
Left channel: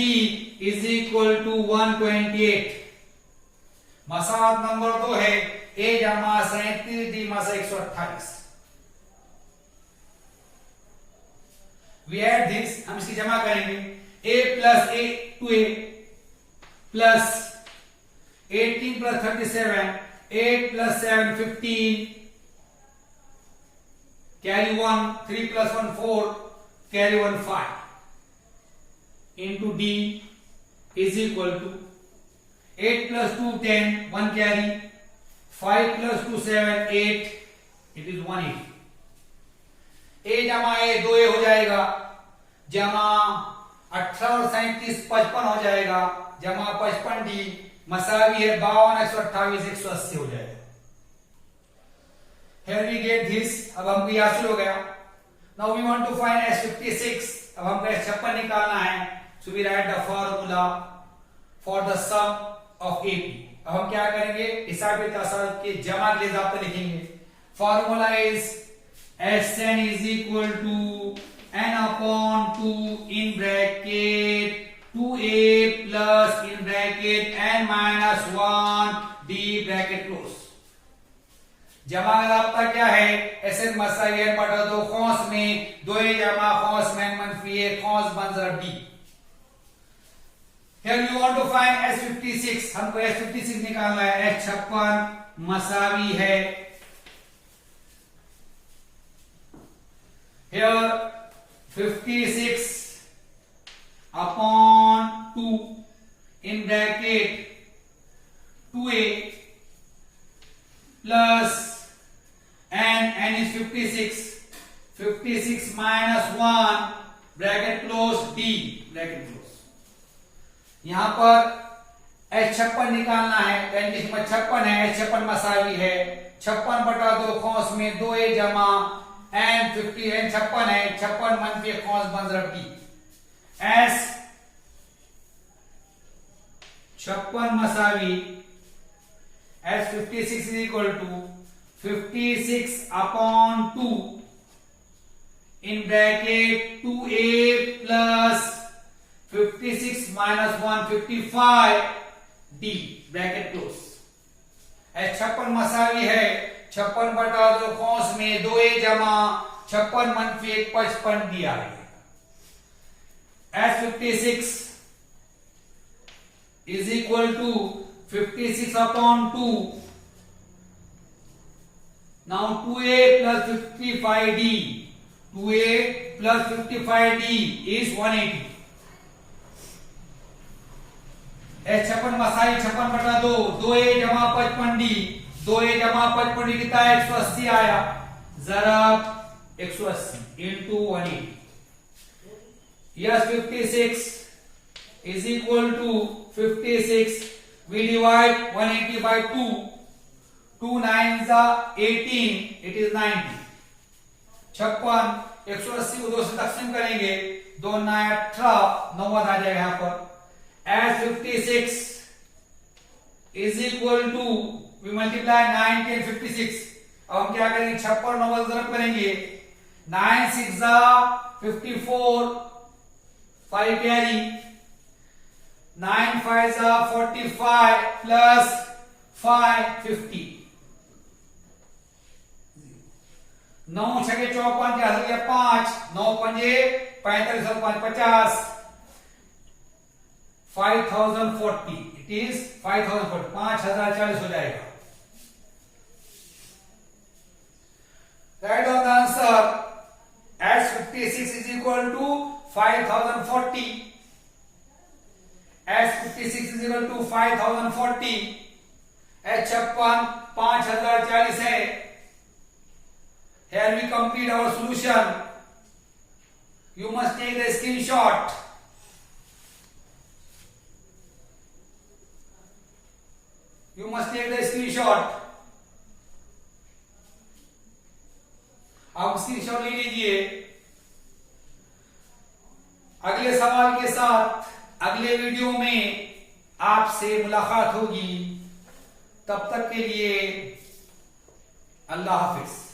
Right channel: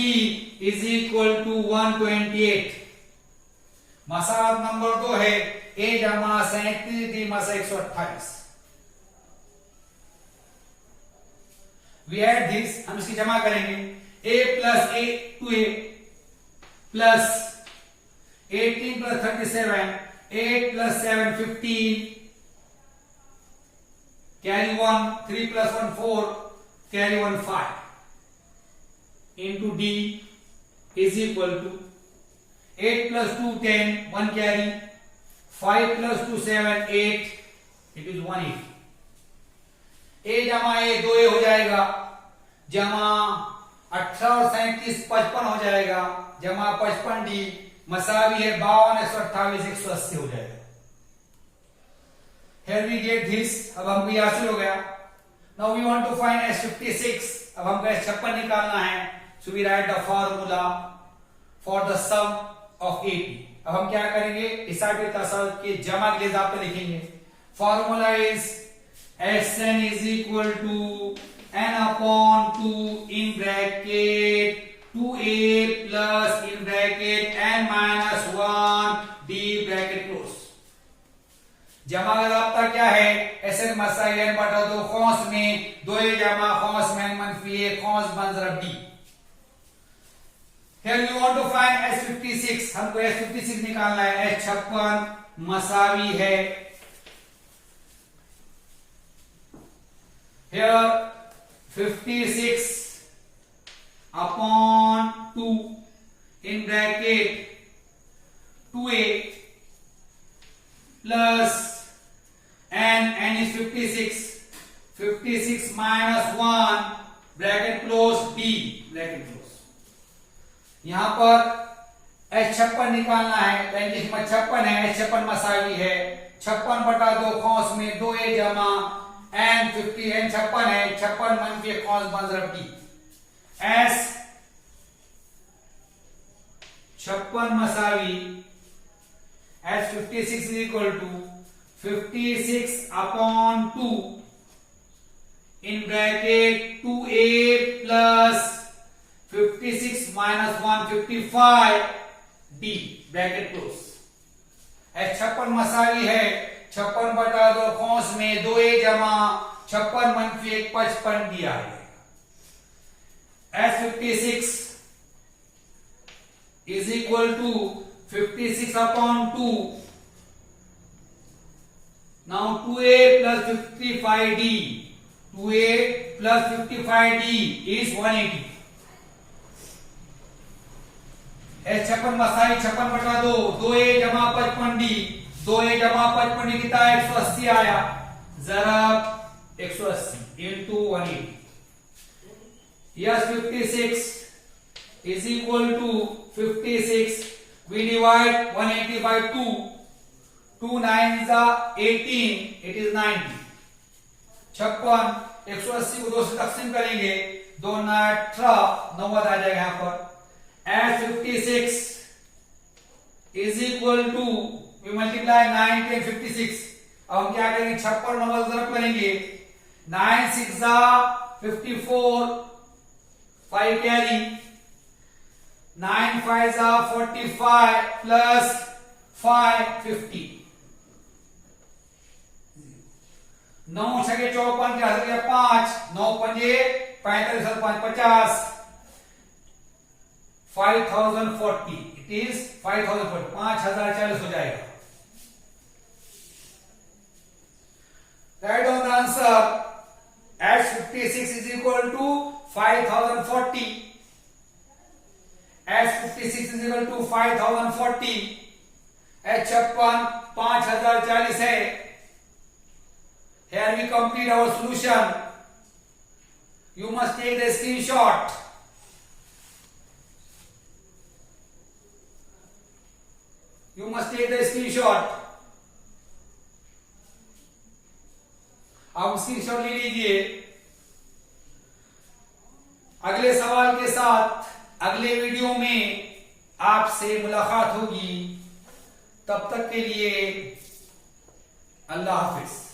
is equal to 128। मसावात नंबर 2 है, a जमा 37d मसा 128। We add this, हम इसकी जमा करेंगे। a plus a 2a plus 18 plus 37, 8 plus 7 15, carry 1, 3 plus 1 4, carry 1 5 into d is equal to 8 plus 2 10, 1 carry, 5 plus 2 7 8, it is 180। a जमा a 2a हो जाएगा, जमा 18 और 37 55 हो जाएगा, जमा 55d मसावी है 52 128 180 हो जाएगा। Here we get this, अब हमको ये हासिल हो गया। Now we want to find S56, अब हमको S56 निकालना है। So we write the formula for the sum of AP। अब हम क्या करेंगे, हिसाब तसाब के जमा के लिए आपको लिखेंगे। Formula is Sn is equal to n upon 2 in bracket 2a plus in bracket n minus 1 d bracket close। जमा का रास्ता क्या है, Sn मसाई n बटा 2 कौंस में 2a जमा कौंस में n मनफी 1 कौंस बन जरा b। Here you want to find S56, हमको S56 निकालना है। S56 मसावी है, here 56 upon 2 in bracket 2a plus n is 56 minus 1 bracket close d bracket close। यहां पर S56 निकालना है, n की कीमत 56 है, S56 मसावी है 56 बटा 2 कौंस में 2a जमा n 50 n 56 है, 56 मनफी कौंस बन रहा b। S56 मसावी S56 is equal to 56 upon 2 in bracket 2a plus 56 minus 155 d bracket close. 56 मसावी है, 56 बटा 2 कौंस में 2a जमा 56 मनफी 1 55 दिया है। S56 is equal to 56 upon 2. Now 2a plus 55d. 2a plus 55d is 180. S56 Masai 56 बटा 2 2a जमा 55d 2a जमा 55d कितना है 180 आया, जरा 180 into 180। Yes, 56 is equal to 56, we divide 180 by 2, 2 9s are 18, it is 90। 56 180 को 2 से तकसीम करेंगे, 2 9 18 9 आ जाएगा यहाँ पर। As 56 is equal to, we multiply 9 10 56। अब हम क्या करेंगे 56 9 ज़रब करेंगे, 9 6 54 5 carry, 9 5 45 plus 5 50। 9 छके 54 क्या हो गया 5, 9 पंजे 45 5 50, 5040, it is 5040, 5040 हो जाएगा। Write down the answer as 56 is equal to 5040, as 56 is equal to 5040, as 56 5040 है। Here we complete our solution. You must take the screenshot. You must take the screenshot. आप screenshot ले लीजिए। अगले सवाल के साथ अगले वीडियो में आपसे मुलाकात होगी। तब तक के लिए अल्लाह हाफिज।